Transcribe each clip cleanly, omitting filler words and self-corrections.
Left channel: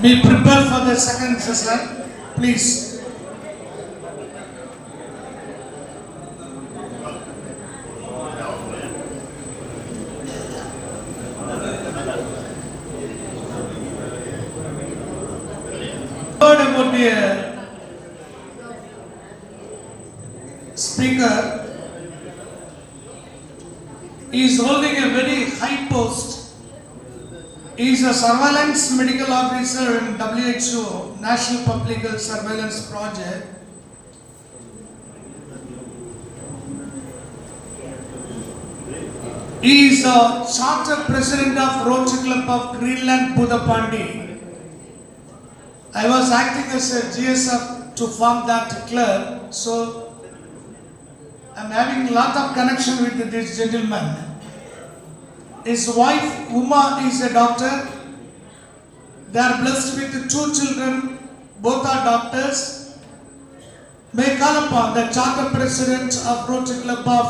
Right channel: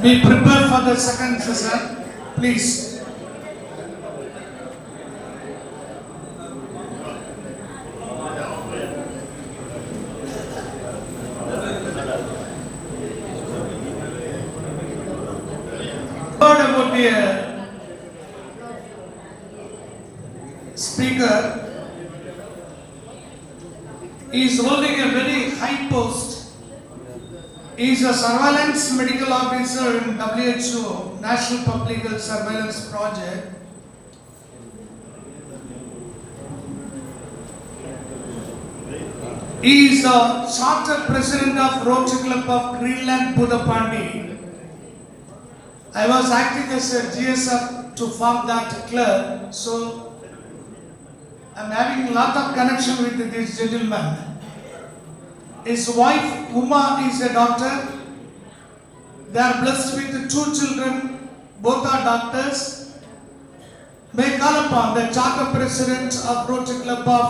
Be prepared for the second session, please. Third would be a speaker. He is holding a very high post. He is a surveillance medical officer in WHO, National Public Health Surveillance Project. He is a charter president of Rotary Club of Greenland, Budapandi. I was acting as a GSF to form that club, so I am having a lot of connection with this gentleman. His wife Uma is a doctor. They are blessed with 2 children. Both are doctors. May I call upon the charter president of Rotary Club of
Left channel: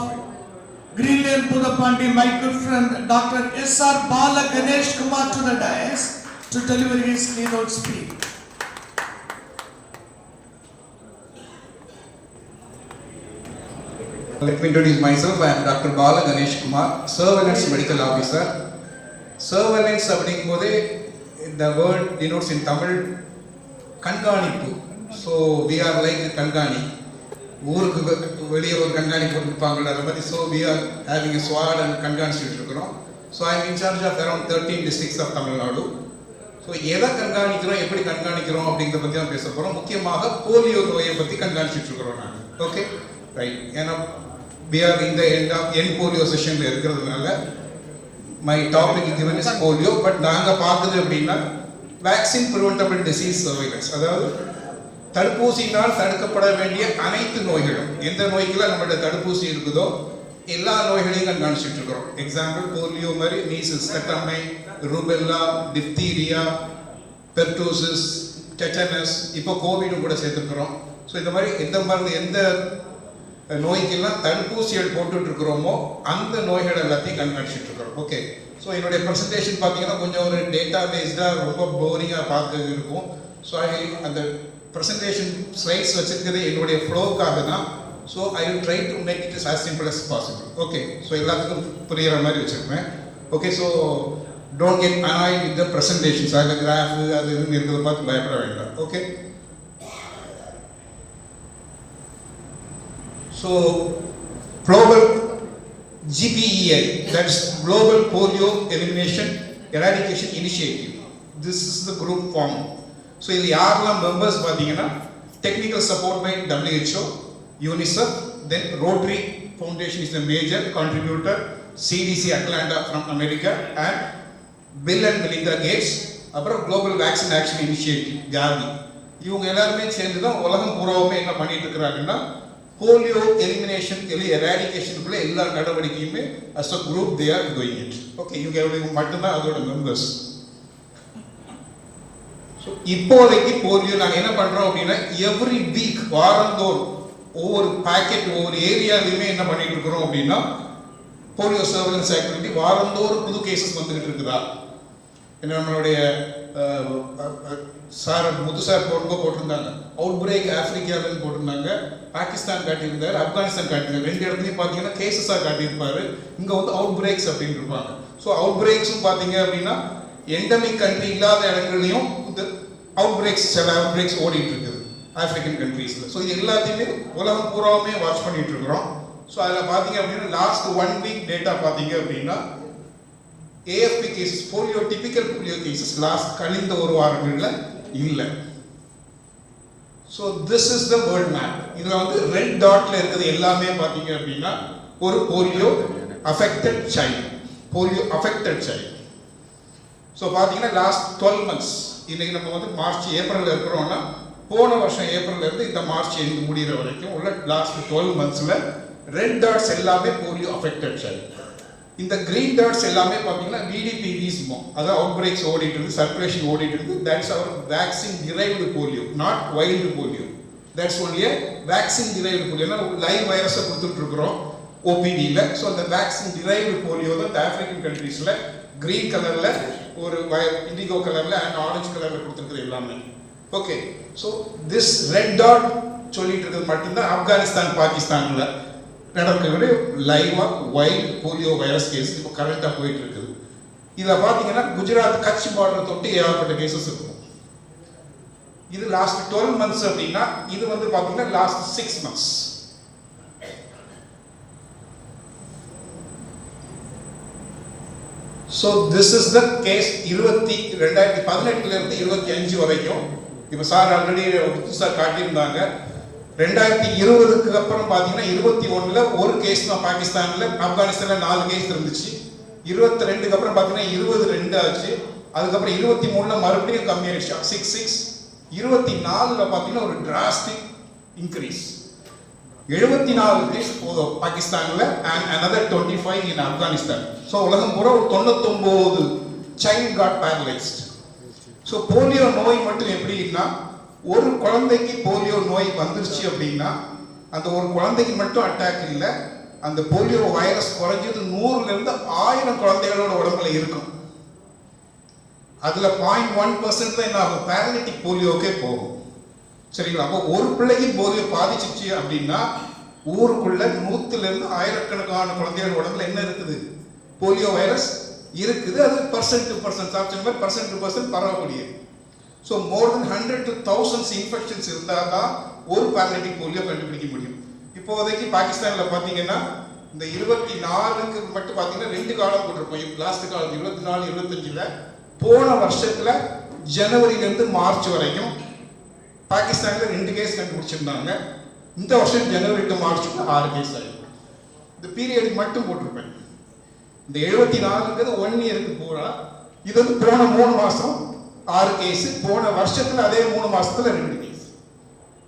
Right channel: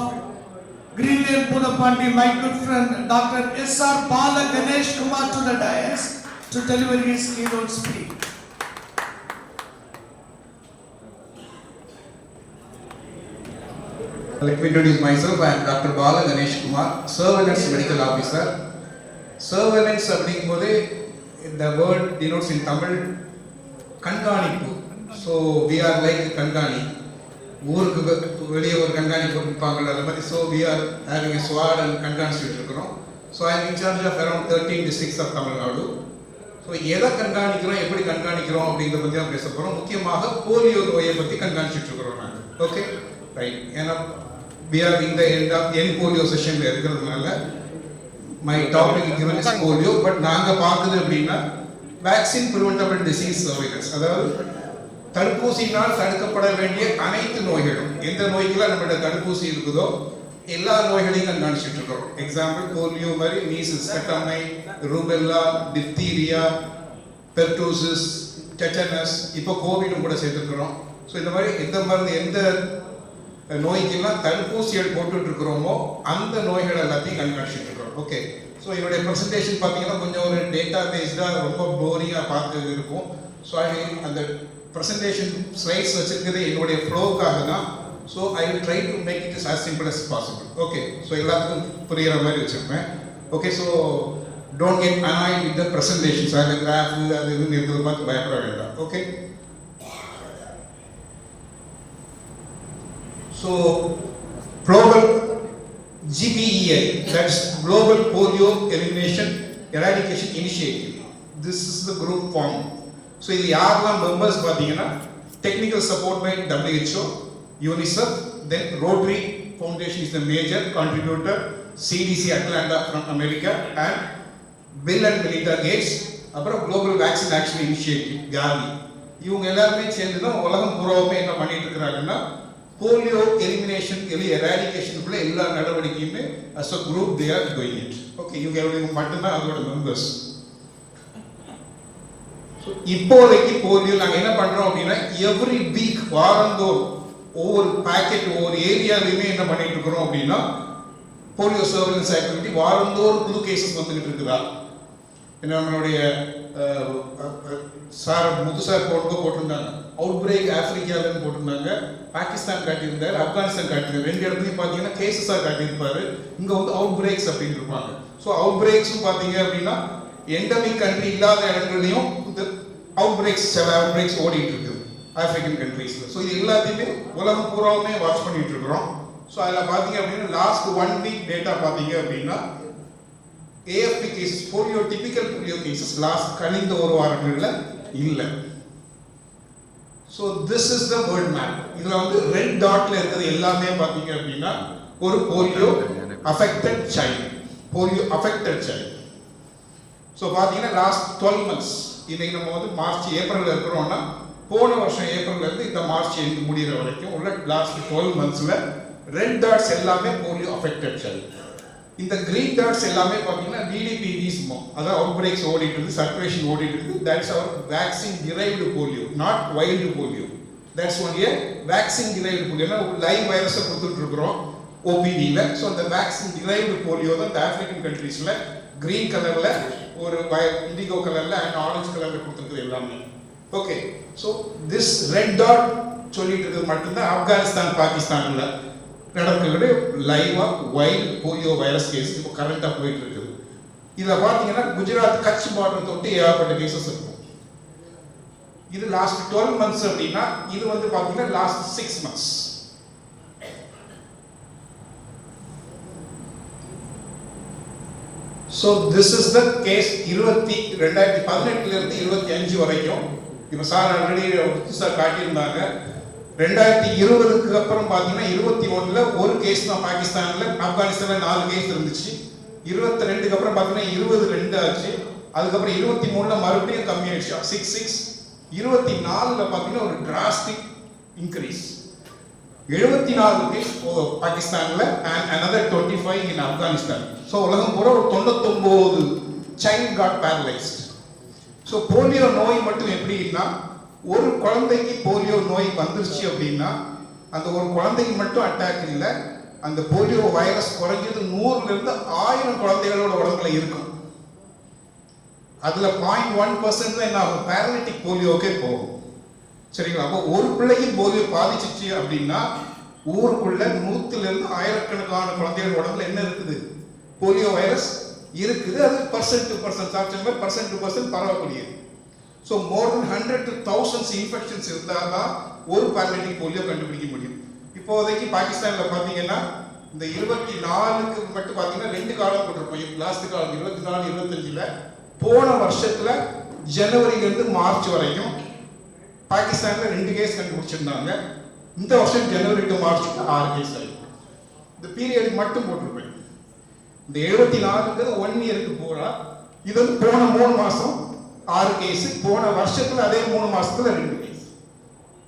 Greenland, Budapandi, my good friend Dr. S.R. Bala Ganesh Kumar to the dais to deliver his keynote speech. Let me introduce myself. I am Dr. Bala Ganesh Kumar, Surveillance Medical Officer. Surveillance அப்படிங்கும்போது the word denotes in Tamil கண்காணிப்பு. So we are like கண்காணி. ஊருக்கு வெளியே ஒரு கண்காணி போட்டுருப்பாங்க அதை மாதிரி. So we are having a squad and கண்காணிச்சுட்டு இருக்கிறோம். So I am in charge of around 13 districts of Tamil Nadu. So எதை கண்காணிக்கிறோம், எப்படி கண்காணிக்கிறோம் அப்படிங்கிறத பற்றி தான் பேச போகிறோம். முக்கியமாக போலியோ நோயை பற்றி கண்காணிச்சுட்டு இருக்கிறோம் நாங்கள். Okay right. ஏன்னா we are in the end polio session இருக்கிறதுனால my topic given is polio, but நாங்கள் பார்த்தது அப்படின்னா வேக்சின் ப்ரிவென்டபிள் டிசீஸ் சர்வைலன்ஸ், அதாவது தடுப்பூசியினால் தடுக்கப்பட வேண்டிய அனைத்து நோய்களும், எந்த நோய்க்கெல்லாம் நம்மளோட தடுப்பூசி இருக்குதோ எல்லா நோய்களையும் கண்காணிச்சுட்டு இருக்கிறோம். எக்ஸாம்பிள் போலியோ மாதிரி மீசல்ஸ், தட்டம்மை, ரூபெல்லா, டிப்தீரியா, பெர்டூசிஸ், டெட்டனஸ், இப்போ கோவிடும் கூட சேர்த்துருக்கிறோம். ஸோ இந்த மாதிரி எந்த மருந்து எந்த நோய்க்கெல்லாம் தடுப்பூசிகள் போட்டுட்டு இருக்கிறோமோ அந்த நோய்கள் எல்லாத்தையும் கண்காணிச்சுட்டு இருக்கிறோம். ஓகே. ஸோ என்னுடைய ப்ரெசன்டேஷன் பார்த்தீங்கன்னா கொஞ்சம் ஒரு டேட்டா பேஸ்டாக ரொம்ப போரிங்காக பார்த்து இருக்கும். ஸோ அந்த ப்ரெசன்டேஷன் ஸ்லைட்ஸ் வச்சிருக்கிறது என்னுடைய ஃப்ளோவுக்காக தான். So I will try to make it is as simple as possible. Okay. So எல்லாத்துக்கும் புரிகிற மாதிரி வச்சுருப்பேன். Okay. So don't get annoyed with the presentations, அதில் கிராஃப் அது இதுன்னு இருக்கிறத பார்த்து பயப்பட வேண்டாம். Okay. So, global GPEI, that's Global Polio Elimination Eradication Initiative. This is the group form. So, in the யாரெல்லாம் members பார்த்தீங்கன்னா technical support by WHO, UNICEF, then Rotary Foundation is the major contributor, CDC Atlanta from America, and Bill and Melinda Gates, அப்புறம் Global Vaccine Action Initiative, GAVI. இவங்க எல்லாருமே சேர்ந்து தான் உலகம் பூராவுமே என்ன பண்ணிட்டு இருக்கிறாங்கன்னா போலியோ எலிமினேஷன் எராடிகேஷனுக்குள்ள எல்லா நடவடிக்கையுமே as a group they are doing it. Okay. இவங்க மட்டும்தான் அதோட மெம்பர்ஸ். ஸோ இப்போதைக்கு போலியோ நாங்கள் என்ன பண்ணுறோம் அப்படின்னா எவ்ரி வீக் வாரந்தோறும் ஒவ்வொரு பேக்கெட் ஒவ்வொரு ஏரியாலையுமே என்ன பண்ணிட்டு இருக்கிறோம் அப்படின்னா போலியோ சர்வேலன்ஸ் ஆக்டிவிட்டி வாரந்தோறும் புது கேசஸ் வந்துகிட்டு இருக்குதா. நம்மளுடைய சார் முது சார் போட்டிருந்தாங்க அவுட் பிரேக் ஆப்பிரிக்காவில்னு போட்டிருந்தாங்க, பாகிஸ்தான் காட்டியிருந்தாரு, ஆப்கானிஸ்தான் காட்டியிருந்தாரு. 2 இடத்துலையும் பார்த்தீங்கன்னா கேசஸாக காட்டியிருப்பாரு. இங்கே வந்து அவுட் பிரேக்ஸ் அப்படின்னு இருப்பாங்க. ஸோ அவுட் பிரேக்ஸும் பார்த்தீங்க அப்படின்னா எண்டமிக் கண்ட்ரி இல்லாத இடங்கள்லையும் இந்த அவுட் பிரேக்ஸ் சில அவுட் பிரேக்ஸ் ஓடிட்டு இருக்குது ஆப்பிரிக்கன் கண்ட்ரீஸில். ஸோ இது எல்லாத்தையுமே உலகம் பூராவுமே வாட்ச் பண்ணிட்டு இருக்கிறோம். ஸோ அதில் பார்த்தீங்க அப்படின்னா லாஸ்ட் 1 வீக் டேட்டா பார்த்தீங்க அப்படின்னா AFP cases, polio typical polio cases last கழிந்த ஒரு வாரங்களில் இல்லை. So this is the world map. இதில் வந்து ரெட் டாட்ல இருக்கிறது எல்லாமே பார்த்தீங்க அப்படின்னா ஒரு polio affected child, polio affected child. So பார்த்தீங்கன்னா லாஸ்ட் 12 months, இன்னைக்கு நம்ம வந்து மார்ச் ஏப்ரலில் இருக்கிறோம்னா போன வருஷம் ஏப்ரல்லேருந்து இந்த மார்ச் எண்டு முடிகிற வரைக்கும் உள்ள லாஸ்ட் 12 monthsல ரெட் டாட்ஸ் எல்லாமே போலியோ அஃபெக்டட் சைல்டு. இந்த கிரீன் டாட்ஸ் எல்லாமே பார்த்தீங்கன்னா VDPVs, அதாவது அவுட் பிரேக்ஸ் ஓடிட்டு இருக்குது, சர்க்குலேஷன் ஓடிட்டு இருக்குது. That's our vaccine derived polio, not wild polio. That's only vaccine derived polio. Live வைரஸை கொடுத்துட்டு இருக்கிறோம் OPVல. ஸோ அந்த வேக்சின் டிரைவ்டு போலியோ தான் இந்த ஆப்பிரிக்கன் கண்ட்ரீஸில் கிரீன் கலர்ல ஒரு இண்டிகோ கலர்ல அண்ட் ஆரஞ்சு கலர்ல கொடுத்துருக்குது எல்லாமே. Okay, so this red dot சொல்லிட்டு இருக்கிறது மட்டும்தான் ஆப்கானிஸ்தான் பாகிஸ்தான்ல நடக்கிற லைவா வைல்ட் போலியோ வைரஸ் கேஸ் இப்போ கரண்டா போயிட்டு இருக்குது. இதில் பார்த்தீங்கன்னா குஜராத் கட்ச் பார்டர் தொட்டு ஏகப்பட்ட கேசஸ் இருக்கும். இது லாஸ்ட் 12 months அப்படின்னா இது வந்து பார்த்தீங்கன்னா last 6 months. So this is the case 2018 இருந்து 25 வரைக்கும். இப்போ சார் ஆல்ரெடி சார் காட்டியிருந்தாங்க. 2020க்கு அப்புறம் பார்த்தீங்கன்னா 21ல் ஒரு கேஸ் தான் பாகிஸ்தானில், ஆப்கானிஸ்தானில் 4 கேஸ் இருந்துச்சு. 22க்கு அப்புறம் பார்த்தீங்கன்னா 22 ஆச்சு. அதுக்கப்புறம் 23ல் மறுபடியும் கம்மியாயிடுச்சு 6. 24ல் பார்த்தீங்கன்னா ஒரு டிராஸ்டிக் இன்க்ரீஸ். 74 கேஸ் பாகிஸ்தானில் and another 25 in Afghanistan. So உலகம் பூரா ஒரு 99 child got paralysed. So polio நோய் மட்டும் எப்படின்னா, ஒரு குழந்தைக்கு போலியோ நோய் வந்துருச்சு அப்படின்னா அந்த ஒரு குழந்தைக்கு மட்டும் அட்டாக் இல்லை, அந்த போலியோ வைரஸ் குறைஞ்சது 100லிருந்து 1000 குழந்தைகளோட உடம்புல இருக்கும். அதில் 0.1% தான் என்ன ஆகும், பேரலிட்டிக் போலியோக்கே போகும். சரிங்களா? அப்போ ஒரு பிள்ளைக்கு போலியோ பாதிச்சிச்சு அப்படின்னா ஊருக்குள்ள 100லிருந்து 1000கணக்கான குழந்தைகள் உடம்புல என்ன இருக்குது, போலியோ வைரஸ் இருக்குது. அது பர்சன்ட் டு பர்சன்ட் பரவக்கூடியது. So more than 100 to 1000 infections இருந்தால் தான் ஒரு பேரலிட்டிக் போலியோ கண்டுபிடிக்க முடியும். இப்போதைக்கு பாகிஸ்தானில் பார்த்தீங்கன்னா இந்த 24க்கு மட்டும் பார்த்தீங்கன்னா 2 காலம் போட்டிருப்போம். லாஸ்ட் காலம் 24, 25ல் போன வருஷத்துல ஜனவரியிலிருந்து மார்ச் வரைக்கும் பாகிஸ்தானில் 2 கேஸ் கண்டுபிடிச்சிருந்தாங்க. இந்த வருஷம் ஜனவரி டு மார்ச்சுக்கு 6 கேஸ் ஆயிருக்கு. இந்த பீரியட் மட்டும் போட்டிருப்பேன். இந்த 74ங்கிறது 1 இயருக்கு போறா. இது வந்து போன 3 மாசம் 6 கேஸ், போன வருஷத்துல அதே 3 மாசத்துல 2 கேஸ்.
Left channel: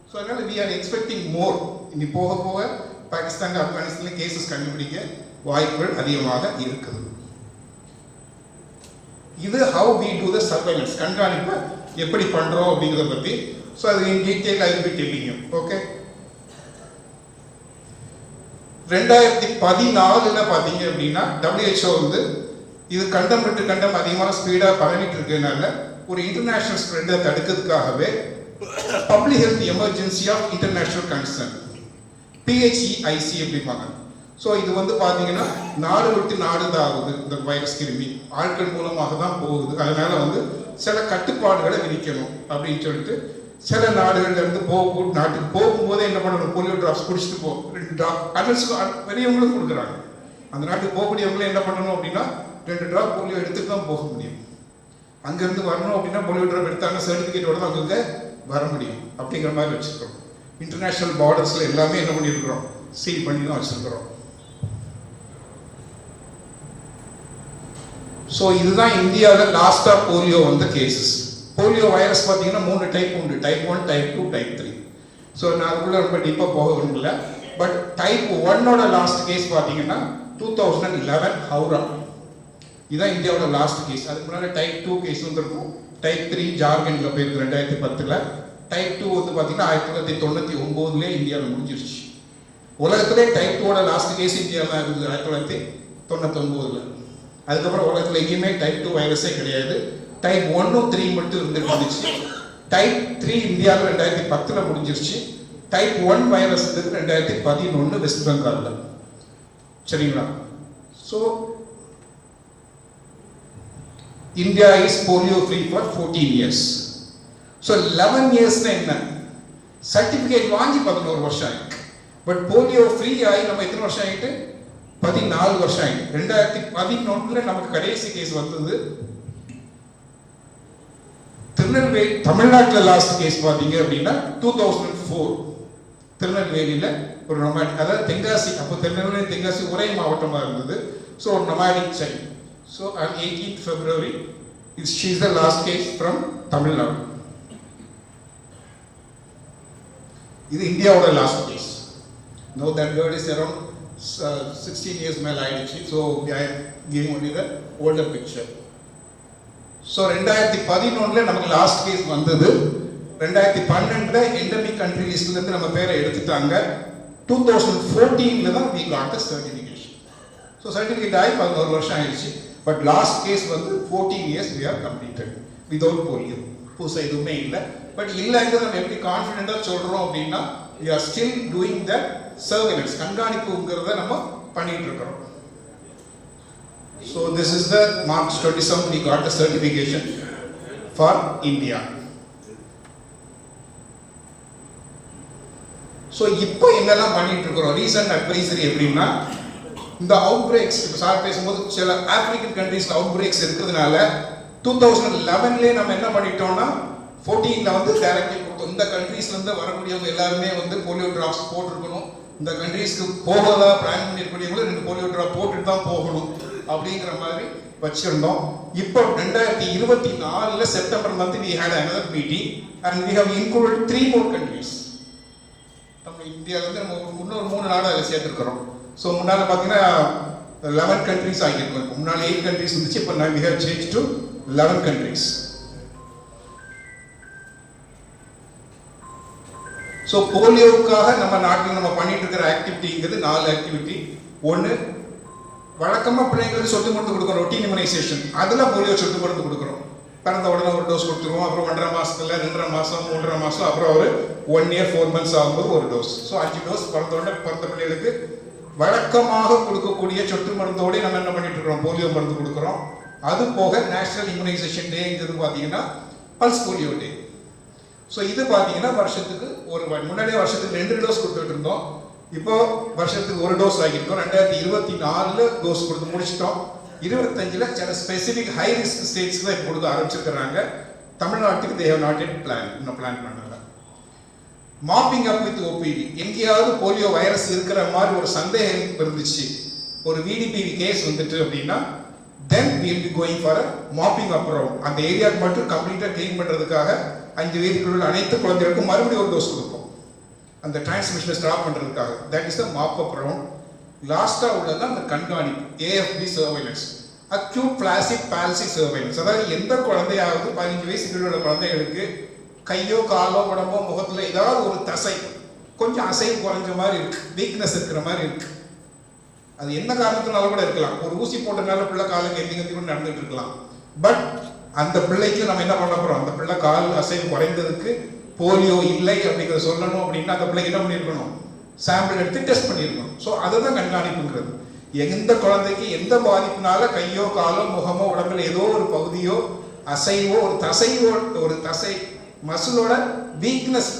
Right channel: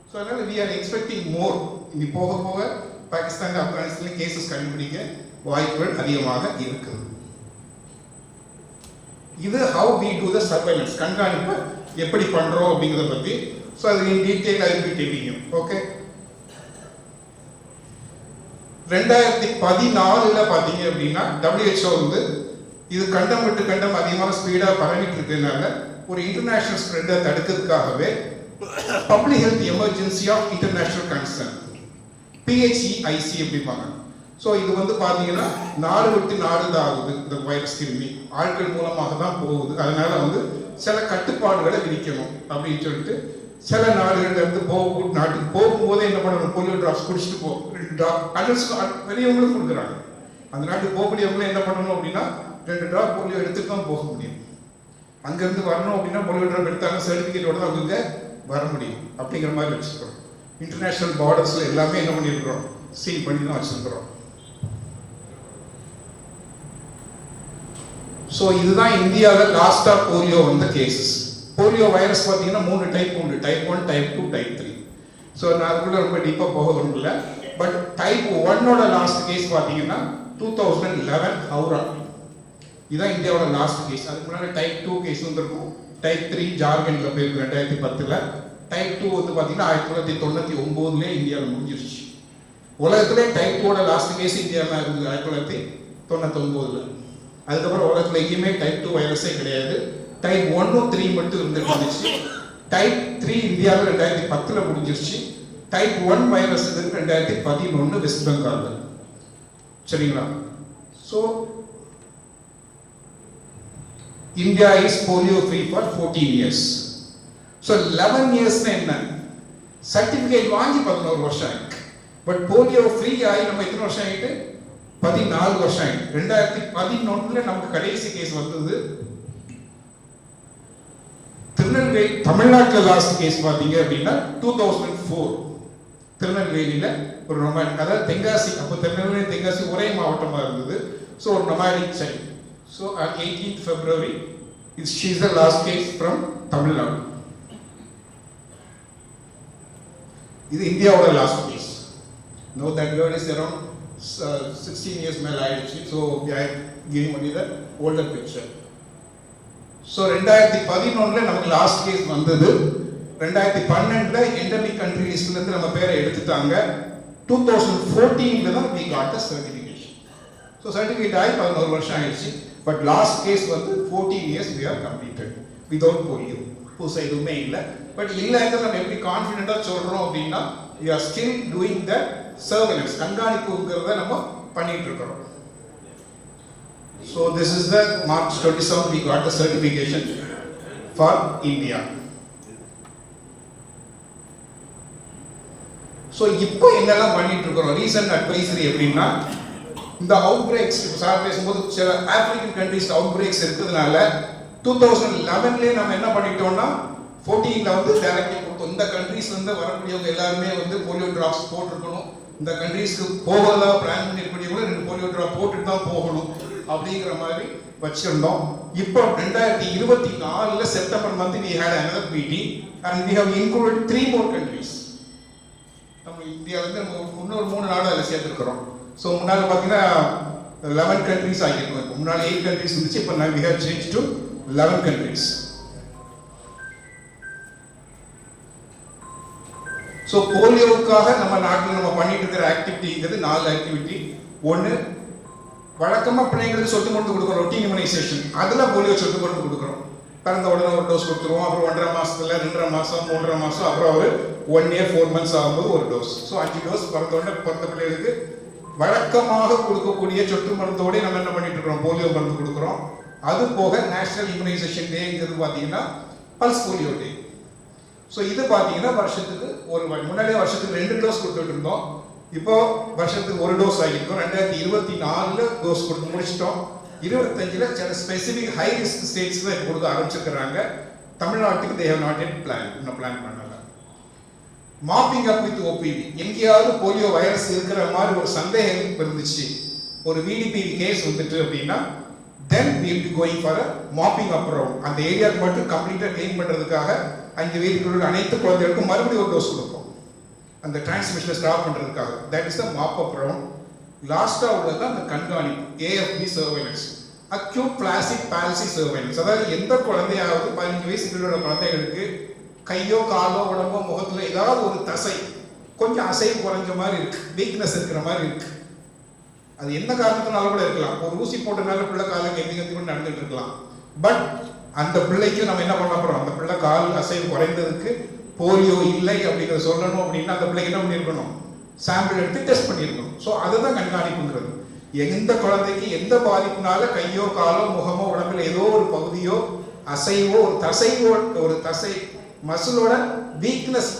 ஸோ அதனால we are expecting more. இனி போக போக பாகிஸ்தான் ஆப்கானிஸ்தான்ல கேசஸ் கண்டுபிடிக்க வாய்ப்புகள் அதிகமாக இருக்குது. இது how we do the surveillance, கண்காணிப்பு எப்படி பண்றோம் அப்படிங்கறத பத்தி. ஸோ அது in detail I will be telling you. Okay. 2014ல் பார்த்தீங்க அப்படின்னா WHO வந்து இது கண்டம் விட்டு கண்டம் அதிகமாக ஸ்பீடாக பரவிட்டு இருக்கனால ஒரு இன்டர்நேஷனல் ஸ்ப்ரெட்டை தடுக்கிறதுக்காகவே public health emergency of international concern PHEIC அப்படிம்பாங்க. ஸோ இது வந்து பார்த்தீங்கன்னா நாடு விட்டு நாடு தான் ஆகுது. இந்த வைரஸ் கிருமி ஆட்கள் மூலமாக தான் போகுது. அதனால வந்து சில கட்டுப்பாடுகளை விதிக்கணும் அப்படின்னு சொல்லிட்டு சில நாடுகள்ல இருந்து நாட்டுக்கு போகும்போதே என்ன பண்ணணும், போலியோ டிராப்ஸ் குடிச்சிட்டு போ. 2 ட்ராப் அடல்ட்ஸ்க்கு பெரியவங்களும் கொடுக்குறாங்க. அந்த நாட்டுக்கு போகக்கூடியவங்களும் என்ன பண்ணணும் அப்படின்னா 2 ட்ராப் போலியோ எடுத்துட்டு தான் போக முடியும். அங்கேருந்து வரணும் அப்படின்னா போலியோ ட்ராப் எடுத்தாங்க சர்டிஃபிகேட்டோட தான் அங்கே வர முடியும். அப்படிங்கிற மாதிரி வச்சுக்கிறோம். இன்டர்நேஷனல் பார்டர்ஸ்ல எல்லாமே என்ன பண்ணியிருக்கிறோம், சீல் பண்ணி தான் வச்சிருக்கிறோம். ஸோ இதுதான் இந்தியாவில் லாஸ்டா போலியோ வந்த கேசஸ். போலியோ வைரஸ் பார்த்தீங்கன்னா 3 டைப் உண்டு, டைப் 1, டைப் 2, டைப் 3. ஸோ நான் அதுக்குள்ள ரொம்ப டீப்பாக போக விரும்பல. பட் டைப் 1ஓட லாஸ்ட் கேஸ் பார்த்தீங்கன்னா 2011 ஹவுரா. இதுதான் இந்தியாவோட லாஸ்ட் கேஸ். அதுக்கு முன்னாடி டைப் 2 கேஸ் வந்துருக்கும். டைப் 3 ஜார்க்கண்டில் போயிருக்கு 2010ல். டைப் 2 வந்து பார்த்தீங்கன்னா 1999லே இந்தியாவில் முடிஞ்சிருச்சு. உலகத்திலே டைப் 2ஓட லாஸ்ட் கேஸ் இந்தியாவில் தான் இருந்தது 1999ல். அதுக்கப்புறம் உலகத்தில் எங்கேயுமே டைப் 2 வைரஸே கிடையாது. டைப் 1, 3 மட்டும் இருந்துச்சு. டைப் 3 இந்தியாவில் 2010ல் முடிஞ்சிருச்சு. டைப் 1 வைரஸ் 2011 வெஸ்ட் பெங்காலில். சரிங்களா? So India is polio free for 14 years. So 11 இயர்ஸ்னா என்ன, சர்டிஃபிகேட் வாங்கி 11 வருஷம் ஆயிருக்கு. பட் போலியோ ஃப்ரீ ஆகி நம்ம எத்தனை வருஷம் ஆகிட்டு, 14 வருஷம் ஆகிட்டு. 2011 நமக்கு கடைசி கேஸ் வந்தது. திருநெல்வேலி தமிழ்நாட்டில் லாஸ்ட் கேஸ் பார்த்தீங்க அப்படின்னா 2004 திருநெல்வேலியில் ஒரு நொமாடிக், அதாவது தென்காசி, அப்போ திருநெல்வேலி தென்காசி ஒரே மாவட்டமாக இருந்தது. ஸோ ஒரு nomadic child. So on 18th February she is the last case from Tamil Nadu. இது இந்தியாவோட last case. No that girl is around 16 years மேலே ஆயிடுச்சு. So I giving only the older picture. So 2011 நமக்கு லாஸ்ட் கேஸ் வந்தது. 2012 endemic country லிஸ்ட்லேருந்து நம்ம பேரை எடுத்துட்டாங்க. 2014 தான் we got the certification. So certificate ஆகி 11 வருஷம் ஆயிடுச்சு. பட் லாஸ்ட் கேஸ் வந்து 14 years we have completed without polio. புதுசாக எதுவுமே இல்லை. பட் இல்லைங்கிறது நம்ம எப்படி கான்ஃபிடென்ட்டாக சொல்கிறோம் அப்படின்னா we are still doing the surveillance, கண்காணிப்புங்கிறத நம்ம பண்ணிட்டு இருக்கிறோம். So this is the March 27 we got the certification for India. So இப்போ என்னெல்லாம் பண்ணிட்டு இருக்கிறோம் ரீசன்ட் அட்வைசரி எப்படின்னா, இந்த அவுட் பிரேக்ஸ் இப்போ சார் பேசும்போது சில ஆப்பிரிக்கன் கண்ட்ரீஸ்க்கு அவுட் பிரேக்ஸ் இருக்கிறதுனால 2011 நம்ம என்ன பண்ணிட்டோம்னா 14ல வந்து டைரக்டிவ் கொடுத்தோம். இந்த கண்ட்ரீஸ்லேருந்து வரக்கூடியவங்க எல்லாருமே வந்து போலியோ ட்ராப்ஸ் போட்டிருக்கணும். இந்த கண்ட்ரீஸ்க்கு போகதா பிளான் பண்ணியிருக்கக்கூடியவங்க 2 போலியோ ட்ராப் போட்டுட்டு தான் போகணும் அப்படிங்கிற மாதிரி வச்சிருந்தோம். இப்போ 2024 September month we had another meeting and we have included 3 more countries. நம்ம இந்தியாவில் வந்து நம்ம இன்னொரு 3 நாடு அதில் சேர்த்துருக்கிறோம். ஸோ முன்னால் பார்த்தீங்கன்னா 11 கண்ட்ரிஸ் ஆகியிருக்கும். இப்போ முன்னால் 8 கண்ட்ரிஸ் இருந்துச்சு. இப்போ we have changed to 11 countries. So போலியோவுக்காக நம்ம நாட்டில் நம்ம பண்ணிட்டு இருக்கிற ஆக்டிவிட்டிங்கிறது 4 ஆக்டிவிட்டி. ஒன்று, வழக்கமாக பிள்ளைங்களுக்கு சொட்டு மருந்து கொடுக்குறோம், ரொட்டீன் இம்யூனைசேஷன். அதில் போலியோ சொட்டு மருந்து கொடுக்குறோம். பிறந்த உடனே ஒரு டோஸ் கொடுத்துருவோம். அப்புறம் 1.5 மாசத்துல 2.5 மாதம் 3.5 மாதம், அப்புறம் ஒரு 1 year 4 months ஆகும்போது ஒரு டோஸ். ஸோ 5 டோஸ் பிறந்த உடனே பிறந்த பிள்ளைகளுக்கு வழக்கமாக கொடுக்கக்கூடிய சொட்டு மருந்தோடு நம்ம என்ன பண்ணிட்டு இருக்கிறோம், போலியோ மருந்து கொடுக்குறோம். அது போக நேஷனல் இம்யூனைசேஷன் டேங்கிறது பார்த்தீங்கன்னா பல்ஸ் போலியோ டே. ஸோ இது பார்த்தீங்கன்னா வருஷத்துக்கு முன்னாடியே வருஷத்துக்கு 2 டோஸ் கொடுத்துட்டு இருந்தோம். இப்போ வருஷத்துக்கு 1 டோஸ் ஆகியிருக்கோம். 2024 டோஸ் கொடுத்து முடிச்சிட்டோம். 25ல் சில ஸ்பெசிஃபிக் ஹை ரிஸ்க் ஸ்டேட்ஸ் தான் இப்போ கொடுக்க ஆரம்பிச்சிருக்கிறாங்க. தமிழ்நாட்டுக்கு they have not yet இன்னும் பிளான் பண்ணல. மாப்பிங் அப் வித் ஓபிவி, எங்கேயாவது போலியோ வைரஸ் இருக்கிற மாதிரி ஒரு சந்தேகம் இருந்துச்சு, ஒரு விடிபிவி கேஸ் வந்துட்டு அப்படின்னா then we will be going for a mopping up round. அந்த ஏரியாவுக்கு மட்டும் கம்ப்ளீட்டாக க்ளீன் பண்ணுறதுக்காக 5 வயதுக்குள்ள அனைத்து குழந்தைகளுக்கும் மறுபடியும் ஒரு டோஸ் கொடுப்போம், அந்த டிரான்ஸ்மிஷனை ஸ்டாப் பண்ணுறதுக்காக. That is the mop up round. லாஸ்ட்டாக உள்ளது அந்த கண்காணிப்பு, AFP surveillance, acute flaccid palsy surveillance. அதாவது எந்த குழந்தையாவது 15 வயசுக்குள்ள உள்ள குழந்தைகளுக்கு கையோ காலோ உடம்போ முகத்தில் ஏதாவது ஒரு தசை கொஞ்சம் அசைவு குறைஞ்ச மாதிரி இருக்கு, வீக்னஸ் இருக்கிற மாதிரி இருக்கு, அது என்ன காரணத்தினால கூட இருக்கலாம். ஒரு ஊசி போட்டனால பிள்ளை காலுக்கு எந்தி கூட நடந்துட்டு இருக்கலாம். பட் அந்த பிள்ளைக்கு நம்ம என்ன பண்ண போறோம், அந்த பிள்ளை கால் அசைவு குறைந்ததுக்கு போலியோ இல்லை அப்படிங்கிறத சொல்லணும் அப்படின்னா அந்த பிள்ளைக்கு என்ன பண்ணியிருக்கணும், சாம்பிள் எடுத்து டெஸ்ட் பண்ணியிருக்கணும். ஸோ அதுதான் கண்காணிப்புங்கிறது. எந்த குழந்தைக்கு எந்த பாதிப்புனால கையோ காலோ முகமோ உடம்புல ஏதோ ஒரு பகுதியோ அசைவோ ஒரு தசை மசிலோட வீக்னஸ்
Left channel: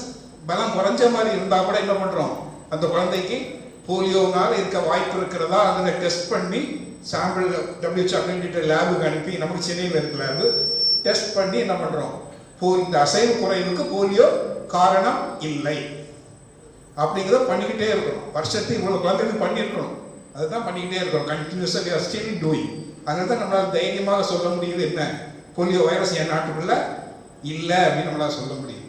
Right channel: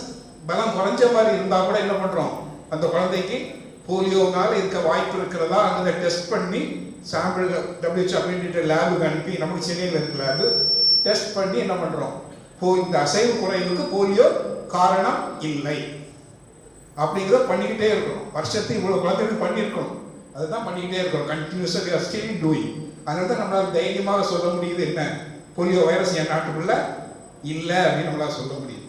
பலம் குறைஞ்ச மாதிரி இருந்தால் கூட என்ன பண்ணுறோம், அந்த குழந்தைக்கு போலியோனால இருக்க வாய்ப்பு இருக்கிறதா அதை டெஸ்ட் பண்ணி சாம்பிள் WHO அக்ரிடிட்டட் லேபுக்கு அனுப்பி, நம்மளுக்கு சென்னையில் இருக்க லேபு டெஸ்ட் பண்ணி என்ன பண்ணுறோம், இந்த அசைவு குறைவுக்கு போலியோ காரணம் இல்லை அப்படிங்கிறத பண்ணிக்கிட்டே இருக்கணும். வருஷத்துக்கு இவ்வளோ குழந்தைகள் பண்ணியிருக்கணும், அதுதான் பண்ணிக்கிட்டே இருக்கோம். கண்டினியூஸாக ஸ்டில் டூயிங். அதனால தான் நம்மளால் தைரியமாக சொல்ல முடியுது, என்ன போலியோ வைரஸ் என் நாட்டுக்குள்ள இல்லை அப்படின்னு நம்மளால் சொல்ல முடியும்.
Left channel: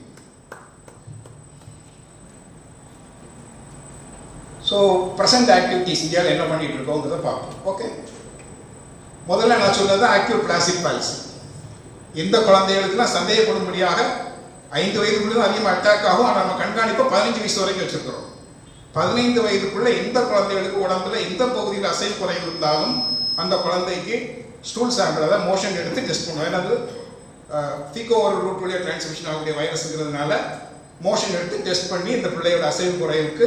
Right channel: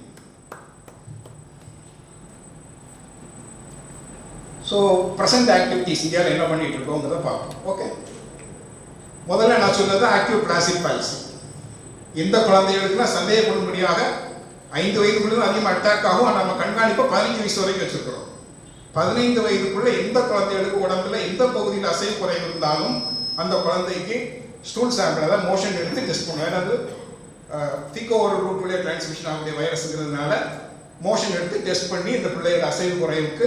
ஸோ ப்ரெசன்ட் ஆக்டிவிட்டிஸ் இந்தியாவில் என்ன பண்ணிட்டு இருக்கோங்கிறத பார்ப்போம். ஓகே, முதல்ல நான் சொன்னது ஆக்டிவ் பிளாசிக் பால்சி. எந்த குழந்தைகளுக்குலாம் சந்தேகப்படும்படியாக 5 வயதுக்குள்ள அதிகமாக அட்டாக் ஆகும். ஆனால் நம்ம கண்காணிப்பை 15 வயசு வரைக்கும் வச்சுருக்கிறோம். 15 வயதுக்குள்ள எந்த குழந்தைகளுக்கு உடம்புல எந்த பகுதியில் அசைவு குறைவு இருந்தாலும் அந்த குழந்தைக்கு ஸ்டூல் சாம்பிள், அதாவது மோஷன் எடுத்து டெஸ்ட் பண்ணுவோம். ஏன்னா ஃபீகோ ஒரு ரூட் வழியாக டிரான்ஸ்மிஷன் ஆகக்கூடிய வைரஸ்ங்கிறதுனால மோஷன் எடுத்து டெஸ்ட் பண்ணி இந்த பிள்ளையோட அசைவு குறைவுக்கு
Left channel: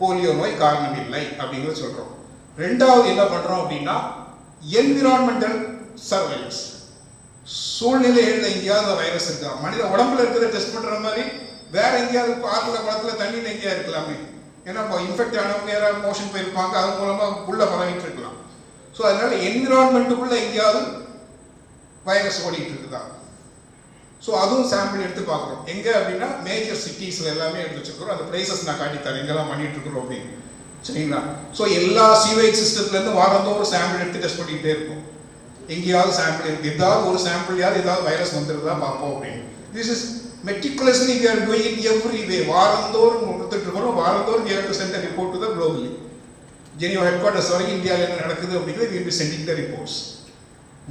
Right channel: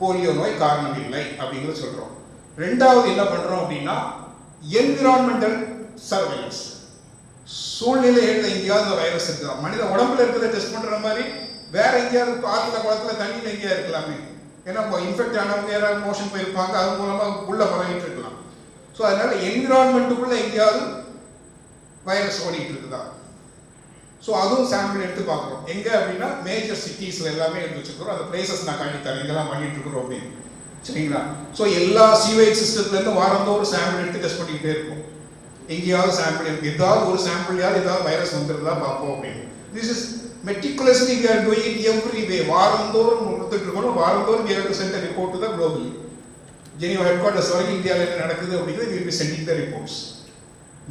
போலியோ நோய் காரணம் இல்லை அப்படிங்கிறது சொல்கிறோம். ரெண்டாவது என்ன பண்ணுறோம் அப்படின்னா என்விரான்மெண்டல் சர்வைலன்ஸ். சூழ்நிலையில் எங்கேயாவது வைரஸ் இருக்கா, மனித உடம்புல இருக்கிறத டெஸ்ட் பண்ணுற மாதிரி வேற எங்கேயாவது ஆற்றுல குளத்துல தண்ணியில் எங்கேயா இருக்கலாமே. ஏன்னா இன்ஃபெக்ட் ஆனவங்க யாராவது மோஷன் போயிருப்பாங்க, அது மூலமாக உள்ள பரவிட்டு இருக்கலாம். ஸோ அதனால என்விரான்மெண்ட்டுக்குள்ள எங்கேயாவது வைரஸ் ஓடிட்டு இருக்குதா, ஸோ அதுவும் சாம்பிள் எடுத்து பார்க்குறோம். எங்கே அப்படின்னா மேஜர் சிட்டிஸில் எல்லாமே எடுத்து வச்சுருக்கிறோம். அந்த பிளேசஸ் நான் காட்டித்தரேன் எங்கெல்லாம் பண்ணிட்டு இருக்கிறோம் அப்படின்னு, சரிங்களா. ஸோ எல்லா சீவேஜ் சிஸ்டத்துலேருந்து வாரந்தோறும் சாம்பிள் எடுத்து டெஸ்ட் பண்ணிக்கிட்டே இருக்கும். எங்கேயாவது சாம்பிள் இருக்குது, ஏதாவது ஒரு சாம்பிள் ஏதாவது வைரஸ் வந்துருந்தா பார்ப்போம் அப்படின்னு. This is meticulously we are doing it every way. வாரந்தோறும் கொடுத்துட்டு இருக்கிறோம். வாரந்தோறும் we have to send a report to the globally. Geneva head quarters வரைக்கும் இந்தியாவில் என்ன நடக்குது அப்படிங்கிறது we will be sending the reports.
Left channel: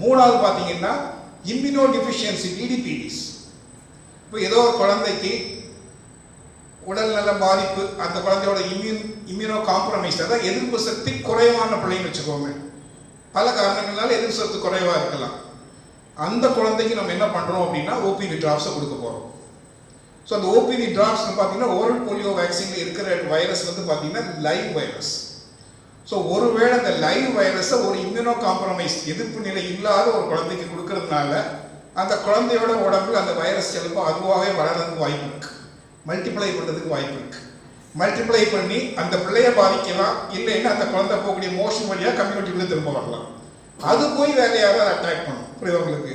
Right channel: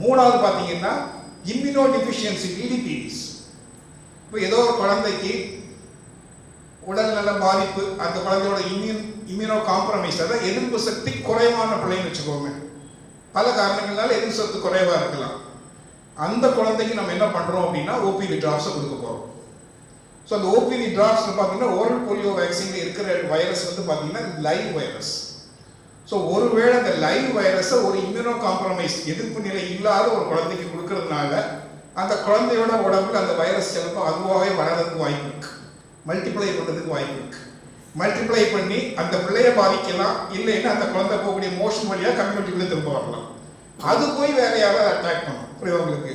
மூணாவது பார்த்தீங்கன்னா இம்யூனோ டிஃபிஷியன்சி, டிடிபிடிஸ். இப்போ ஏதோ ஒரு குழந்தைக்கு உடல்நல பாதிப்பு, அந்த குழந்தையோட இம்யூனோ காம்ப்ரமைஸ், அதாவது எதிர்ப்பு சக்தி குறைவான பிள்ளைன்னு வச்சுக்கோங்க. பல காரணங்களால எதிர்ப்பு சக்தி குறைவாக இருக்கலாம். அந்த குழந்தைக்கு நம்ம என்ன பண்ணுறோம் அப்படின்னா ஓபிவி ட்ராப்ஸை கொடுக்க போகிறோம். ஸோ அந்த ஓபிவி ட்ராப்ஸில் பார்த்தீங்கன்னா ஓரல் போலியோ வேக்சினில் இருக்கிற வைரஸ் வந்து பார்த்தீங்கன்னா லைவ் வைரஸ். ஸோ ஒருவேளை அந்த லைவ் வைரஸை ஒரு இம்யூனோ காம்ப்ரமைஸ் எதிர்ப்பு நிலை இல்லாத ஒரு குழந்தைக்கு கொடுக்கறதுனால அந்த குழந்தையோட உடம்புல அந்த வைரஸ் செல்லும் அதுவாகவே வளர்றதுக்கு வாய்ப்பு இருக்கு, மல்டிப்ளை பண்ணுறதுக்கு வாய்ப்பு இருக்கு. மல்டிப்ளை பண்ணி அந்த பிள்ளையை பாதிக்கலாம், இல்லைன்னா அந்த குழந்தை போகக்கூடிய மோஷன் வழியாக கம்யூனிட்டிக்குள்ளே திரும்ப வரலாம். அது போய் வேற யாராவது அட்டாக் பண்ணும் புரியுதவங்களுக்கு.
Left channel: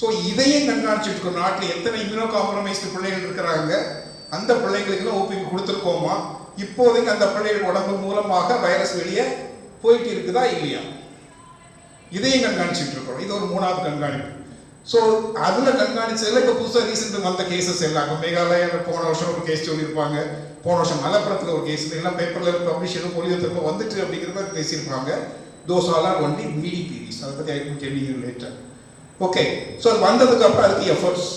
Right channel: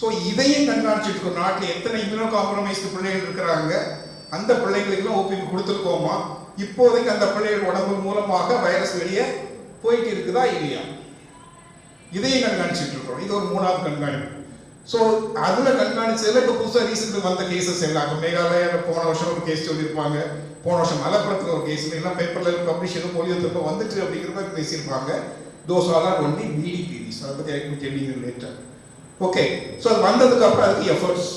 ஸோ இதையும் கண்காணிச்சுட்டு இருக்கோம். நாட்டில் எத்தனை இம்யூனோ காம்ப்ரமைஸ்டு பிள்ளைகள் இருக்கிறாங்க, அந்த பிள்ளைங்களுக்குலாம் ஓபிவி கொடுத்துருக்கோமா, இப்போதைக்கு அந்த பிள்ளைகள் உடம்பு மூலமாக வைரஸ் வெளியே போயிட்டு இருக்குதா இல்லையா, இதையும் கண்காணிச்சுட்டு இருக்கோம். இது ஒரு 3வது கண்காணிப்பு. ஸோ அதில் கண்காணிச்சதில் இப்போ புதுசாக ரீசெண்ட் வந்த கேசஸ் எல்லாம் இப்போ மேகாலயாவில் போன வருஷம் ஒரு கேஸ் சொல்லியிருப்பாங்க, போன வருஷம் மலப்புரத்தில் ஒரு கேஸ் எல்லாம் பேப்பரில் பப்ளிஷ் எதுவும் போலியோ திரும்ப வந்துட்டு அப்படிங்கிறத பேசியிருப்பாங்க. Those all are only media pieces. அதை பற்றி I will tell you later. Okay, so அது வந்ததுக்கு அப்புறம் அதுக்கு எஃபர்ட்ஸ்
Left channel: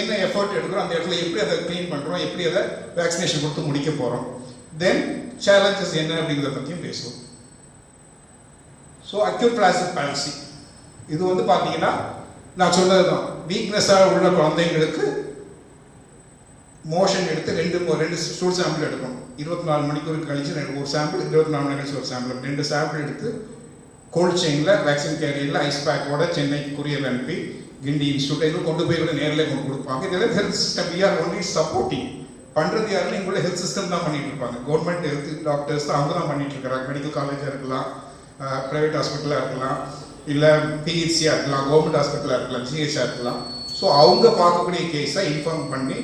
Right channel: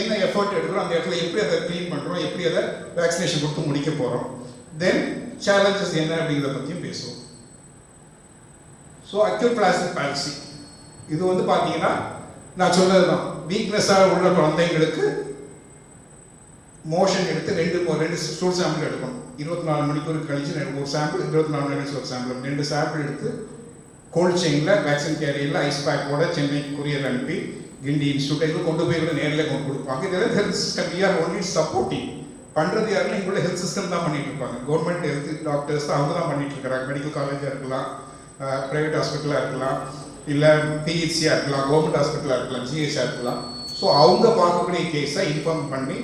என்ன எஃபர்ட் எடுக்கிறோம், அந்த இடத்துல எப்படி அதை க்ளீன் பண்ணுறோம், எப்படி அதை வேக்சினேஷன் கொடுத்து முடிக்க போகிறோம், தென் சேலஞ்சஸ் என்ன அப்படிங்கிறத பற்றியும் பேசுவோம். ஸோ அக்யூட் பிளாஸ்டிக் பால்சி இது வந்து பார்த்தீங்கன்னா நான் சொன்னது தான், வீக்னஸாக உள்ள குழந்தைங்களுக்கு மோஷன் எடுத்து ரெண்டு ஸ்டூல் சாம்பிள் எடுக்கணும். 24 மணிக்கூர் கழிச்சு ஒரு சாம்பிள், 24 மணி கழிச்சு ஒரு சாம்பிள், 2 சாம்பிள் எடுத்து கோல்ட் செயினில் வேக்சின் கேரியரில் ஐஸ் பேக்கோட சென்னைக்கு கொரியர் அனுப்பி கிண்டி இன்ஸ்டியூட்டில் கொண்டு போய் நேரில் கொண்டு கொடுப்பாங்க. இதெல்லாம் health system we are only supporting. பண்ணுறது யாருன்னா எங்களுடைய ஹெல்த் சிஸ்டம் தான் பண்ணிட்டு இருப்பாங்க. கவர்மெண்ட் ஹெல்த் டாக்டர்ஸ் தான் அவங்க தான் பண்ணிட்டு இருக்கிறாங்க. மெடிக்கல் காலேஜாக இருக்கலாம், ப்ரைவேட் ஹாஸ்பிட்டலாக இருக்கலாம், இல்லை பிஹெச்சியாக இருக்கலாம், கவர்மெண்ட் ஹாஸ்பிட்டலாக இருக்கலாம், ஜிஹெச்சாக இருக்கலாம். ஸோ அவங்க பார்க்கக்கூடிய கேஸை இன்ஃபார்ம் பண்ணி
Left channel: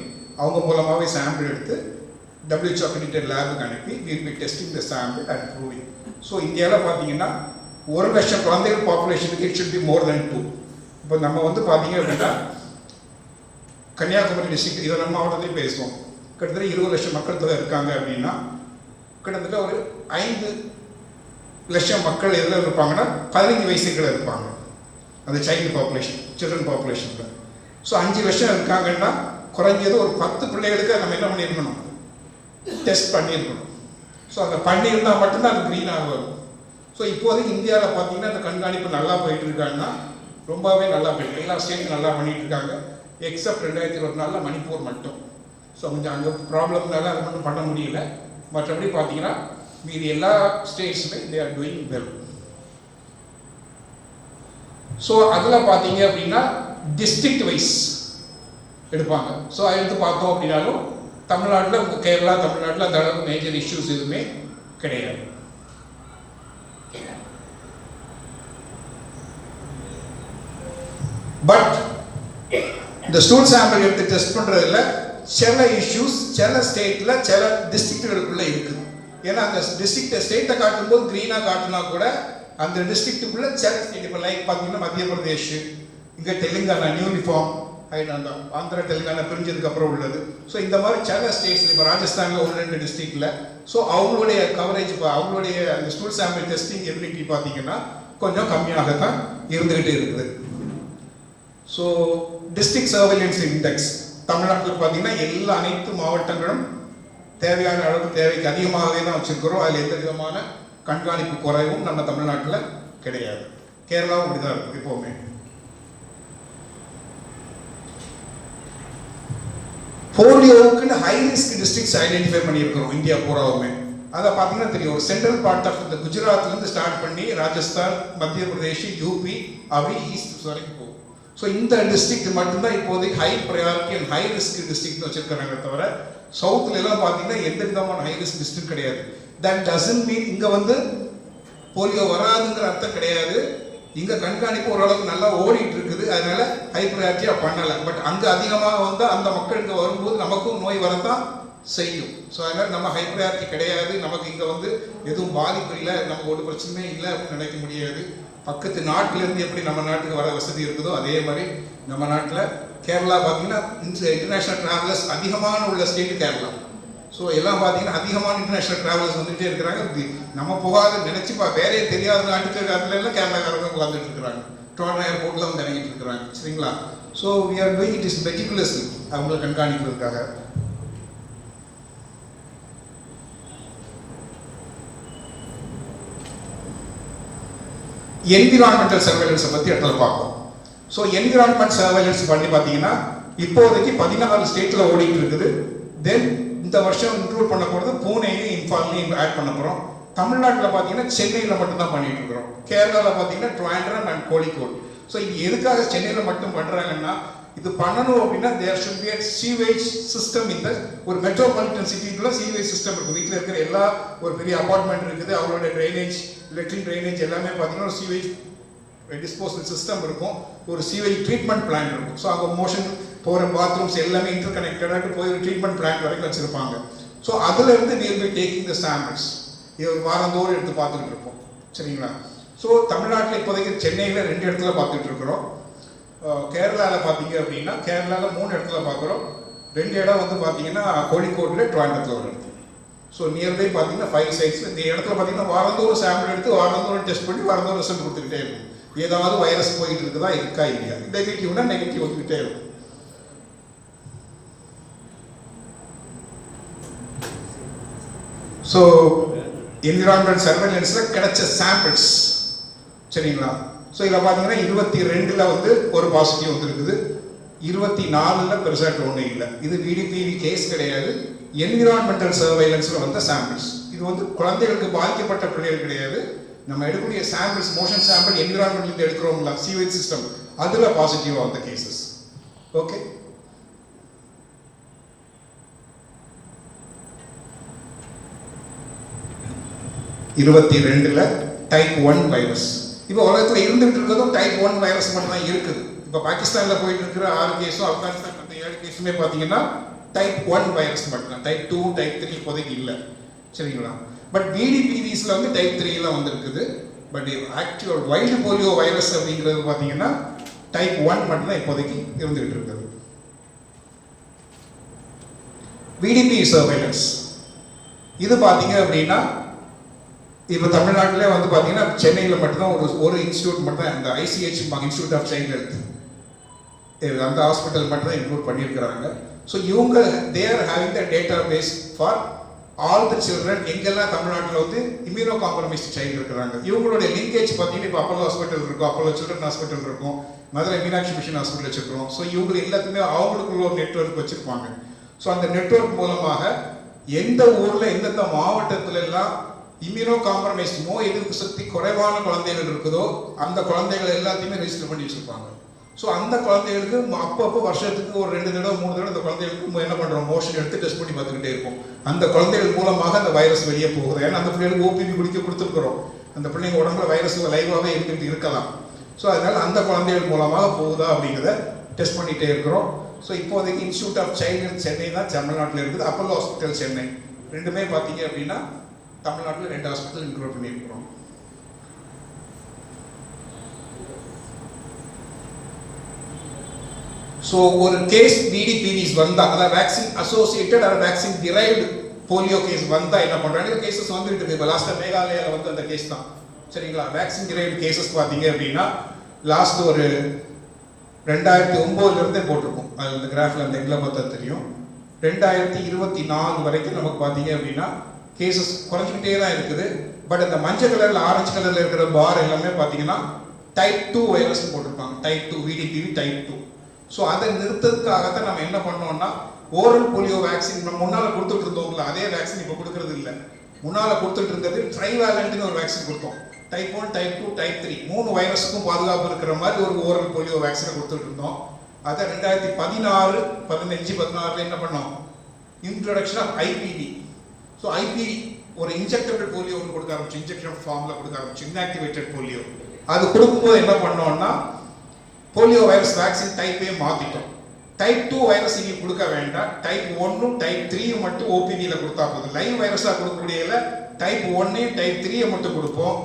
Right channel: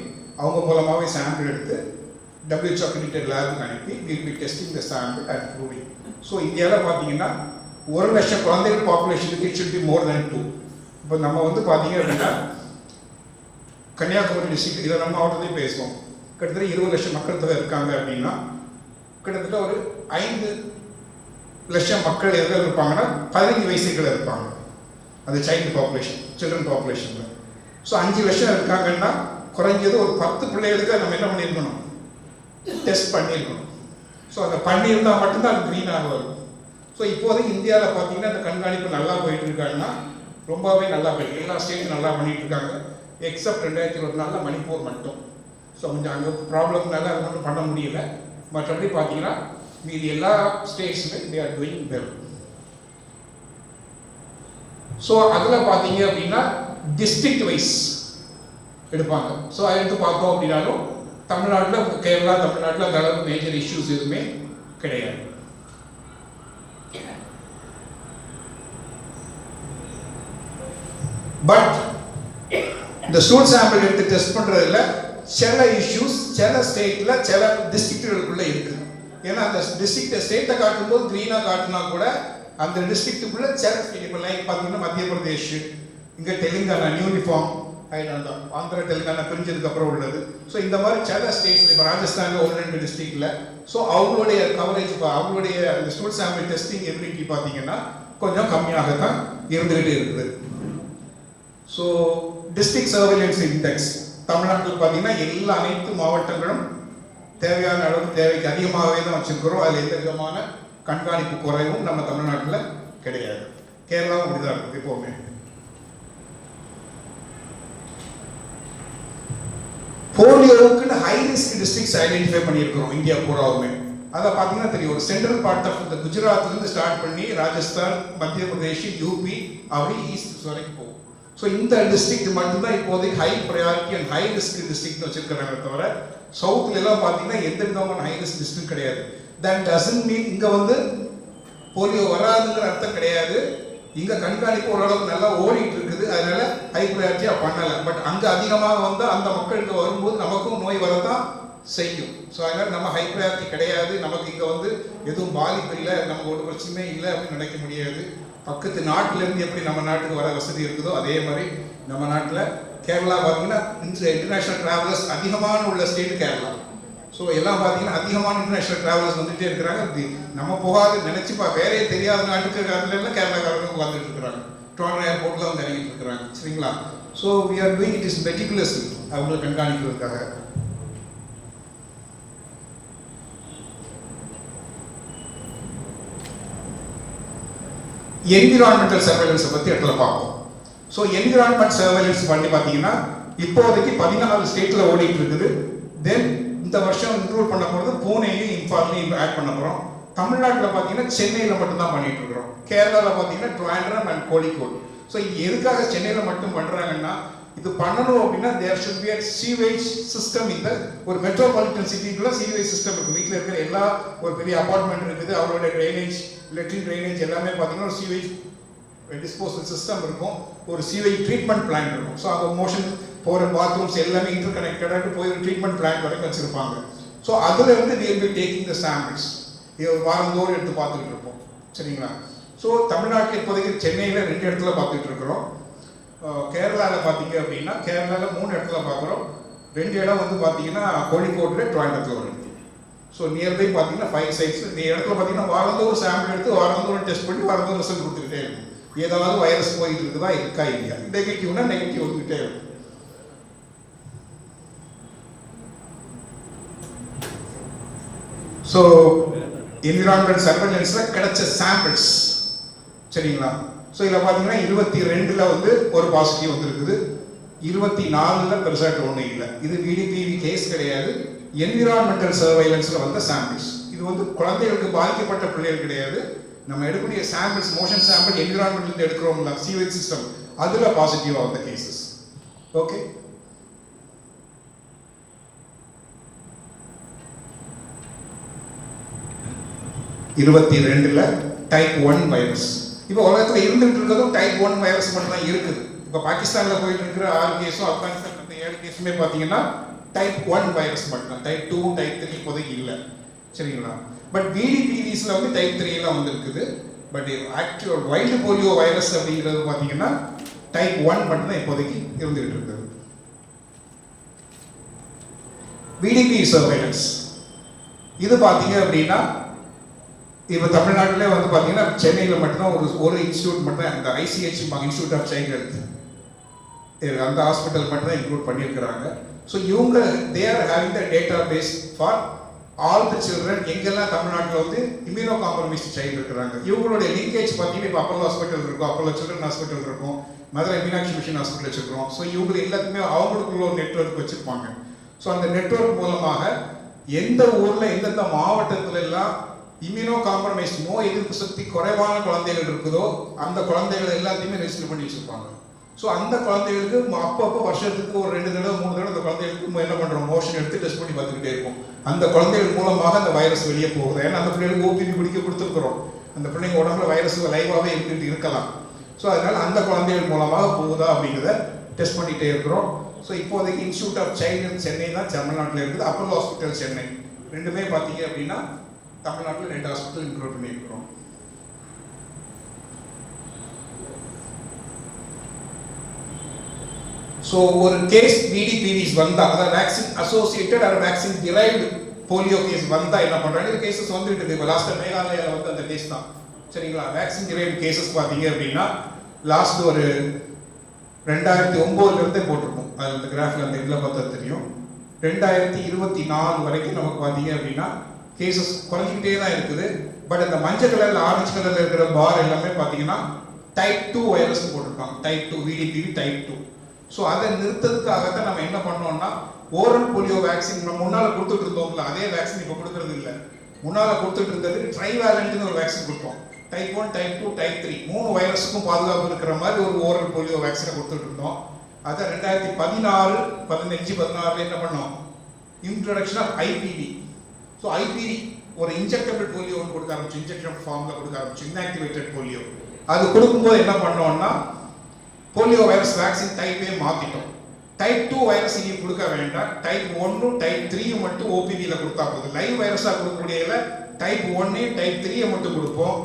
அவங்க மூலமாகவே சாம்பிள் எடுத்து WHO அக்ரிடிட்டட் லேபுக்கு அனுப்பி will be testing the sample and proving. So இந்தியாவில் பார்த்தீங்கன்னா 1 லட்சம் குழந்தைகள் பாப்புலேஷனுக்கு இட் ஷுட் பி மோர் தென் 2. இப்போ நம்ம வந்து பார்த்தீங்க அப்படின்னா கன்னியாகுமரி டிஸ்ட்ரிக்ட் இதை நம்ம மாவட்டத்தையும் பேசுவோம், கிட்டத்தட்ட 20 லட்சம் மக்கள் தொகை இருக்காங்க அப்படின்னா கிட்டத்தட்ட ஒரு 5 லட்சம் மக்கள் எதில் இருப்பாங்கன்னா 15 வயசுக்குள்ள இருப்பாங்க அந்த சைல்டு பாப்புலேஷன், சில்ட்ரன் பாப்புலேஷனில். ஸோ 5 லட்சம் இருக்காங்கன்னா குறைஞ்சது ஒரு 10 பிள்ளைகளுக்கு நம்ம என்ன பண்ணியிருக்கணும், டெஸ்ட் பண்ணியிருக்கணும். ஸோ அந்த பண்ணியிருந்தால் மட்டும்தான் அது க்ரீனாக வரும். ஸோ இப்போதைக்கு இந்தியாவில் பார்த்தீங்கன்னா அந்த கண்காணிப்பு நல்லா போயிட்டு இருக்காங்கன்னா ரொம்பவே நல்லா போயிட்டு எல்லா ஸ்டேட்டும் நல்லா பண்ணிட்டு இருக்காங்க, எக்ஸப்ட் 2024 மணிப்பூர் மட்டும். ஸோ கொஞ்சம் அங்கே ப்ராப்ளம்னால அது மட்டும் பண்ண முடியல. மற்றபடி பார்த்தீங்கன்னா மீதி எல்லா ஸ்டேட்ஸுமே they are doing well. So அதில் பார்த்தீங்க அப்படின்னா டிஸ்ட்ரிக்ட் வைஸ் எடுப்பாங்க. ஸோ அதை எடுத்து பார்த்தோம் அப்படின்னாலும் தமிழ்நாட்டில் கேரளா தமிழ்நாட்டில் அந்த அளவுக்கு மேஜர் இஷ்யூஸ் எதுவுமே கிடையாது. பட் இந்த ஸ்டூல் சாம்பிள் எடுத்து டெஸ்ட் பண்ணுறதுல சில இஷ்யூஸ் சில ஸ்டேட்டில் சில டிஸ்ட்ரிக்டுகளுக்குள்ளே இருக்குது. ஏன்னா அந்த டிஸ்ட்ரிக்ட் ஸ்டேட்டை காட்டும்போது க்ரீனாக காட்டினா கூட அந்த டிஸ்ட்ரிக்ட்டுக்குள்ளே சில ஸ்டேட் இப்போ லைக் பார்த்தீங்கன்னா மத்திய பிரதேஷ், இங்கே தெலுங்கானா யூனிஃபார்ம் ஆகிட்டு ஆந்திரா தெலுங்கானா பிரிஞ்சதுக்கு அப்புறம் உள்ளது. ஸோ இந்த மாதிரி சில ஸ்டேட்ஸ் இப்போ ராஜஸ்தானில் 1-2 டிஸ்ட்ரிக்டில் ஸோ அவங்களுடைய கவரேஜ் அவங்களுடைய அந்த ஸ்டூல் சாம்பிள் டெஸ்டிங் எபிலிட்டி பார்த்தீங்கன்னா கொஞ்சம் கம்மியாகத்தான் இருந்துகிட்டு இருக்குது. ஸோ டிஸ்ட்ரிக்ட் சர்வேலன்ஸ் இண்டெக்ஸ் தமிழ்நாட்டில் பார்த்தீங்கன்னா அனைத்து மாவட்டங்களும் தேவையான அளவுக்கு தேவைக்கு அதிகமாகவே தான் வச்சுருக்கிறோம். அதில் எந்த விதமான கண்காணிப்பு குறைவும் நம்ம தமிழ்நாட்டில் கிடையாது. கேரளாவும் அப்படிதான் இருக்கும் எப்போவுமே. போலியோவுக்குன்னு ஹை ரிஸ்க் டிஸ்ட்ரிக்ட்ஸ் ஐடென்டிஃபை பண்ணியிருக்கிறோம் இந்தியா பூராவுமே. அதை பார்த்தீங்கன்னா தெரியும், ஒரு சென்ட்ரல் பார்ட் ஆஃப் இந்த குஜராத்லேருந்து ஸ்டார்ட் பண்ணி ராஜஸ்தான், மத்திய பிரதேஷ், யூபி அப்படி ஈஸ்ட் வரைக்கும் போகும். ஸோ இந்த டிஸ்ட்ரிக்ட் மட்டும்தான் இப்போதைக்கு high priority and high risk டிஸ்ட்ரிக்ட்னு வச்சிருக்கிறாங்க தவிர சவுத்துல எல்லாம் பார்த்தீங்கன்னா எந்த விதமான ஹை ரிஸ்க் டிஸ்ட்ரிக்ட் கிடையாது. தட் டசன்ட் மீன் இங்கே வந்து போலியோ வராதுங்கிற அர்த்தம் கிடையாது. இங்கே கண்காணிப்பு ஓரளவுக்கு நல்லா ஓடிட்டு இருக்குது, அதனால ஹை ப்ரையாரிட்டியாக பண்ணலை. பட் அங்கே அதிகமாக வந்து அந்த மக்களுக்கு வரும்போது நமக்கும் நோய் வரத்தான் செய்யும். ஸோ அதனால் நம்ம ஹை ப்ரையாரிட்டி கிடையாது, நமக்கு இங்கே வந்து எதுவும் பாதிப்பு இல்லை, நமக்கு ஒரு பிரச்சனையும் இல்லை அப்படின்னு நினைக்க முடியாது. பக்கத்து நாட்டிலேருந்து எப்படி நம்ம நாட்டுக்கு வர வசதி இருக்குதோ அதே மாதிரி நம்ம நாட்டில் கேரளா பார்த்தீங்கன்னா இன்டர்நேஷ்னல் ட்ராவலர்ஸ் அதிகமான உள்ள ஸ்டேட் கேரளா. ஸோ எல்லாம் பார்த்தீங்கன்னா அதிகமான இன்டர்நேஷ்னல் ட்ராவலர்ஸ் வந்துகிட்டே இருக்கிறாங்க. நம்ம போகாத நினச்சிப்பா வேறே தெரியாத நாட்டுக்கு காரணம் கேரளாக்காரங்க உட்காந்துட்டு இருக்கிறாங்க, ட்ரோன் ஏர்போர்ட்டில் வந்து இறங்கிட்டு இருக்கிறாங்க. சரிங்களா? So we are doing it is meticulous அவங்களை கண்காணிக்கிறதுக்காக. என்விரான்மெண்டல் சர்வேலன்ஸை பற்றி இடத்துல பார்ப்போம். ஸோ என்விரான்மெண்ட் சர்வேலன்ஸ் பண்ணி பார்த்தீங்கன்னா இப்போதைக்கு 14 ஸ்டேட்டில் ஓடிட்டு இருக்குது. தென் இந்த வருஷம் இன்க்ளூட் பண்ண போகிறது பூனேயும் இம்பாலையும் ஆட் பண்ண போகிறோம். தமிழ்நாட்டில் பார்த்தீங்கன்னா சென்னையில் மட்டும்தான் பண்ணிட்டு இருக்கிறோம். கேரளாவில் பார்த்தீங்கன்னா ட்ரிவாண்ட்ரம் அண்ட் கோழிக்கோடு. ஸோ இது எதுக்காக சென்னையில் மட்டும் பண்ணுறாங்கன்னா, இது பண்ணணும் அப்படின்னா there should be a sewage system. இந்த ஒரு மெட்ரோபாலிட்டன் சிட்டிக்குள்ள சீவேஜ் சிஸ்டம் இருக்குது. வீட்டில் இருக்கிற எல்லா ஒரு பெரிய அபார்ட்மெண்ட் இருக்குது, அவரோட ட்ரைனேஜ் லெட்ரின் ட்ரைனேஜ் எல்லாமே பார்த்தீங்கன்னா ஒரு சீவேஜ் டிஸ்போசல் சிஸ்டம் இருக்கும், ஒரு சீவேஜ் ட்ரீட்மெண்ட் பிளான் இருக்கும். ஸோ அவங்க மோஷன் போகிற பாத்ரூம்ஸ் எல்லாமே இன்டர் கனெக்டடாக போய் ஒரு ட்ரீட்மெண்ட் பிளான் வரைக்கும் வச்சுருப்பாங்க. ஸோ அதில் இருந்து we will be taking the samples. இது வாரந்தோறும் எடுத்து பார்த்துக்கிட்டு இருப்போம். சரிங்களா? ஸோ தமிழ்நாட்டில் இப்போதைக்கு சென்னையில் 2 இடத்துல பார்த்துட்டு இருக்கிறோம். கேரளாவில் பார்த்தீங்க அப்படின்னா கேரளாவில் 3 இடத்துல பார்க்குறோம். 2 இடம் வந்து பார்த்தீங்கன்னா கோழிக்கோட்டில் ட்ரிவாண்டத்தில் ஒரு இடத்துல. ஸோ நியர்பை பார்த்தீங்கன்னா 5 sites. இந்த இடத்துல பார்த்தீங்கன்னா வாரந்தோறும் சாம்பிள் எடுத்து வாரந்தோறும் டெஸ்ட் பண்ணி வாரந்தோறும் ரிசல்ட் கொடுத்துக்கிட்டே இருக்கும். ஏதாவது வைரஸ் போயிட்டு இருக்குதா இருக்கா இல்லையா, நெகட்டிவ்னா நெகட்டிவ் வந்துக்கிட்டே இருக்கும். ஸோ என்விரான்மெண்ட் சர்வேலன்ஸில் கிடைச்ச சாம்பிள்ஸ். சரிங்களா? ஸோ இதில் பார்த்தீங்கன்னா 22ல் வந்து ஒரு பாசிட்டிவ் வந்துருக்குது, 24ல் பெருசாக ஒன்றும் இல்லை. இது VDPV கேஸ் கிடையாது, என்விரான்மெண்டல் சர்வேலன்ஸில் வந்த சாம்பிள்ஸ். இது வந்து குழந்தைகளுக்கு பாதிக்கப்பட்ட பிள்ளைகள் கிடையாது. நம்ம எடுக்கக்கூடிய சாம்பிள்ஸ், மோஷன் சாம்பிள் என்விரான்மெண்ட்ல எடுக்கிறோம்ல சீவேஜ் சிஸ்டம், அதில் பாசிட்டிவாக வந்த கேசஸ். ஓகே, ல டைப் 1 வைரஸ். இப்போ உலகத்தில் இருந்துகிட்டு இருக்கிறதும் டைப் 1 வைரஸ் மட்டும் தான் இருக்குது. இப்போ பாகிஸ்தானில் போயிட்டு இருக்கிற 6 கேஸும் ஆப்கானிஸ்தான் மற்ற 7 கேஸுமே பார்த்தீங்கன்னா டைப் 1 வைரஸ் மட்டும் தான். டைப் 2 டைப் 3 இப்போதைக்கு இல்லை. சரிங்களா? பட் VDPVஸில் வந்து டைப் 3 எல்லாம் வந்துருக்குது. But actual wild polio virus அப்படிங்கிறது பார்த்தீங்கன்னா டைப் 1 மட்டும் தான் இப்போதைக்கு இருந்துகிட்டு இருக்குது. VDP சர்வேலன்ஸ் இது பார்த்தீங்க அப்படின்னா இப்போ தமிழ்நாட்டிலே வந்து பார்த்தீங்கன்னா சென்னையில் மட்டும்தான் ஒரு இன்ஸ்டியூட் மட்டும் தான், இந்த ICH institute of child health, அந்த ஹாஸ்பிட்டல் மட்டும் தான் இன்க்ளூட் பண்ணியிருக்கிறாங்க. ஸோ இவங்க they're having the database for all the children. எங்கெல்லாம் தமிழ்நாட்டில் வந்து இம்யூனோ காம்ப்ரமைஸ்ட் சைல்டு இருக்கிறாங்க, இவங்களுடைய லிங்கேஜ் பார்த்தீங்கன்னா இப்போ அப்போலோ ஹாஸ்பிட்டல் இருக்கும், அப்போலோ சில்ட்ரன் ஹாஸ்பிட்டல் இருக்கும், மதுரை மீனாட்சி மிஷன் ஹாஸ்பிட்டல் வச்சுருக்கிறோம். ஸோ இவங்க எல்லாத்துக்குமே அவங்களுக்குள்ள ஒரு நெட்வொர்க் வச்சுருப்பாங்க. ஸோ அந்த நெட்வொர்க் மூலமாக எந்த ஊரில் எந்தெந்த மாவட்டத்துல எல்லாம் இம்யூனோ காம்ப்ரமைஸ் நோய் எதிர்ப்பு சக்தி குறைவான குழந்தைகள் இருக்குதோ அந்த குழந்தைகள் எல்லாத்தையுமே ரெஜிஸ்டர் பண்ணி வச்சிருப்பாங்க. ஸோ அந்த குழந்தைகளுக்கு அப்பப்போ வருஷத்துக்கு ஒரு 2 தடவை 3 தடவை அந்த குழந்தைகளுக்கு என்ன பண்ணுறோம், மோஷன் எடுத்து டெஸ்ட் பண்ணி பார்த்துக்கிட்டே இருப்போம். அந்த குழந்தைகள் மூலமாக அந்த வைரஸ் வெளியே போகுது. ஏன்னா அந்த பிள்ளைகளுக்கு OPV குடிக்க கொடுத்துருக்குறோம், அந்த பிள்ளைங்க உடம்புல வைரஸ் லைவாகவே இருந்துகிட்டு இருக்கலாம். ஸோ அதனால் அந்த குழந்தைகள் மூலமாக போகுதா அப்படிங்கிறத டெஸ்ட் பண்ணிகிட்டே இருக்கிறோம். ஸோ இப்போதைக்கு institute of child health Chennai தான் தமிழ்நாட்டில் இருக்குது, அப்போலோ ஹாஸ்பிட்டல் சென்னை ரெண்டுமே பார்த்தீங்க அப்படின்னா தமிழ்நாட்டில் 2 ஹாஸ்பிட்டல் இன்க்ளூட் பண்ணியிருக்கிறோம். ஸோ ஒரு கேஸ் VDPVs வந்தால், அதாவது vaccine associated or vaccine derived polio case வந்தால் என்ன பண்ணுறாங்க, இந்த கேசஸ் வந்துட்டு இருக்குது. இப்போ லாஸ்ட்டாக மேகாலயாவில் வந்து அந்த கேஸ் தான். சரிங்களா? வேக்சின் டிரைவ்டு கேசஸ் பார்த்தீங்க அப்படின்னா லாஸ்ட் ஒரு 2009 போட்டிருக்கோம். அது அந்த கிராஃபில் அந்த இதில் பார்த்தா தெரியும். 2024 வரைக்கும் நமக்கு பார்த்தீங்க அப்படின்னா கேசஸ் குறைஞ்சிக்கிட்டே தான் இருக்குது. பட் இந்த மஞ்சள் கலரில் ஆரஞ்சு கலரில் இருக்கிற பார் எல்லாமே பார்த்தீங்கன்னா டைப் 2 வைரஸ் போட்டிருக்காங்க, டைப் 2 VDPV டைப் 2. ஸோ அதை நிறுத்ததுக்காகத்தான் நம்ம என்ன பண்ணோம்னா ஓரல் போலியோ வேக்சின் நம்ம முன்னால் கொடுத்துட்டு இருந்தோம்ல, அதே வேக்சின் இப்போ கொடுக்கறது இல்லை. முன்னால் கொடுத்துட்டு இருந்தது ட்ரைவேலண்ட்னு ஒரு வேக்சின் கொடுத்தோம். டைப் 1 டைப் 2 டைப் 3 3 வைரஸுக்கும் பாதுகாப்பு இருக்கிற மாதிரி ஒரு ஓரல் போலியோ வேக்சினை கொடுத்துட்டு இருந்தோம். அதை 2016, 15, 16 என்ன பண்ணோம், introduction of IPV. So IPV ஒரு இன்ஜெக்டபிள் போலியோ ஒன்று கொடுக்க ஆரம்பிச்சு, இன்ஜெக்ஷன் ஃபார்மில் கொடுக்க ஆரம்பிச்சு, இன்ஆக்டிவேட்டட் போலியோ. அது கொடுக்கும்போது என்ன பண்ணோம்னா போலியோ வைரஸ் வேக்சின் டைப்பே மாற்றிட்டோம். டைப் 2 வைரஸ் இனி கொடுக்க வேண்டாம், டைப் 1 டைப் 3 மட்டும் OPVயில் கொடுத்தா போதும். லைவ் வைரஸாக கொடுக்கக்கூடியதில் டைப் 1 டைப் 3 மட்டும் கொடுப்போம்.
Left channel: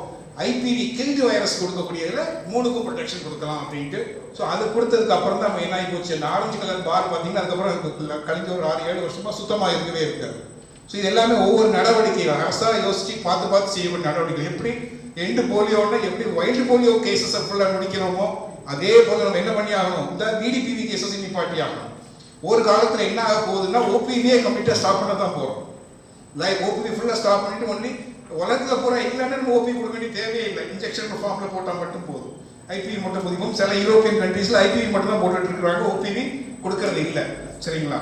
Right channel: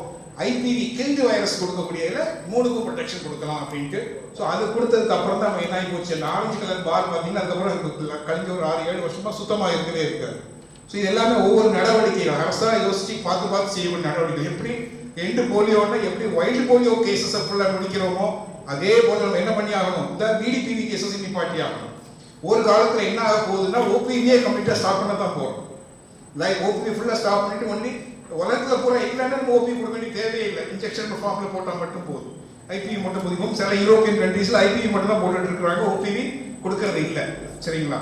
IPV கில்டு வைரஸ் கொடுக்கக்கூடியதில் 3க்கும் ப்ரொடெக்ஷன் கொடுக்கலாம் அப்படின்ட்டு. ஸோ அது கொடுத்ததுக்கு அப்புறம் தான் நம்ம என்ன ஆகி போச்சு, அந்த ஆரஞ்சு கலர் பார் பார்த்தீங்கன்னா அதுக்கப்புறம் கழிஞ்ச ஒரு 6-7 வருஷமாக சுத்தமாக இருக்கவே இருக்காது. ஸோ இது எல்லாமே ஒவ்வொரு நடவடிக்கைகள் அரசாக யோசிச்சு பார்த்து செய்யக்கூடிய நடவடிக்கை. எப்படி எண்டு போலியோன்னா எப்படி வைல்டு போலியோ கேசஸை ஃபுல்லாக முடிக்கிறோமோ அதே போல் நம்ம என்ன பண்ணி ஆகணும், இந்த VDPV கேசஸ் நிப்பாட்டி ஆகணும். ஒரு காலத்தில் என்ன ஆக போகுதுன்னா OPVயே கம்ப்ளீட்டாக ஸ்டாப் பண்ண தான் போகிறோம். லைக் OPV ஃபுல்லாக ஸ்டாப் பண்ணிட்டு ஒன்லி உலகத்தில் பூரா இல்லைன்னு ஓபி கொடுக்க வேண்டிய தேவையில்லை. இன்ஜெக்ஷன் ஃபார்மில் போட்டால் மட்டும் போதும். ஐபிவி மட்டும் போதும். சில யூரோப்பியன் கண்ட்ரீஸில் ஐபிவி மட்டும் தான் போட்டுட்டு இருக்கிறாங்க, ஓபிவி கொடுக்கறது இல்லை. சரிங்களா?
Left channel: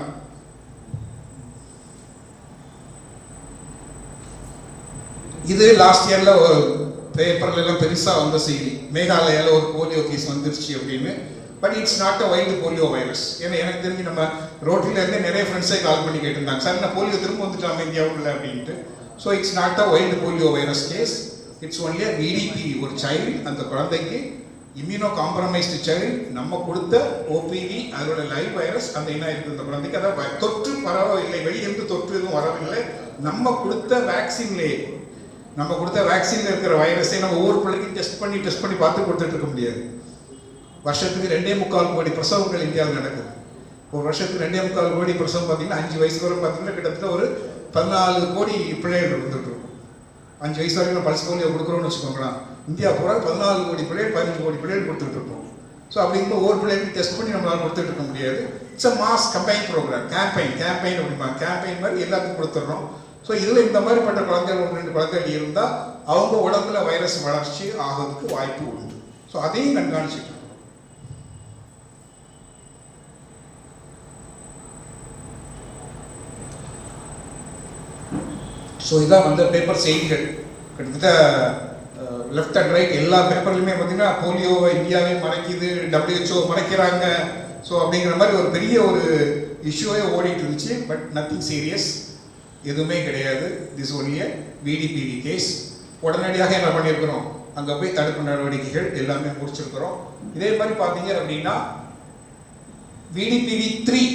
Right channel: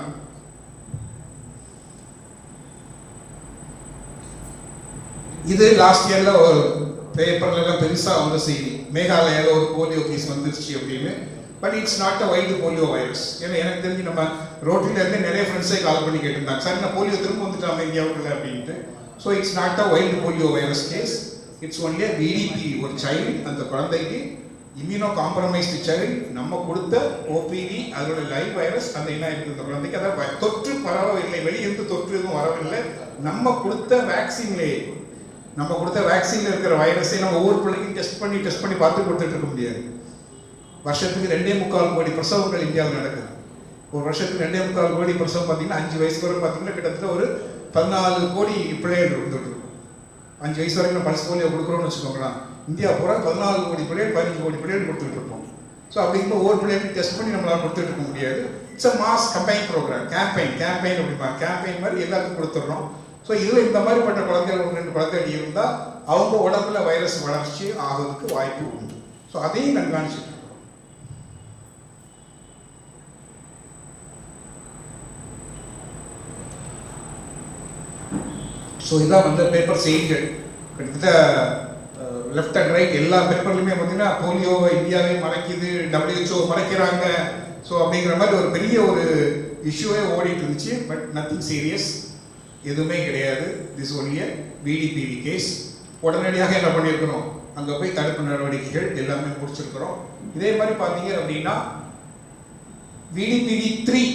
இது லாஸ்ட் இயர்ல ஒரு பேப்பர்ல எல்லாம் பெருசா வந்த செய்தி, மேகாலயால ஒரு போலியோ கேஸ் வந்துருச்சு அப்படின்னு. But it's not a wild polio virus. ஏன்னா எனக்கு தெரிஞ்சு நம்ம ரோட்ல இருந்து நிறைய ஃப்ரெண்ட்ஸே கால் பண்ணி கேட்டிருந்தாங்க, சார் நான் போலியோ திரும்ப வந்துட்டாம இந்தியாவுக்குள்ள அப்படின்ட்டு. So it's not a wild polio virus case. It's only a VDP, ஒரு சைல்டு, அந்த குழந்தைக்கு இம்யூனோ காம்ப்ரமைஸ்டு சைல்டு, நம்ம கொடுத்த ஓபிவி அதோட லைவ் வைரஸ் அந்த என்ன இருக்குது அந்த குழந்தைக்கு. அதான் தொற்று பரவவில்லை, வெளியிருந்து தொற்று எதுவும் வரவில்லை. நம்ம கொடுத்த வேக்சின்லேயே, நம்ம கொடுத்த வேக்சின்ல இருக்கிற வைரஸை நம்ம ஒவ்வொரு பிள்ளைக்கும் டெஸ்ட் பண்ணி பார்த்து கொடுத்துட்டு இருக்க முடியாது. வருஷத்துக்கு 2.25 கோடி பிரசவங்கள் இந்தியாவில் நடக்குது. ஒரு வருஷத்துக்கு 2.25 கோடி பிரசவம் பார்த்தீங்கன்னா 5 வயசு வரை பார்த்தீங்கன்னா கிட்டத்தட்ட ஒரு 14 கோடி பிள்ளைகள் இருந்துட்டு இருக்கும். 5 வயசு வரைக்கும் பல்ஸ் போலியோ கொடுக்குறோம்னு வச்சுக்கோங்களேன், இந்தியா பூரா 14 கோடி பிள்ளைகள் 15 கோடி பிள்ளைகள் கொடுத்துட்டு இருப்போம். ஸோ அப்படிங்கும்போது ஒவ்வொரு பிள்ளைகளுக்கு டெஸ்ட் பண்ணி நம்மளால கொடுத்துட்டு இருக்க முடியாது. It's a mass combine programme, campaign அப்படிமா கேம்பெயின் மாதிரி எல்லாத்துக்கும் கொடுத்துட்றோம். ஸோ இதில் இந்த மாதிரிப்பட்ட குழந்தைகள் 1-2 குழந்தைகள் இருந்தால் அவங்க உடம்புல வைரஸ் வளர்ச்சி ஆகிறதுக்கு வாய்ப்பு உண்டு. ஸோ அதையும் கண்காணிச்சுட்டு. ஸோ இதான் வந்து பேப்பர் செய்திகள். கிட்டத்தட்ட லெஃப்ட் அண்ட் ரைட் எல்லா பேப்பர்லையுமே பார்த்தீங்கன்னா போலியோவை இந்தியாவே மறைக்குது, WHO மறைக்கிறாங்க. ஸோ அப்படிங்கிற மாதிரி ஒரு பெரிய ஒரு இஷ்யூவே ஓடிட்டு இருந்துச்சு. பட் நத்திங் சீரியஸ், எதுவுமே கிடையாது. This only VDPV case. உடனடியாக என்ன பண்ணியிருக்கிறோம், அங்கே போய் தடுப்பு நடவடிக்கைகள் எல்லாமே முடிச்சிருக்கிறோம். இதே மாதிரி பார்த்தீங்க அப்படின்னா விடிபிவி 3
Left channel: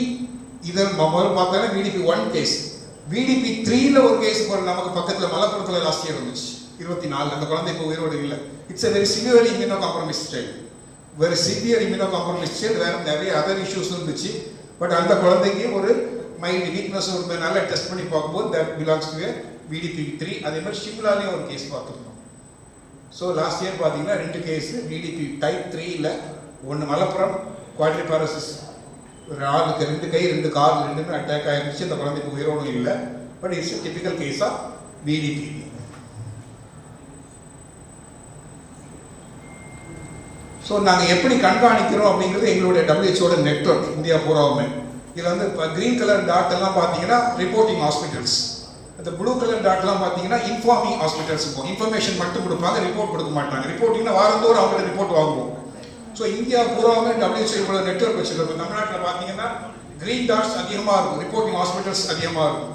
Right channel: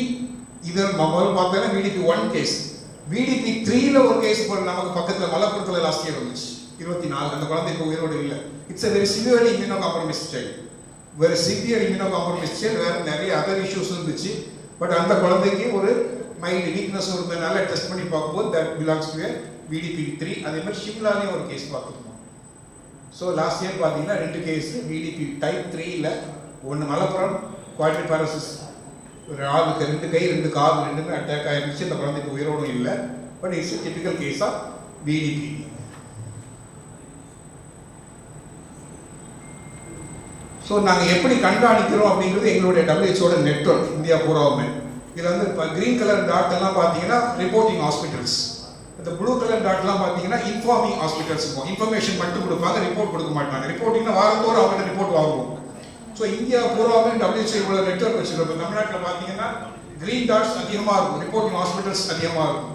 இது முதல்ல பார்த்தோன்னா விடிபி 1 கேஸ், விடிபி 3ல ஒரு கேஸ் நமக்கு பக்கத்தில் மலப்புரத்தில் லாஸ்ட் இயர் வந்துச்சு 24. அந்த குழந்தை இப்போ உயிரோடு இல்லை. It's very severely immuno compromised child, very severe immuno compromised child. வேற நிறைய அதர் இஷ்யூஸ் இருந்துச்சு. பட் அந்த குழந்தைக்கு ஒரு மைல்டு வீக்னஸ் இருந்ததுனால டெஸ்ட் பண்ணி பார்க்கும்போது தட் பிலாங்ஸ் டு விடிபி 3. அதே மாதிரி ஷிம்லாலையும் ஒரு கேஸ் பார்த்துருக்கோம். ஸோ லாஸ்ட் இயர் பார்த்தீங்கன்னா 2 கேஸ் விடிபி டைப் 3ல, ஒன்று மலப்புரம் குவாட்ரிபாரசிஸ், ஒரு ஆளுக்கு 2 கை 2 கால் 2மே அட்டாக் ஆயிருந்துச்சு. அந்த குழந்தைக்கு உயிரோடும் இல்லை. But it's typical case of VDP. So நாங்கள் எப்படி கண்காணிக்கிறோம் அப்படிங்கிறது எங்களுடைய WHO நெட்வொர்க் இந்தியா பூராவுமே. இதில் வந்து இப்போ க்ரீன் கலர் டாட் எல்லாம் பார்த்தீங்கன்னா ரிப்போர்ட்டிங் ஹாஸ்பிட்டல்ஸ், அந்த ப்ளூ கலர் டாட்லாம் பார்த்தீங்கன்னா இன்ஃபார்மிங் ஹாஸ்பிட்டல்ஸ் இருக்கும். இன்ஃபர்மேஷன் மட்டும் கொடுப்பாங்க, ரிப்போர்ட் கொடுக்க மாட்டாங்க. ரிப்போர்ட்டிங்னா வாரந்தோறும் அவங்கள்ட்ட ரிப்போர்ட் வாங்குவோம். ஸோ இந்தியா பூராவே WHO நெட்வொர்க் வச்சுருக்கோம். தமிழ்நாட்டில் பார்த்தீங்கன்னா க்ரீன் டாட்ஸ் அதிகமாக இருக்கும், ரிப்போர்ட்டிங் ஹாஸ்பிட்டல்ஸ் அதிகமாக இருக்கும்.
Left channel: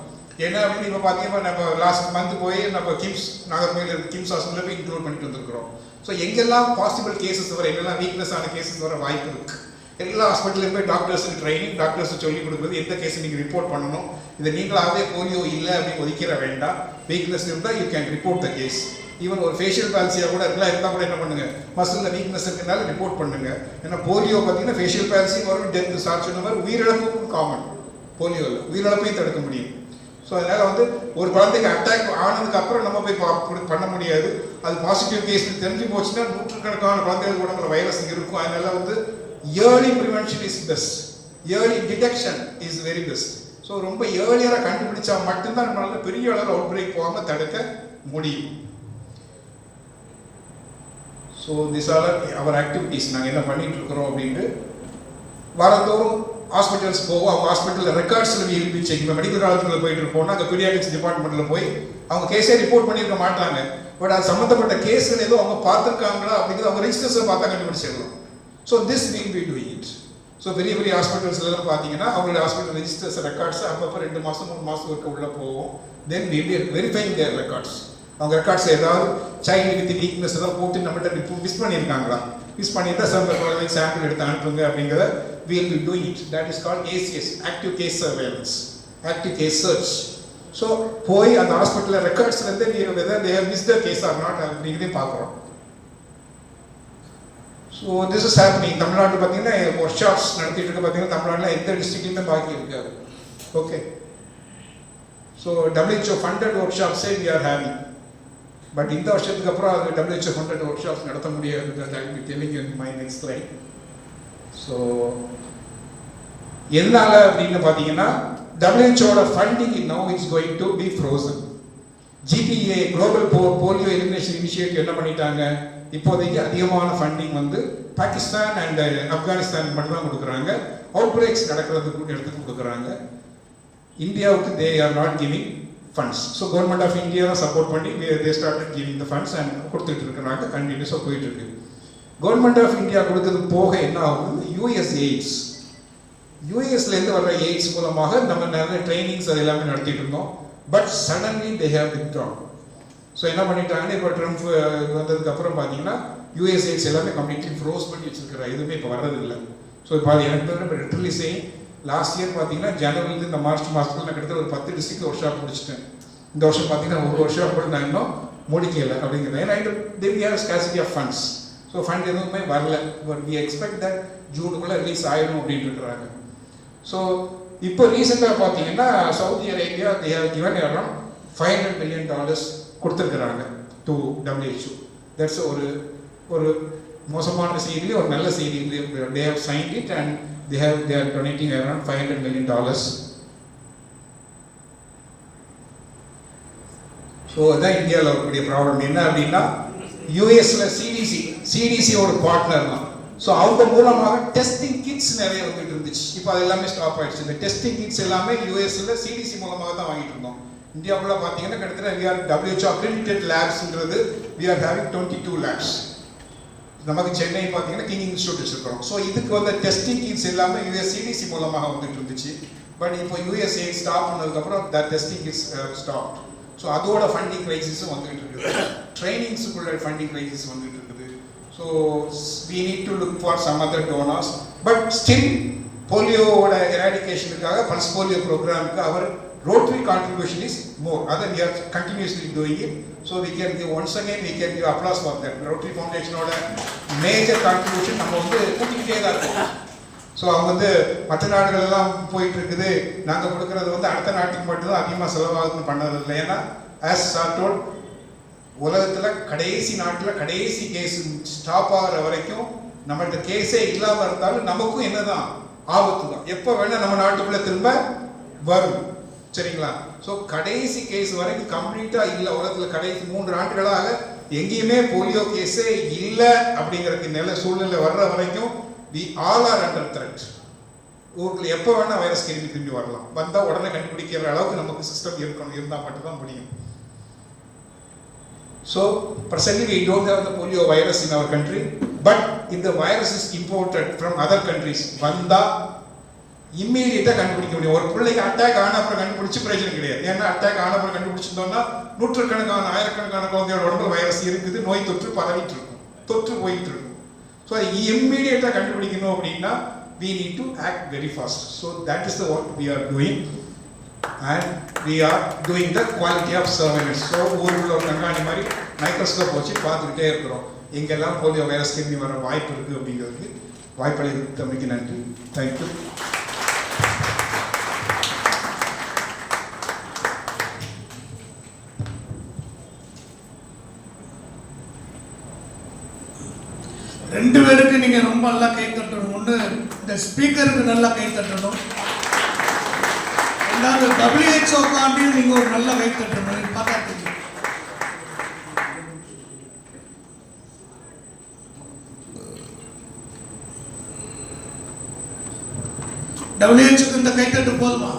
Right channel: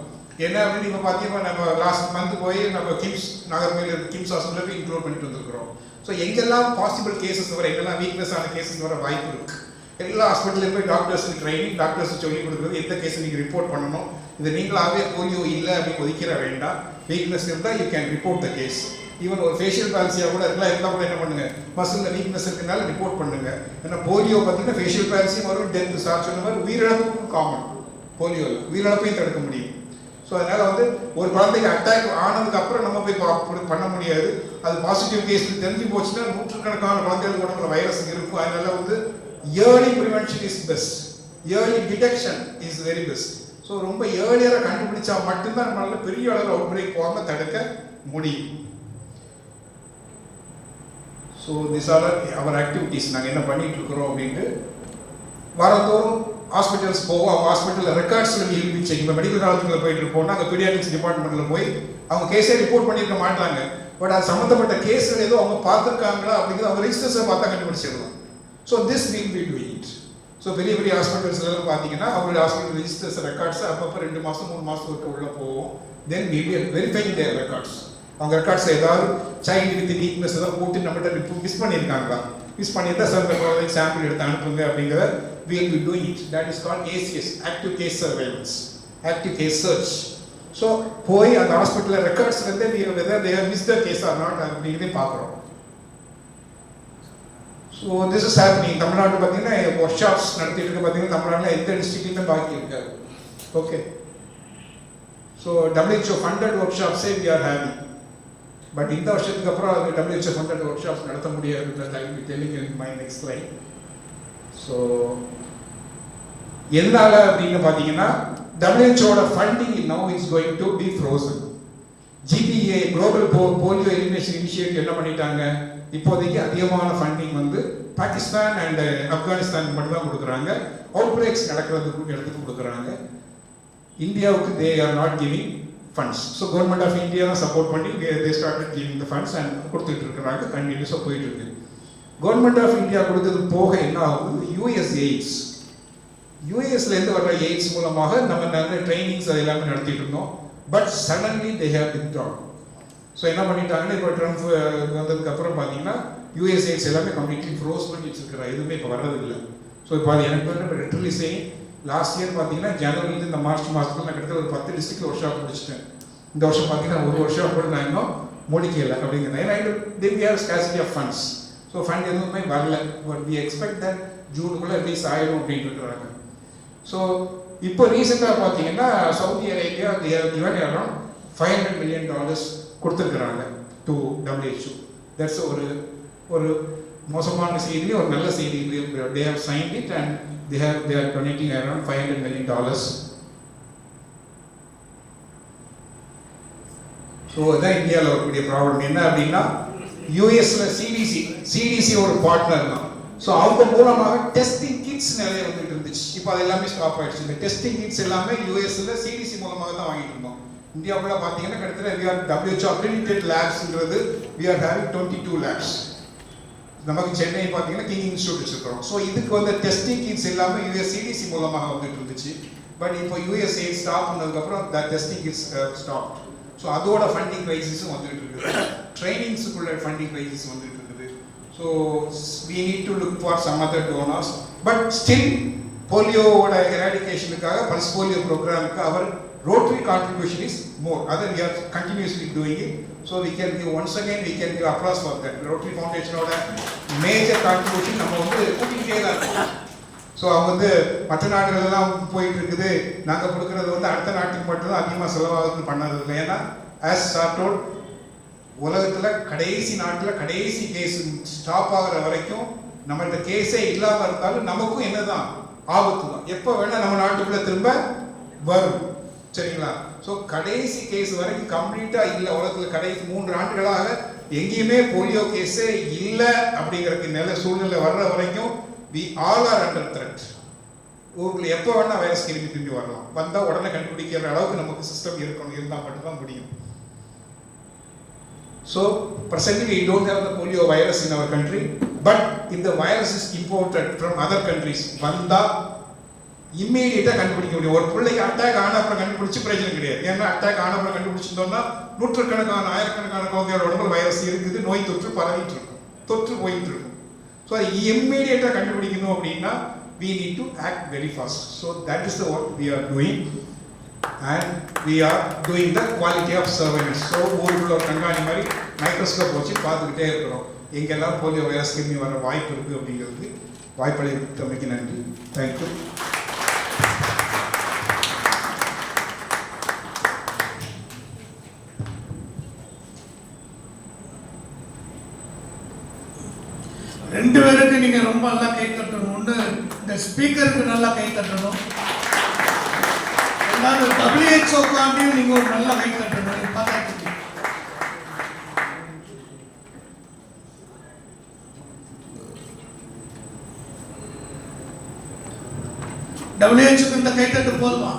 என்ன அப்படின்னு இப்போ பார்த்தீங்கன்னா நம்ம லாஸ்ட் மந்த் போய் நம்ம கிம்ஸ் நாகர்கோயில் கிம்ஸ் ஹாஸ்பிட்டலில் போய் இன்க்ளூட் பண்ணிட்டு வந்திருக்கிறோம். ஸோ எங்கெல்லாம் பாசிபிள் கேசஸ் வர, எங்கெல்லாம் வீக்னஸ் ஆன கேசஸ் வர வாய்ப்பு இருக்கு, எல்லா ஹாஸ்பிட்டலுக்கும் போய் டாக்டர்ஸுக்கு ட்ரைனிங், டாக்டர்ஸ் சொல்லிக் கொடுக்குறது எந்த கேஸ் நீங்கள் ரிப்போர்ட் பண்ணணும். இதை நீங்களாகவே போலியோ இல்லை அப்படின்னு ஒதுக்கிற வேண்டாம். வீக்னஸ் இருந்தால் you can report the case. Even ஒரு ஃபேஷியல் பேல்சியாக கூட இருக்கலாம், இருந்தால் கூட என்ன பண்ணுங்க, மசில் வீக்னஸ் இருக்கிறனால ரிப்போர்ட் பண்ணுங்க. ஏன்னா போலியோ பார்த்தீங்கன்னா ஃபேஷியல் பேல்சி வரும், டெத் சார் சொன்ன மாதிரி உயிரிழப்புக்கும் காமன். போலியோவில் உயிரிழப்பையும் தடுக்க முடியும். ஸோ அதனால் வந்து ஒரு குழந்தைக்கு அட்டாக் ஆனதுக்கு அப்புறம் நம்ம போய் பண்ண முடியாது. அது பாசிட்டிவ் கேஸ் தெரிஞ்சு போச்சுன்னா நூற்றுக்கணக்கான குழந்தைகள் உடம்புல வைரஸ் இருக்கும். அதனால வந்து early prevention is best, early detection is very best. So ரொம்ப ஏர்லியராக கண்டுபிடிச்சா மட்டும்தான் நம்மளால பெரிய அளவில் அவுட் பிரேக் போகாமல் தடுக்க முடியும். So this are our activities. நாங்கள் என்ன பண்ணிட்டு இருக்கிறோம் அப்படின்ட்டு வாரந்தோறும் ஹாஸ்பிட்டல்ஸ் போவோம். அவங்க ஹாஸ்பிட்டலில் ரெக்கார்ட்ஸ் எழுதி செக், இப்போ மெடிக்கல் காலேஜுக்குள்ள போயிட்டு இருப்போம்னா அங்கே பீடியாட்ரிக்ஸ் டிபார்ட்மெண்ட்டில் போய் அவங்க கேஸே ரிப்போர்ட் பண்ணியிருக்க மாட்டாங்க. பட் அது சம்மந்தப்பட்ட கேஸில் ஏதோ அவங்க பார்த்துருக்காங்களா அப்படிங்கிறது அவங்க ரெஜிஸ்டர்ஸை பார்த்தா கண்டுபிடிச்சிடலாம். So this will be doing it. So பெரிய பெரிய ஹாஸ்பிட்டல்ஸ்லாம் பார்த்தீங்கன்னா அவங்களுடைய ஹாஸ்பிட்டல் ரெஜிஸ்டர்ஸ் ரெக்கார்ட்ஸ் அப்பப்போ 2 மாதம் 3 மாதத்துக்கு உள்ளே போவோம். Then will be verifying their records. அவங்க ரெக்கார்ட்ஸ் ஏதாவது சைல்டு வித் வீக்னஸ் ஏதாவது போட்டு நம்மகிட்ட மிஸ் பண்ணியிருக்காங்களா, மிஸ் பண்ணியிருந்தா சார் சாம்பிள் எடுத்து அனுப்புங்க அப்படிங்கிறத we will be doing it. That is called ACS, active case surveillance, active case search. So போய் அந்த ஹாஸ்பிட்டலில் ரெக்கார்ட்ஸ் வந்து whether they have missed the case or not அப்படிங்கிறதையும் பார்க்குறோம். So this is happening. தமிழ்நாட்டில் பார்த்தீங்கன்னா ஒர்க் ஷாப்ஸ் நடத்திட்டு இருக்க பார்த்தீங்கன்னா தமிழ்நாட்டில் எந்த டிஸ்ட்ரிக்ட்லையுமே பாக்கி இருக்காது. ஓகே, ஸோ WHO ஃபண்டட் ஒர்க் ஷாப்ஸே we are having. பட் இந்த வருஷத்துக்கு அப்புறம் அது WHO ஃபண்டட் ஒர்க் ஷாப்ஸ் நடத்த முடியாது. I will be telling you in my next slide. So எதனால அப்படின்னு பார்த்தீங்கன்னா WHO funding now is going to be frozen. GPA global polio elimination initiative என்ன பண்ணிட்டாங்க, இப்போதைக்கு அதிகமான ஃபண்டிங் வந்து பாகிஸ்தான் அண்ட் ஆப்கானிஸ்தான் மட்டும்தான் கொடுக்குறாங்க. அவுட் பிரேக்ஸ் நடக்கிறதுக்கு எடுத்துட்டு கொடுக்குறாங்க. இந்தியாவுக்கு they are not giving funds. So government of India தான் சப்போர்ட் பண்ணி they started giving the funds and கொடுத்துட்டு இருக்கிறாங்க. கண்டினியூஸாக போயிட்டு இருக்கு. கவர்மெண்ட் ஆஃப் இந்தியா கொடுத்தது போக என்ன ஆகுது, யூஎஸ் எய்ட்ஸ், யூஎஸ்லேருந்து வர்ற எய்ட்ஸ் மூலமாக நம்ம நிறைய ட்ரைனிங்ஸ் அது எல்லாமே நடத்திட்டு இருந்தோம். But suddenly they have withdrawn. So என்ன பண்ணிட்டாங்கன்னா, இப்போ ட்ரம்ப் வந்ததுக்கு அப்புறம் பார்த்தீங்கன்னா யூஎஸ் எய்ட்ஸ் எல்லாமே கம்ப்ளீட்லி ஃப்ரோஸ் பண்ணி வச்சிருக்கிற எதுவுமே இப்போ வர்றதில்லை. ஸோ இப்போ அது எனக்கு லிட்டரலி சேயிங் லாஸ்ட் இயர் பார்த்தீங்கன்னா ஜனவரிலேருந்து இந்த மார்ச் மாதத்துக்கு நான் கிட்டத்தட்ட ஒரு 10 டிஸ்ட்ரிக்ட் ஒர்க் ஷாப் முடிச்சிட்டேன். இந்த வருஷம் பார்த்தீங்கன்னா ஒரு ஒர்க் ஷாப் கூட நான் இன்னும் முடிக்கலை அப்படிங்கிறது. ஏன்னா they we have scarcity of funds. So fund எதுவுமே வரல. பட் வி எக்ஸ்பெக்ட் தட் ஜூனுக்குள்ளே ரிலீஸ் ஆகிடும் அப்படின்ட்டு இருக்கிறாங்க. ஸோ இப்போ ரீசெண்டாக பார்த்தீங்கன்னா Saudi Arabia they have given around $500 million கொடுத்துருக்குறாங்க டு WHO. தட்ஸ் ஒரு மோசமான செய்தி, ஒரு நல்ல செய்தி. They have signed it and they are donating around $500 million. So அதான் இந்தியாவில் இருக்கக்கூடிய ப்ராப்ளம் என்ன அப்படின்னா, யூஎஸ்ல சிடிசி ஒரு பார்ட்னர் தான். ஸோ அவங்க மூலமாக டெஸ்டிங் கிட்ஸ் நிறைய வந்துட்டு இருந்துச்சு. இப்போ அது எல்லாமே ஸ்டாப் ஆயிடுச்சு. இந்த டெஸ்டிங் கிட்ஸ் எல்லாமே யூஎஸ்ல சிடிசி மூலமாக தான் வாங்கிட்டு இருந்தோம். இந்தியாவுக்குள்ள பார்த்தீங்கன்னா கிட்டத்தட்ட WHO accredited labsங்கிறது we are having 22 labs. நமக்கு சென்னை பார்த்தீங்கன்னா கிங் இன்ஸ்டியூட் வச்சிருக்கிறோம். ஸோ இதுக்கு வந்து டெஸ்டிங் கிட்ஸ் எல்லாமே யூஎஸ் சிடிசி மூலமாக வந்துட்டு இருந்துச்சு. பட் இப்போ யூஎஸ்ஏ ஸ்டாப் பண்ணதுக்கப்புறம் the testing kits stop. So அதோட ஃபண்டிங் கிரைசிஸும் வந்துட்டு இருக்குது. ட்ரைனிங்ஸுக்குள்ள ஃபண்டிங் கிரைசிஸ் வந்துட்டு இருக்குது. So we need to look for some other donors. But still போலியோவோட எராடிகேஷனுக்காக பல்ஸ் போலியோ ப்ரோக்ராமுக்கு our Rotary contribution is more. Other we are continuously doing it. So we can give once again we can give applause for that. Rotary Foundation oda major contribution நம்ம வந்து கூட்டிட்டே தான் இருக்கோம். So அவங்க வந்து மற்ற நாடுகள் எல்லாம் போயிட்டு இருக்குது, நாங்கள் கொடுக்கறது வந்து அடுத்த நாட்டுக்கு மட்டும்தான் அதிகமாக செலவாகுதுன்னு பண்ணது இல்லை. ஏன்னா ஆஸ் சார்டோல் உலகத்தில் கடைசி நாட்டில் கடைசி கேஸ் ஸ்டாப் ஆகிற வரைக்கும் நம்மள்ட்ட கேஸே இல்லாமல் இருந்தாலும் நமக்கும் என்னதான் ஆபத்து தான். எப்போ வேணால் நம்ம நாட்டுக்குள்ளே திரும்ப வரும். சரிங்களா? ஸோ கடைசி கேஸ் வரைக்கும் கம்ப்ளீட்டாக இல்லை. உலகத்தில் கடைசி 3 ஆண்டுகளாக எங்கேயுமே போலியோ கேஸே இல்லை அப்படிங்கிற சூழ்நிலை வர்ற வரைக்கும் we all are under threat. ஊரில் எப்போ வேணால் வைரஸ் திரும்பி வரலாம். வந்தால் உடனே கண்டுபிடிக்கிற அளவுக்கு நமக்கு சிஸ்டம் இருந்தால் மட்டும்தான் முடியும். So presently we don't have the polio virus in our country, but if the virus is imported from other countries, வந்தா இம்மீடியட்டாக கண்டுபிடிக்க முடியும். ஒரு பிள்ளைக்கு அட்டாக் ஆன அப்புறம் கண்டுபிடிச்சி பிரச்சனை கிடையாது. ஏன்னா அட்டாக் ஆன அப்புறம் கண்டுபிடிச்சிருந்தோம்னா நூற்றுக்கணக்கான ஆயிரக்கணக்கான குழந்தையோட உடம்புல வைரஸ் இருக்குது, நோய் தொற்று பரவிட்டு இருக்கும், தொற்று போயிட்டு இருக்கும். ஸோ இம்மீடியட்டாக கண்டுபிடிக்கணும் அப்படின்னா we need to act very fast. So that is the work we are doing, and we are doing the quality of surveillance. So ஊருக்குள்ள ஒரு கண்காணி மாதிரி மைக்ரோஸ்கோப் வச்சு பார்த்துக்கிட்டே இருக்கிறோம் எங்கெல்லாம் போலியோ வைரஸ் திரும்பி வர வாய்ப்பு இருக்குது அப்படிங்கிறதுக்கு. வாய்ப்பளித்தமைக்கு நன்றி. தேங்க்யூ. ரெண்டு பேருக்கு நீங்க ரொம்ப நல்லா கை தட்டணும். ஒன்று இந்த ஸ்பீக்கருக்கு நல்லா கை தட்டணும். ரெண்டாவது WHO காண்டியும் நீங்க ஒரு நல்ல கை தட்டணும். பார்த்தாச்சு WHO இந்த கை தட்டு போதுமா?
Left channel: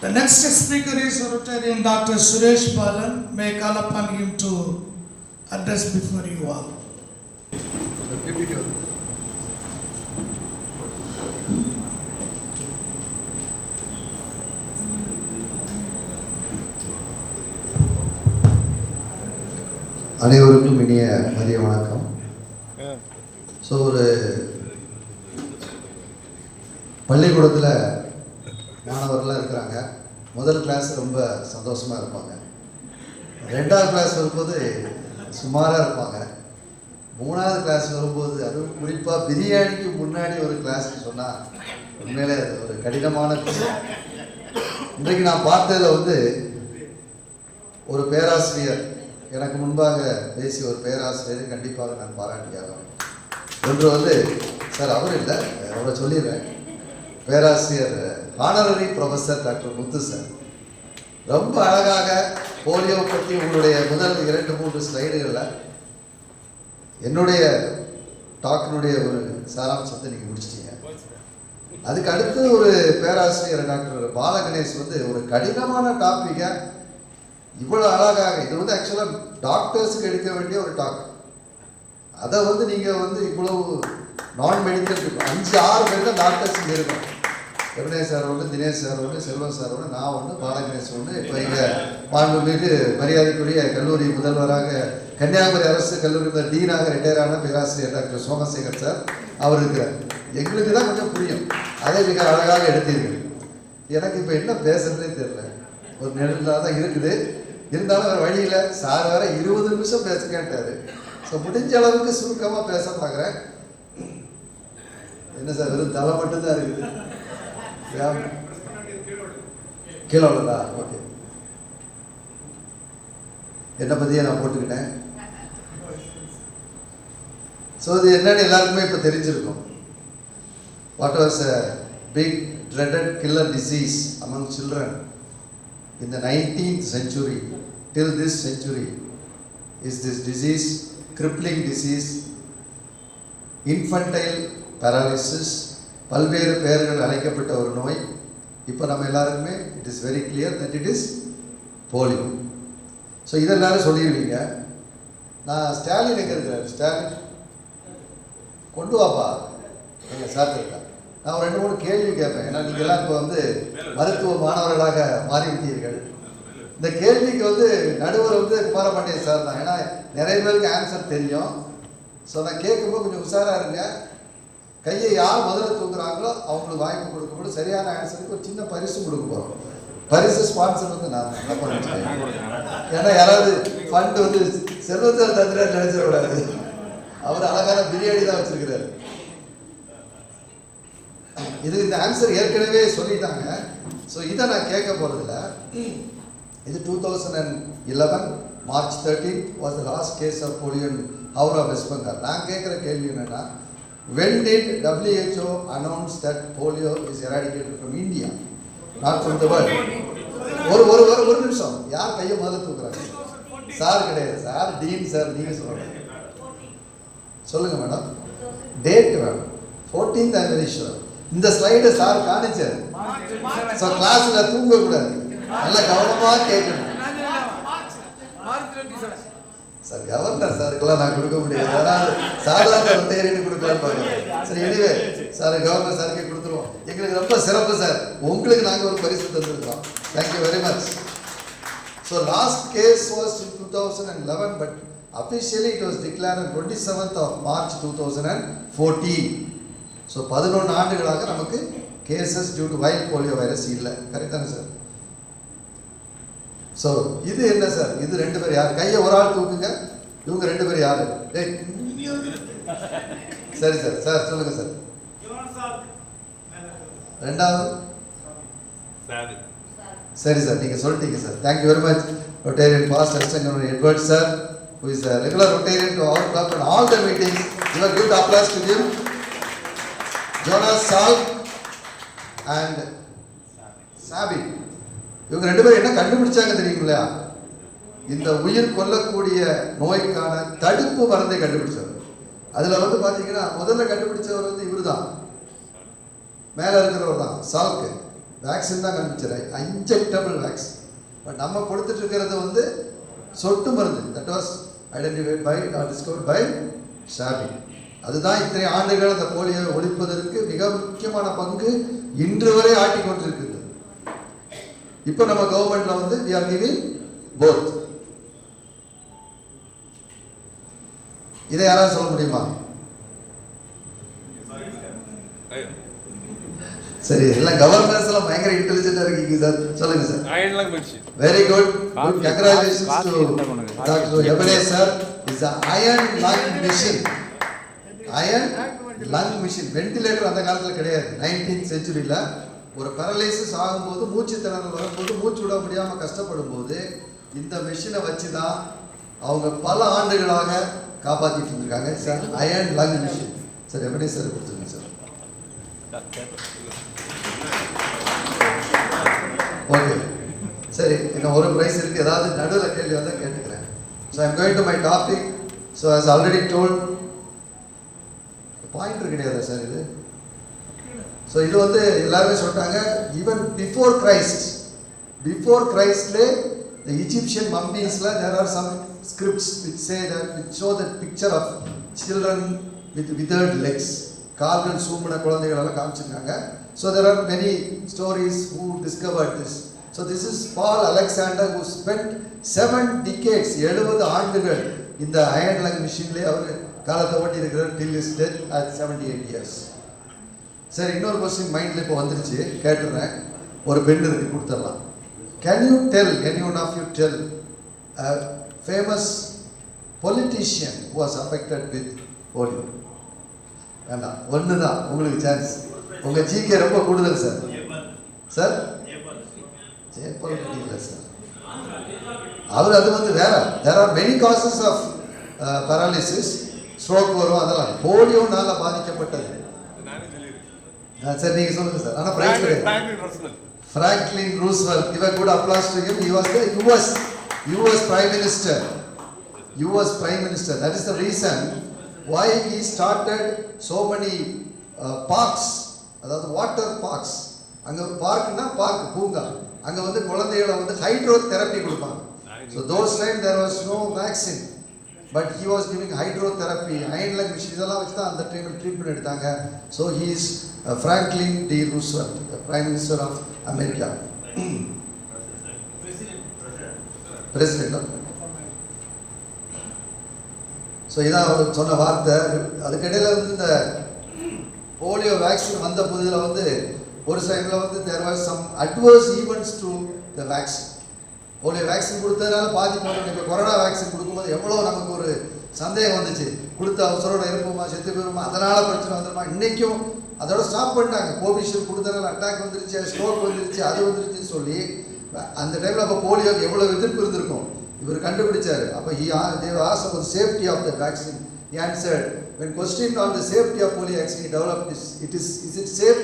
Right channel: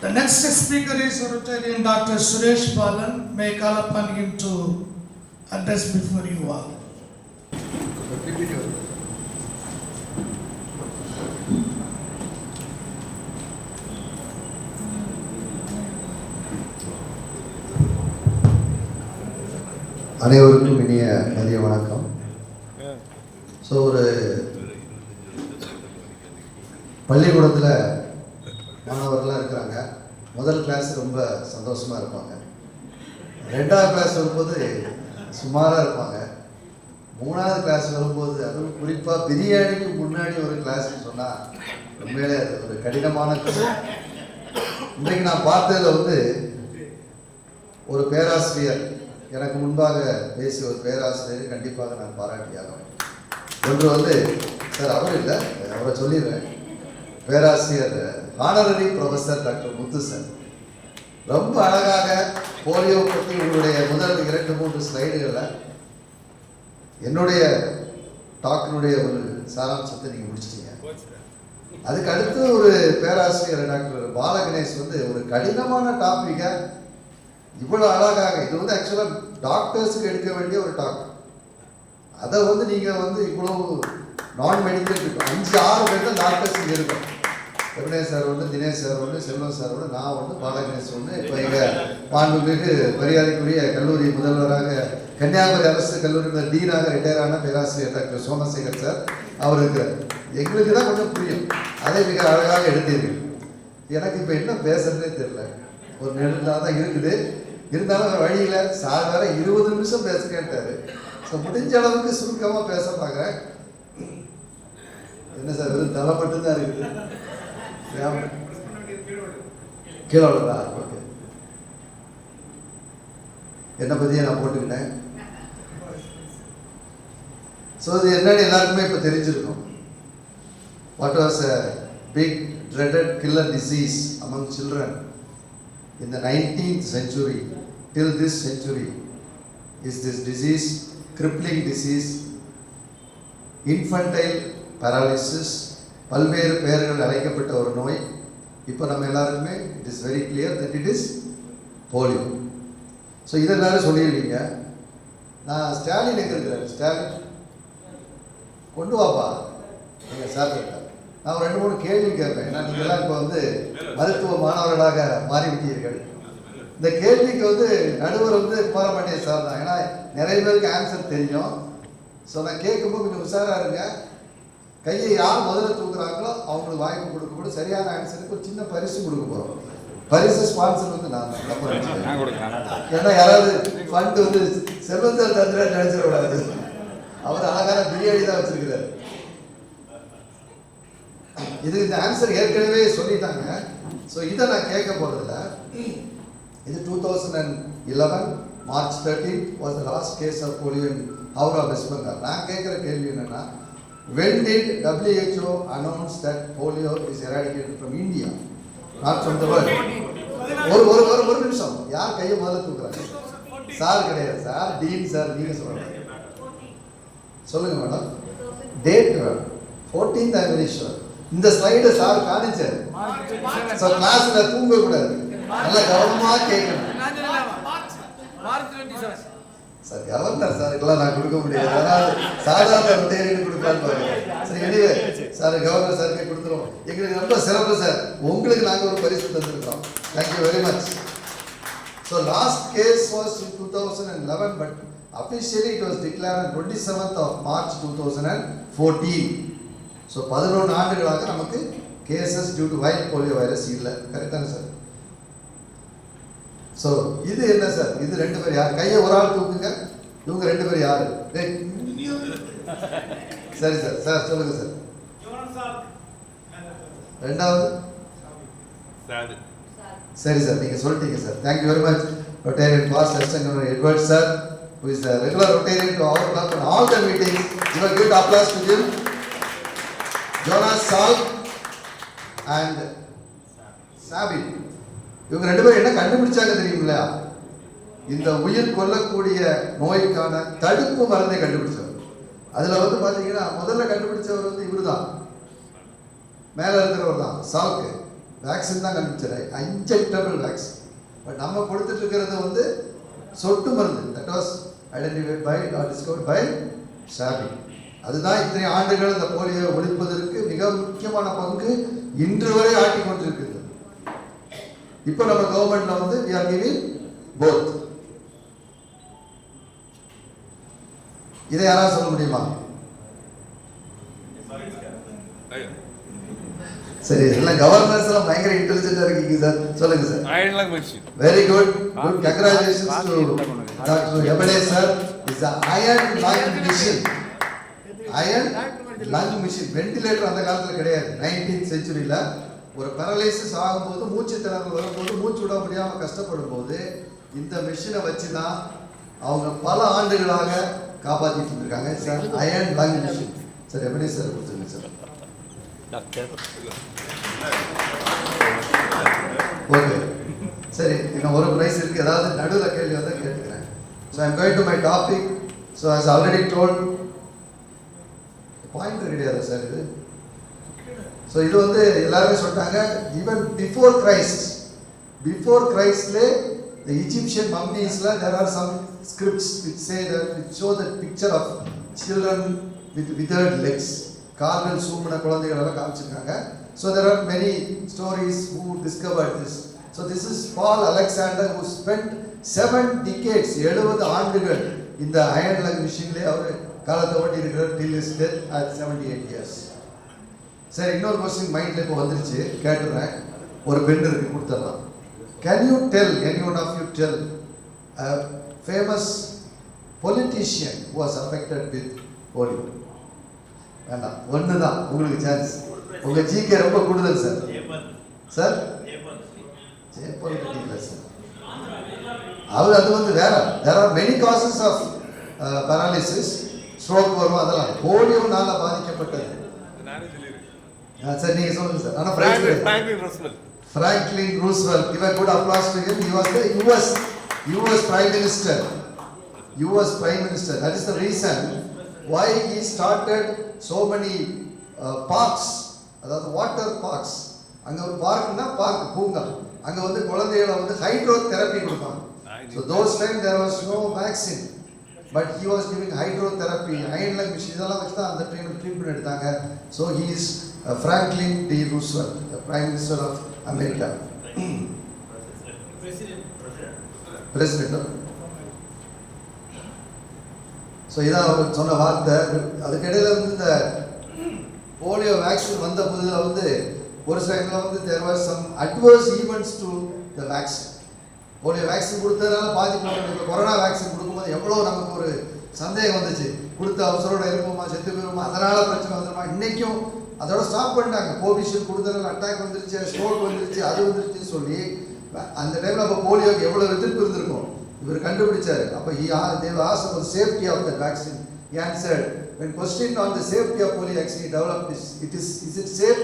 The next speaker is Rotarian Dr. Suresh Balan. May I call upon him to address before you all. அனைவருக்கும் இனிய மதிய வணக்கம். ஸோ ஒரு பள்ளிக்கூடத்தில் மாணவர்கள்லாம் இருக்கிறாங்க. முதல் கிளாஸ் ரொம்ப சந்தோஷமாக இருப்பாங்க. 2ஆவது கிளாஸ் வரும்போது சுமாராக இருப்பாங்க. 3ஆவது கிளாஸ் வரும்போது அதுவும் குறிப்பாக பிரியாணிக்கு முன்னாடி ஒரு கிளாஸ்ன்னு சொன்னால் உண்மையிலே அது ஒரு கடினமான விஷயம். இன்றைக்கு நான் பார்த்ததில் வந்து ஒரு பேராசிரியர், எனக்கு முன்பாக பேசிய ஒரு பேராசிரியர் கண்டிப்பாக நான் பாராட்டியாகணும். ஒன்று வந்து சார் அவர் இல்லை, அவரை சொல்லிடுறேன். பேராசிரியர் ஹானரரி ப்ரொஃபஸர் டாக்டர் முத்து சார் ரொம்ப அழகாக போலியோ பற்றி உங்களுடைய முதல் 2-3 ஸ்லைடுகளில் என்னுடைய டாக்கினுடைய ஒரு சாராம்சத்தை நீங்கள் முடிச்சிட்டீங்க. அதுக்கு அடுத்து ஒரு பேராசிரியர் டாக்டர் பாலகணேஷ் வந்து ஒரு கடினமான டாப்பிக்கை இவ்வளோ அழகாக, இது வந்து ஆக்சுவலாக டாக்டர்ஸுக்கு எடுக்க வேண்டிய ஒரு டாக், அதை வந்து நீங்கள் வந்து இவ்வளவு நான் மெடிக்கல் 5-6 பேர் தான் டாக்டர்ஸ் இங்கே இருக்கும். ரமணேஷ் சார் ஒன்று, தினேஷ் சார் ஒன்று, செல்வன் சார் ஒன்று, நான் ஒன்று, பாலகணேஷ் ஒன்று. இப்போ எங்கள் மாண்புமிகு மரியாதைக்குரிய கல்லூரி முதல்வராக கன்னியாகுமரி அரசு கல்லூரி டீனாக ரிட்டையர் ஆன பேராசிரியர் டாக்டர் சோமசேகர் சார் அவர் இருக்கிறார். எங்களுக்கு தான் கொஞ்சம் புரியும், அதை மிக அழகாக எடுத்தீர்கள். எனக்கு இப்போ என்ன பேசுறதே தெரியல, ஒரு நெருங்கலாக தான் இருக்குது. இருந்தாலும் வேறு வழியில் சார் வேற 20 நிமிஷம் பேச கேட்டார். ஸோ முடிஞ்ச அளவுக்கு சுருக்கமாக பேச பார்க்குறேன். என்ன சார் வெறும் தலை மட்டும்தான் இருக்குது, கீழே விழுதா? ஓகே, என்னை பற்றியே நான் போட்டுக்கிட்டேன். ஸோ இது என்னன்னு எல்லாருக்குமே இப்போ தெரிஞ்சிருக்கும். What was a big dreaded killer disease among children in the 19th century till this century is this disease, crippling disease, infantile paralysis. பல்வேறு பெயர்கள் அழைக்கப்பட்ட ஒரு நோய். இப்போ நம்ம எல்லாருக்குமே it is very clear that it is polio. So இதெல்லாம் சொல்லிடுவீங்க. நான் ஸ்டாலின் எங்கே இருக்கிறார்? ஸ்டாலின் கொண்டு வாப்பா எங்கள் சார் கேட்டா. நான் 2-3 கேள்வி கேட்பேன். ஏன்னா நீங்கள் எல்லாம் இப்போ வந்து மருத்துவ மாணவர்களாக மாறிவிட்டீர்கள். இந்த கேள்விக்கு வந்து நடுவர் வந்து குமாரபாண்டியன் சார் தான். ஏன்னா நிறைய பேருக்கு ஆன்சர் தெரியும். ஸோ நான் கேட்கும்போது கொஞ்சம் உஷாராக இருங்க. கையை யார் முதல்ல தூக்குறாங்களோ அவங்களுக்கு வாய்ப்பு கொடுக்கும்போது சரியான ஆன்சருக்கு ஒரு சின்ன பரிசு கொடுக்க போகிறோம். பரிசு ஸ்பான்சர் வந்து நான் ஏன்னா யாராவது ஃபண்ட் வந்து செல்வத்தில் தந்திர நினைச்சிடக்கூடாது. அவர் அழகான பிரியாணி தான் வச்சிருக்கிறார். இது இந்த ஆன்சர் ஏற்கனவே சொல்லிட்டாங்க. ஸோ இதை நான் கேட்க போகிறதில்ல. இது 2011 March 13th was the last case of polio in Howrah, West Bengal. நான் கேட்குற கேள்வி என்னன்னா, when did WHO announce that polio is eradicated from India, not from the world? ஒரு நிமிஷம், யார் கையை முதல்ல தூக்குறாங்க? சார் கிடையாது சார், டீன் சார், நீங்கள் சொல்லுங்க madam. Date madam 14th I'm very sure. இந்த ஸ்லைடை சார் காணிச்சார். ஸோ கிளாஸில் தூங்கக்கூடாது, நல்லா கவனமாக கேட்கணும். சார் கவர்னர் சாருக்கெல்லாம் நான் கொடுக்க முடியாது, அதாவது சாதாரண ரொட்டேரியன் கொடுக்கலான்னு பாருங்க. சரி, எனிவே சார் கவர்னர் சாருக்கே கொடுத்துருவோம். எங்களுக்கு ரொம்ப சிறப்பு சார், உங்களுக்கு நாங்கள் ஒரு பரிசு தந்துருக்கோம். Thank you very much. So last case was in 2011 but officially it was declared on 27th of March 2014. ஸோ 11 ஆண்டுகளாக நமக்கு cases due to wild polio virus இல்லை. கரெக்டான சார்? ஸோ இது என்ன சார்? இது 2 பேர் யார்? கையை ஒரு ஆள் தூக்குங்க. இவங்க 2 பேர் யாரு? சரி சார், சார் சொல்லுங்க சார். ரெண்டாவது சரி சார், நீங்க சொல்லிட்டீங்க sir. Thank you very much. Rotarian past assistant Edward sir, who is a regular Rotarian to our club and all the meetings. Give a applause to him. Jonas Salt and Sabi. இவங்க 2 பேரும் என்ன கண்டுபிடிச்சாங்க தெரியுங்களா? இந்த உயிர் கொல்லக்கூடிய நோய்க்கான தடுப்பு மருந்தை கண்டுபிடிச்சவர். அதில் வந்து பார்த்தீங்கன்னா முதல்ல கண்டுபிடிச்சவர் வந்து இவர் தான், மேலே இருக்கிறவர் தான். சால்க்கு வேக்சின் தான் கண்டுபிடிச்சார், இன்ஜெக்டபிள் வேக்சின். பட் நம்ம கொடுத்துட்டு இருக்கிறது வந்து சொட்டு மருந்து. That was identified by or discovered by Sabin. அதுதான் இத்தனை ஆண்டுகள் இந்த போலியோவை ஒழிப்பதற்கு மிக முக்கியமான பங்கு இன்று வரை ஆட்டிக்கொண்டிருக்கிறது. இப்போ நம்ம கவர்மெண்ட்ல வந்து we are giving both. இதை யாராவது சொல்ல முடியுமா? சரி, எல்லாம் கவர்னர்ஸ் எல்லாம் பயங்கர இன்டெலிஜென்ட்டா இருக்கீங்க சார். சொல்லுங்க sir. Very good, good. Congratulations to doctor எபனேஸ் sir. Is a iron lung machine. Iron lung machine. Ventilator அந்த காலத்தில் கிடையாது. 19th centuryல ஒரு பேரலைசிஸ் ஆகும்போது, மூச்சு திணறல் வரும்போது, மூச்சு விட முடியாமல் கஷ்டப்படும் போது இந்த மிஷினை வச்சு தான் அவங்க பல ஆண்டுகளாக காப்பாற்றிட்டு இருக்காங்க sir. Iron lung machine sir. எப்படி சார் கொடுத்துருங்க சார்? ஓகே சரி, இன்னும் ஒரு ப்ரைஸ் இருக்குது. ஏதாவது நடுவில் கேள்வி வந்தால் கேட்டுக்கிறேன். So I'm going to my topic. So as already told, pointer கிடையாது சார் இது. ஸோ இது வந்து எல்லாருமே சொல்லிட்டாங்க, ஈவன் பிஃபோர் கிரைஸ்ட்லே the Egyptian mummies there are some scripts which say that, which show the picture of children with withered legs, கால்கள் சூம்பின குழந்தைகள் எல்லாம் காமிச்சிருக்காங்க. So there are many stories who discovered this. So this is Paul Alexander who spent 7 decades 70 ஆண்டுகள் இந்த iron lung மிஷின்ல அவர் காலத்தை ஓட்டி இருக்கிறார் till his death at 78 years. சரி, இன்னொரு क्वेश्चन மைண்ட்ல இப்போ வந்துருச்சு, கேட்டுறேன். ஒரு பெண் இருக்கு, கொடுத்துடலாம். Can you tell, anyone of you tell a famous politician who was affected with polio? வேண்டாம், ஒன்று தான் உங்களுக்கு சான்ஸ். உங்கள் ஜிகே ரொம்ப கூடுதல் சார். சார் ஜெயபால் இல்லை சார், அவர் அது வந்து வேற. there are many causes of paralysis, stroke வரும், அதெல்லாம் போலியோனால பாதிக்கப்பட்டது. சார் நீங்க சொல்லுங்க சார். ஆனால் பிரைஸ் கிடையாது. Franklin Roosevelt, give a good applause to him. He was the US Prime Minister. US Prime Minister. That is the reason why he started so many parks, அதாவது water parks. அங்கே ஒரு பார்க்னா park, பூங்கா. அங்கே வந்து குழந்தைகளை வந்து ஹைட்ரோ தெரப்பி கொடுப்பாங்க. So those time there was no vaccine, but he was giving hydro therapy, iron lung machine இதெல்லாம் வச்சு தான் அந்த டைமில் ட்ரீட்மெண்ட் எடுத்தாங்க. So he is Franklin D. Roosevelt, the Prime Minister of America. President. ஸோ இதான் அவர் சொன்ன வார்த்தை. அதுக்கிடையில் வந்து இந்த போலியோ வேக்சின் வந்த புதில் வந்து ஒரு சைடில் வந்து there was some adverse events to the vaccine. Polio vaccine கொடுத்ததுனால பாதிப்பு. இப்போ கொரோனா வேக்சின் கொடுக்கும்போது எவ்வளோ நமக்கு ஒரு சந்தேகம் வந்துச்சு, கொடுத்த அவசரோட இருப்போமா, செத்து போயிருமா, அதனால் பிரச்சனை வந்துடுமா. இன்றைக்கும் அதோட ஸ்டாப் பண்ணிட்டாங்க. கோவிஷீல்டு கொடுத்தனால அட்டாக் வந்துருச்சு, ஸ்ட்ரோக் வந்துருச்சு, அது வந்துருச்சுன்னு சொல்லி அந்த டைமில் அப்போ போலியோக்கு எவ்வளோ எதிர்ப்பு இருந்திருக்கும், இவர் கண்டுபிடிச்சாரு. அப்போ they were asked about safety of the vaccine. He answered, when questioned on the safety of polio vaccine, he developed this. Is it safe?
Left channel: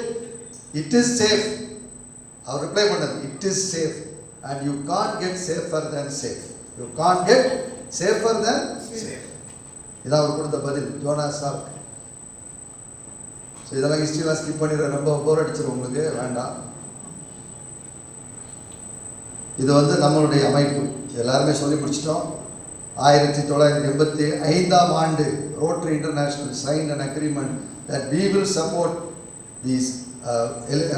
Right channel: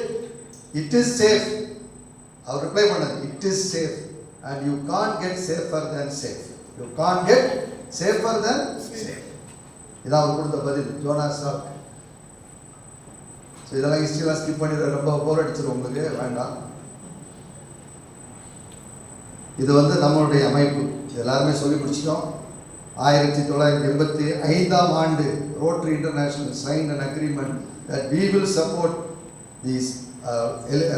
It is safe. அவர் ரிப்ளை பண்ணது, it is safe and you can't get safer than safe. You can't get safer than safe. இதான் அவர் கொடுத்த பதில், Jonas SAARC. So இதெல்லாம் ஹிஸ்ட்ரிலாம் skip பண்ணிடுற, ரொம்ப போர் அடிச்சிடும் உங்களுக்கு, வேண்டாம். இது வந்து நம்மளுடைய அமைப்பு, எல்லாருமே சொல்லி முடிச்சிட்டோம். 1985 ஆண்டு rotary international signed an agreement that we will support these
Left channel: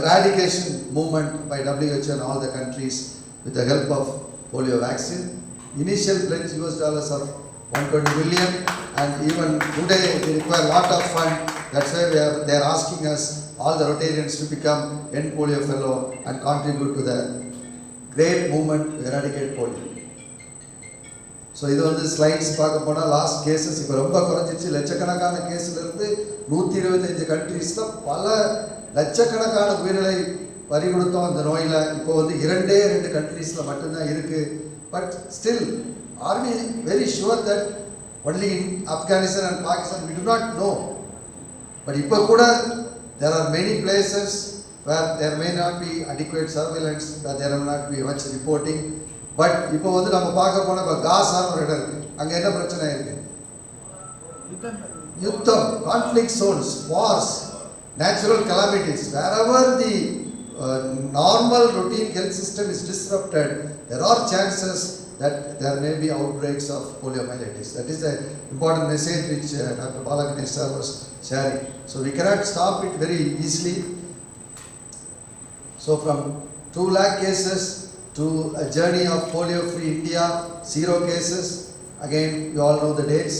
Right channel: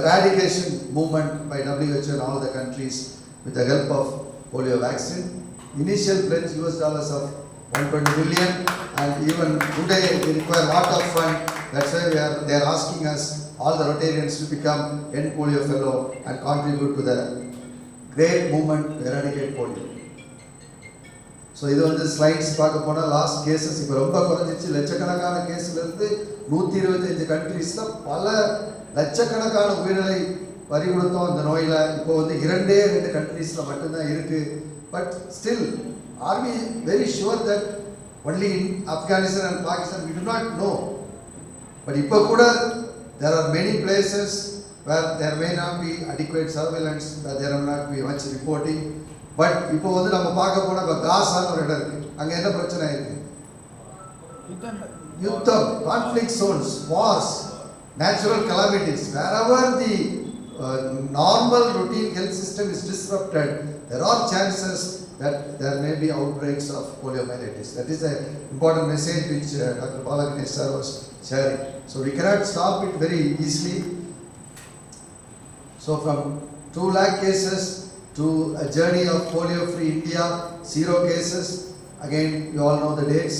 eradication movement by WHO and all the countries with the help of polio vaccine. Initial pledge $120 million, and even today we require a lot of fund. That's why they are asking us, all the Rotarians, to become End Polio Fellow and contribute to the great movement to eradicate polio. So இது வந்து slides பார்க்க போனால் last cases இப்போ ரொம்ப குறைஞ்சிச்சு. லட்சக்கணக்கான கேஸிலிருந்து 125 கண்ட்ரீஸில் பல லட்சக்கணக்கான உயிர்களை பறி கொடுத்தோம் இந்த நோயில். இப்போ வந்து 2 கண்ட்ரீஸில் மட்டும்தான் இருக்குது. But still are we very sure that only in Afghanistan and Pakistan we do not know. But இப்போ கூட there are many places where there may not be adequate surveillance, where there may not be much reporting. But இப்போ வந்து நம்ம பார்க்க போனால் இப்போ காசான்னு ஒரு இடம் இருக்குது, அங்கே என்ன பிரச்சனை இருக்குது? யுத்தம், conflict zones, wars, natural calamities. Wherever the normal routine health system is disrupted, there are chances that there may be outbreaks of poliomyelitis. That is an important message which Dr. Bala Ganesh sir was sharing. So we cannot stop it very easily. So from 2 lakh cases to a journey of polio-free India, 0 cases. Again, you all know the dates.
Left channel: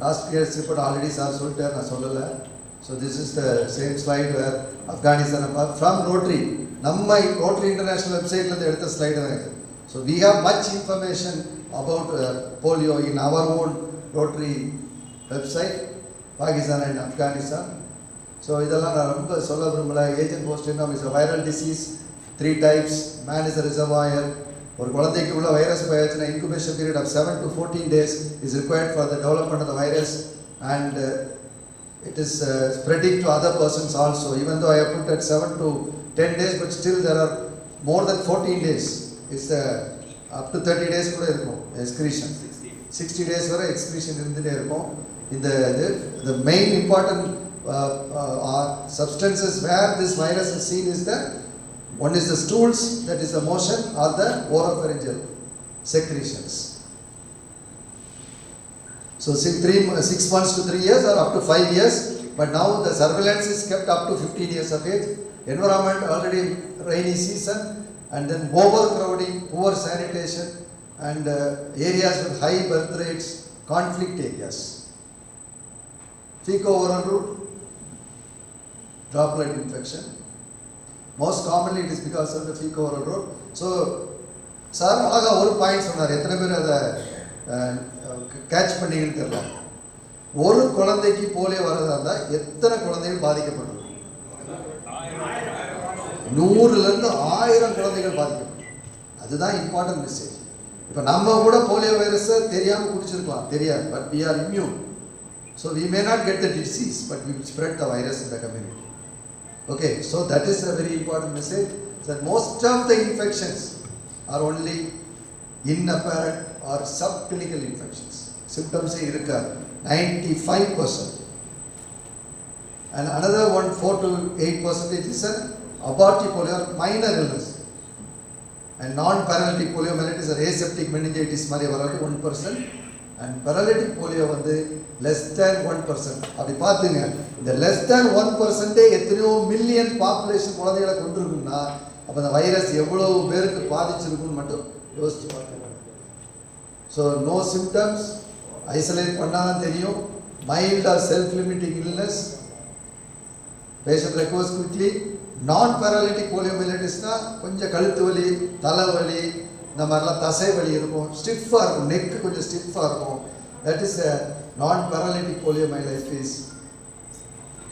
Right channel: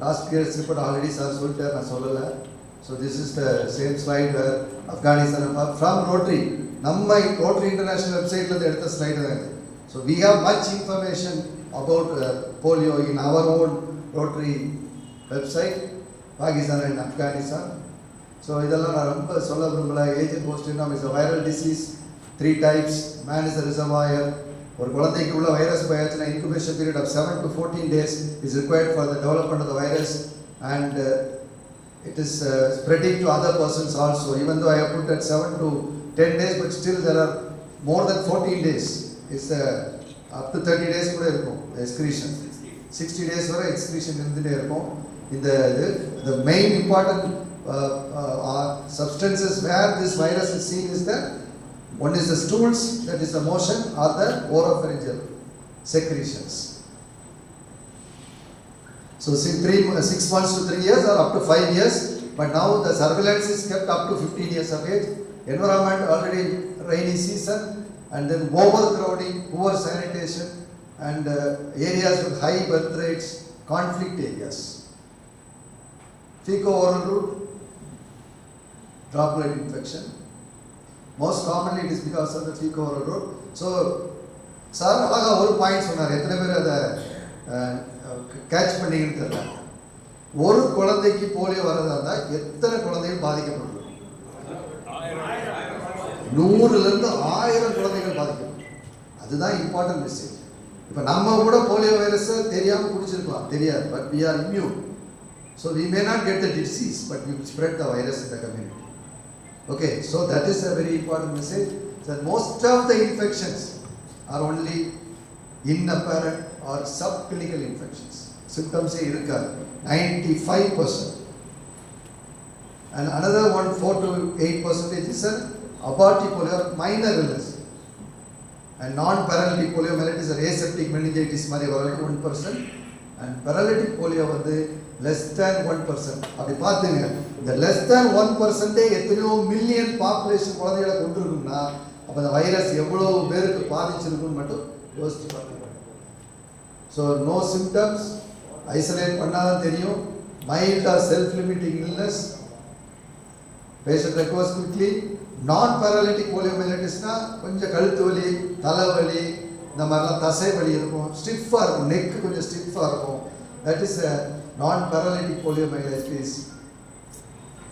Last year's report already sir சொல்லிட்டார், நான் சொல்லலை. So this is the same slide where Afghanistan from Rotary, நம்ம Rotary International website ல எடுத்த slide தான் இது. So we have much information about polio in our own Rotary website, Pakistan and Afghanistan. So இதெல்லாம் நான் ரொம்ப சொல்ல விரும்பல. Agent post-mortem is a viral disease, 3 types. Man is a reservoir. ஒரு குழந்தைக்குள்ள virus போயாச்சுன்னா incubation period of 7 to 14 days is required for the development of the virus, and it is spreading to other persons also. Even though I have put at 7 to 10 days, but still there are more than 14 days. It's up to 30 days கூட இருக்கும் excretion. 60 days வரை excretion இருந்துட்டே இருக்கும். The main important substances where this virus is seen is that one is the stools, that is the motion, or the oropharyngeal secretions. So 6 months to 3 years or up to 5 years, but now the surveillance is kept up to 15 years of age. Environment already rainy season, and then overcrowding, poor sanitation, and areas with high birth rates, conflict areas. Fecal-oral route, droplet infection. Most commonly it is because of the fecal-oral route. So, sir, அழகா ஒரு point சொன்னார். எத்தனை பேர் அதை catch பண்ணீங்கன்னு தெரியல. ஒரு குழந்தைக்கு போலியோ வரதா இருந்தால் எத்தனை குழந்தைகள் பாதிக்கப்பட்டிருக்கும்? 100லேருந்து 1000 குழந்தைகள் பாதிக்கப்படும். அதுதான் இம்பார்ட்டன்ட் மெசேஜ். இப்போ நம்ம கூட போலியோ வைரஸை தெரியாமல் குடிச்சிருக்கலாம், தெரியாது. But we are immune. So we may not get the disease, but we spread the virus in the community. Okay, so that is a very important message. That most of the infections are only inapparent or subclinical infections. Symptoms irukka 95%. And another 4 to 8% is an abortive polio, minor illness. And non-paralytic poliomyelitis or aseptic meningitis mari varadu 1%. And paralytic polio வந்து less than 1%. அப்படி பார்த்தீங்க, இந்த less than 1% எத்தனையோ million population குழந்தைகளை கொண்டிருக்கும்னா அப்போ அந்த virus எவ்வளவு பேருக்கு பாதிச்சிருக்குன்னு மட்டும் யோசிச்சு பாருங்க. ஸோ நோ சிம்டம்ஸ், ஐசோலேட் பண்ணாதான் தெரியும். Mild or self limiting illness, patient recovers quickly. நான் பேராலிட்டிக் போலியோமைலைட்டிஸ்னா கொஞ்சம் கழுத்து வலி, தலைவலி, இந்த மாதிரிலாம் தசை வலி இருக்கும், ஸ்டிஃபாக இருக்கும், நெக்கு கொஞ்சம் ஸ்டிஃபாக இருக்கும். தட் இஸ் நான் பேராலிட்டிக் போலியோமைலைட்டிஸ்.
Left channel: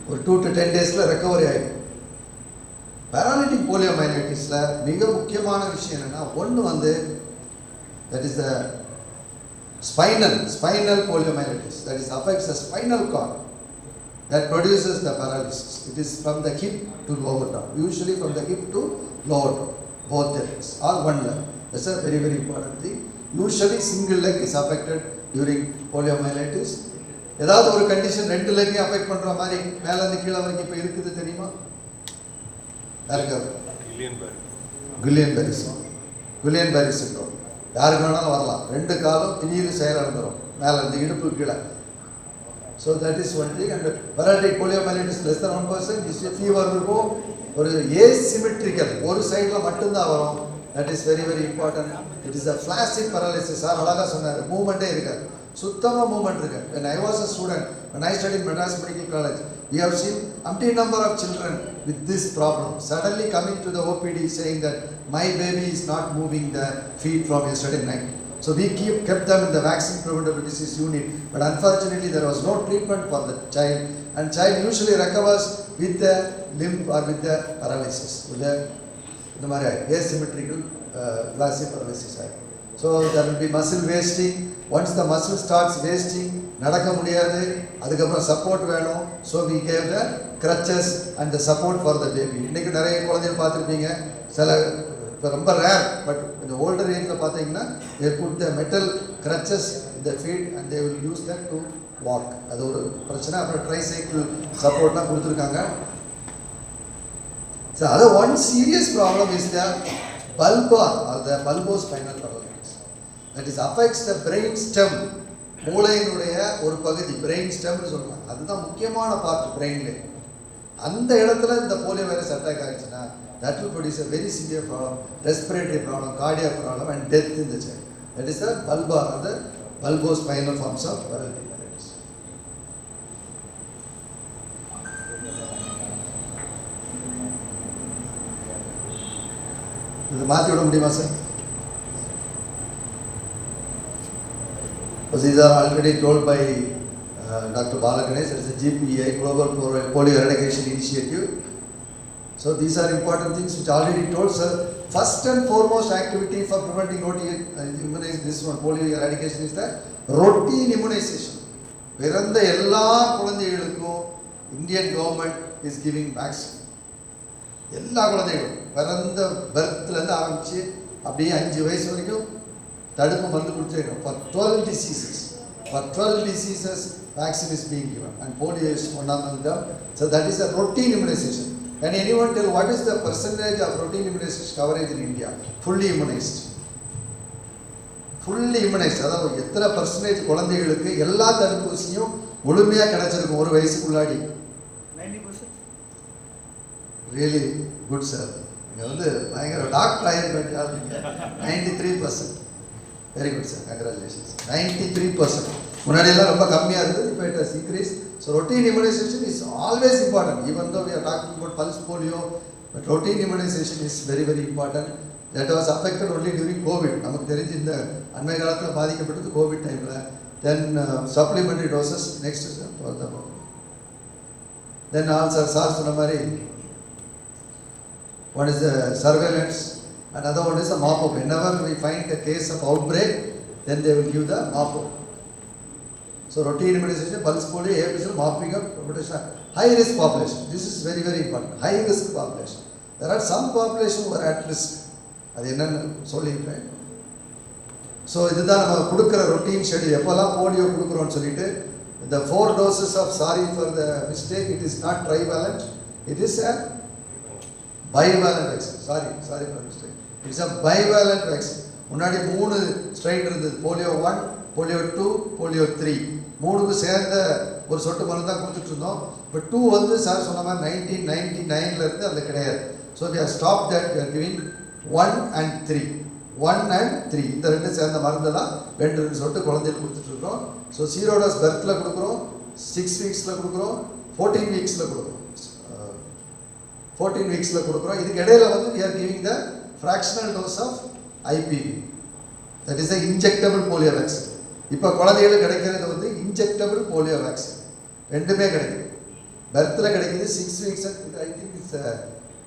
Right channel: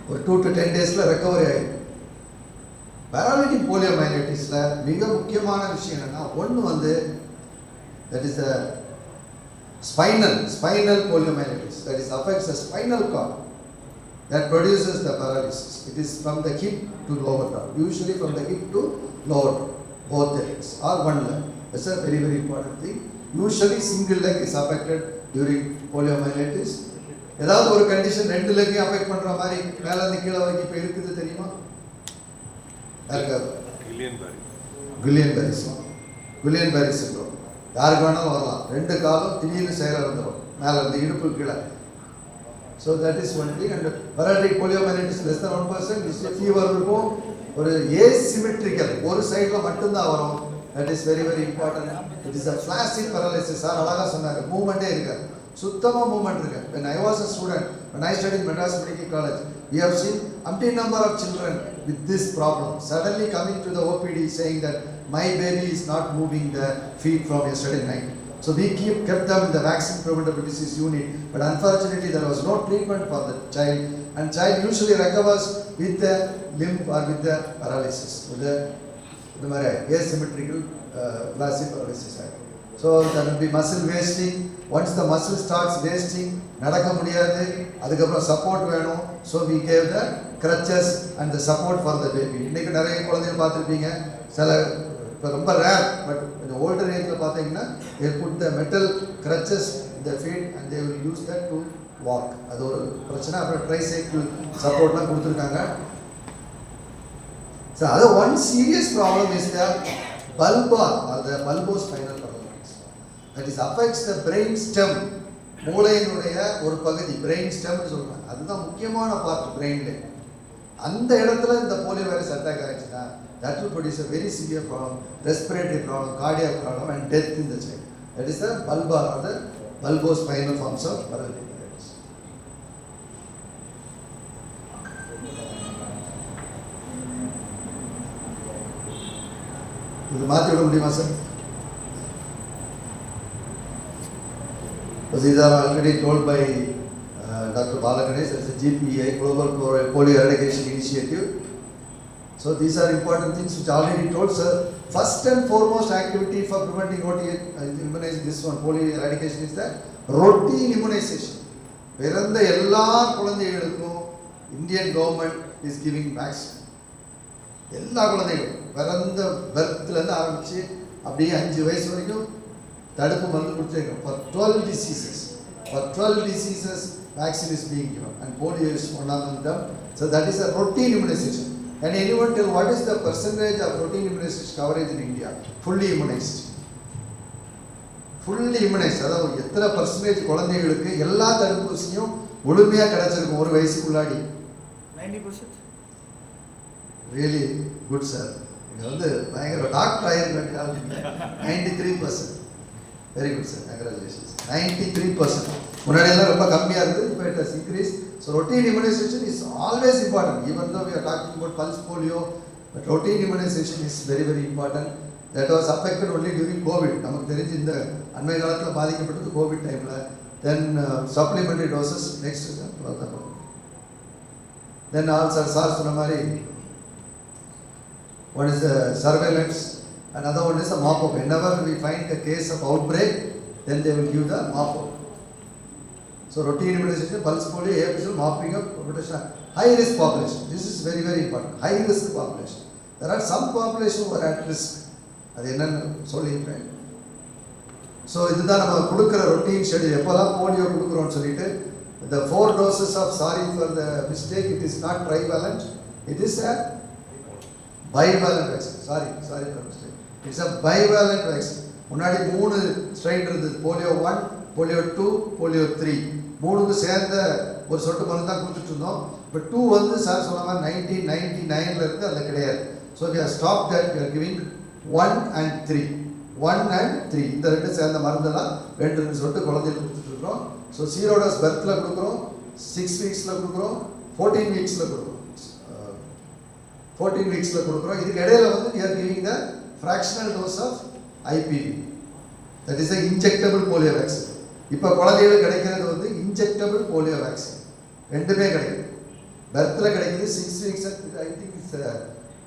ஒரு 2 to 10 டேஸில் ரெக்கவரி ஆகிடும். பேராலிட்டிக் போலியோமைலைட்டிஸில் மிக முக்கியமான விஷயம் என்னென்னா, ஒன்று வந்து that is the spinal poliomyelitis, that is affects the spinal cord, that produces the paralysis. It is from the hip to lower down, usually from the hip to lower down, both the legs or one leg. That's a very very important thing. Usually single leg is affected during poliomyelitis. ஏதாவது ஒரு condition ரெண்டு லெக்கையும் affect பண்ற மாதிரி மேல இருந்து கீழே வரைக்கும் இப்போ இருக்குது தெரியுமா? யாருக்காவது? குலியன் பேரி சிண்ட்ரோம். யாருக்கு வேணாலும் வரலாம். ரெண்டு காலும் திடீர்னு செயலிழந்துடும் மேலே இருந்து இடுப்பு கீழே. So that is one thing. And paralytic poliomyelitis less than 1%. Fever இருக்கும், ஒரு ஏசிமெட்ரிக்கல் ஒரு சைடில் மட்டும்தான் வரும். That is very very important. It is a flaccid paralysis. Sir அழகாக சொன்னார், மூவ்மெண்ட்டே இருக்காது, சுத்தமாக மூவ்மெண்ட் இருக்கு. When I was a student, when I studied in Madras Medical College, we have seen umpteen number of children with this problem suddenly coming to the OPD saying that my baby is not moving the feet from yesterday night. So we kept them in the vaccine preventable disease unit, but unfortunately there was no treatment for the child, and child usually recovers with the limb or with the paralysis, with the asymmetrical flaccid paralysis. So there will be muscle wasting. Once the muscle starts wasting, நடக்க முடியாது, அதுக்கப்புறம் support வேணும். So we gave the crutches and the support for the baby. இன்னைக்கு நிறைய குழந்தைகள் பார்த்துருப்பீங்க, சில இப்போ ரொம்ப ரேர், பட் கொஞ்சம் ஓல்டர் ஏஜில் பார்த்தீங்கன்னா they put the metal crutches in the feet and they will use that to walk. அது ஒரு பிரச்சனை. அப்புறம் ட்ரைசைக்கிள் சப்போர்ட்லாம் கொடுத்துருக்காங்க. ஸோ அது one serious problem is the bulbar or the bulbospinal paralysis. That is affects the brain stem. மூளையினுடைய ஒரு பகுதி brain ஸ்டெம்னு சொல்லுவாங்க. அதுதான் முக்கியமான பார்ட் பிரெயின்ல. அந்த இடத்துல இந்த போலியோ வைரஸ் அட்டாக் ஆயிடுச்சுன்னா that will produce a very severe problem, respiratory problem, cardiac problem and death in the child. That is the bulbar or the bulbospinal forms of paralysis. இது மாற்றி விட முடியுமா sir? These are already told by Dr. Bala Ganesh as a GPEI, Global Polio Eradication Initiative. So these are important things which already told, sir. First and foremost activity for preventing immunization, this one, polio eradication, is the routine immunization. பிறந்த எல்லா குழந்தைகளுக்கும் Indian government is giving vaccine. எல்லா குழந்தைகளும் பிறந்த பர்த்லேருந்து ஆரம்பித்து அப்படியே 5 வயசு வரைக்கும் தடுப்பு மருந்து கொடுத்துருக்கோம். For 12 diseases. For 12 diseases, vaccine is being given, and polio is one of them. So that is a routine immunization. Can anyone tell what is the percentage of routine immunization coverage in India? Fully immunized. Fully immunized. அதாவது எத்தனை percentage குழந்தைகளுக்கு எல்லா தடுப்பூசியும் முழுமையாக கிடைச்சிருக்கும் ஒரு வயசுக்குள்ளாடி? 90%. Really good sir. நீங்கள் வந்து பயங்கர டாக்டர் ஆகிருக்க 93%. Very good sir, congratulations. 93%. முன்னாடியெல்லாம் ரொம்ப கம்மியாக இருந்தது, இப்போ it has increase. So routine immunisation is always important. Even though we are talking about pulse polio, but routine immunisation is very very important. That was affected only during COVID. நமக்கு தெரிஞ்சு இந்த அண்மை காலத்தில் பாதிக்கப்பட்டது கோவிட் டைமில். Then supplementary doses next sir. Then also sir சொன்ன மாதிரி one is the surveillance, another one is the mop-up. Whenever we find a case of outbreak, then they will give the mop-up. So routine immunization, pulse polio, AFP, mopping up, protection. High risk population, this is very very important. High risk population. There are some population who are at risk. அது என்னன்னு சொல்லியிருக்கேன். So இதுதான் நம்ம கொடுக்குற routine schedule. எப்போல்லாம் polio கொடுக்குறோன்னு சொல்லிட்டு the 4 doses of, sorry for the mistake, it is not trivalent, it is a bivalent vaccine. Sorry for mistake. It's a bivalent vaccine. முன்னாடி 3 strain இருந்தது, போலியோ 1, போலியோ 2, போலியோ 3. 3க்கு சேர்ந்த ஒரு சொட்டு மருந்து தான் கொடுத்துட்டு இருந்தோம். இப்போ 2 வந்து சார் சொன்ன மாதிரி 1999 இருந்து அதில் கிடையாது. So we have stopped that. We are giving 1 and 3. 1 and 3 இந்த 2 சேர்ந்த மருந்து தான் 2 சொட்டு குழந்தைகளுக்கு கொடுத்துட்டு இருக்கிறோம். ஸோ சீரோடஸ் பர்த்தில் கொடுக்குறோம், 6 வீக்ஸில் கொடுக்குறோம், 14 வீக்ஸில் கொடுக்குறோம். 14 வீக்ஸில் கொடுக்குறோம். இதுக்கு இடையில வந்து we are giving the fractional dose of IPV. That is the injectable polio vaccine. இப்போ குழந்தைகளுக்கு கிடைக்கிறது வந்து injectable polio vaccine. ரெண்டுமே கிடைக்குது. பர்த்தில் கிடைக்குது 6 வீக்ஸ். ஐ திங்க் இட்ஸ்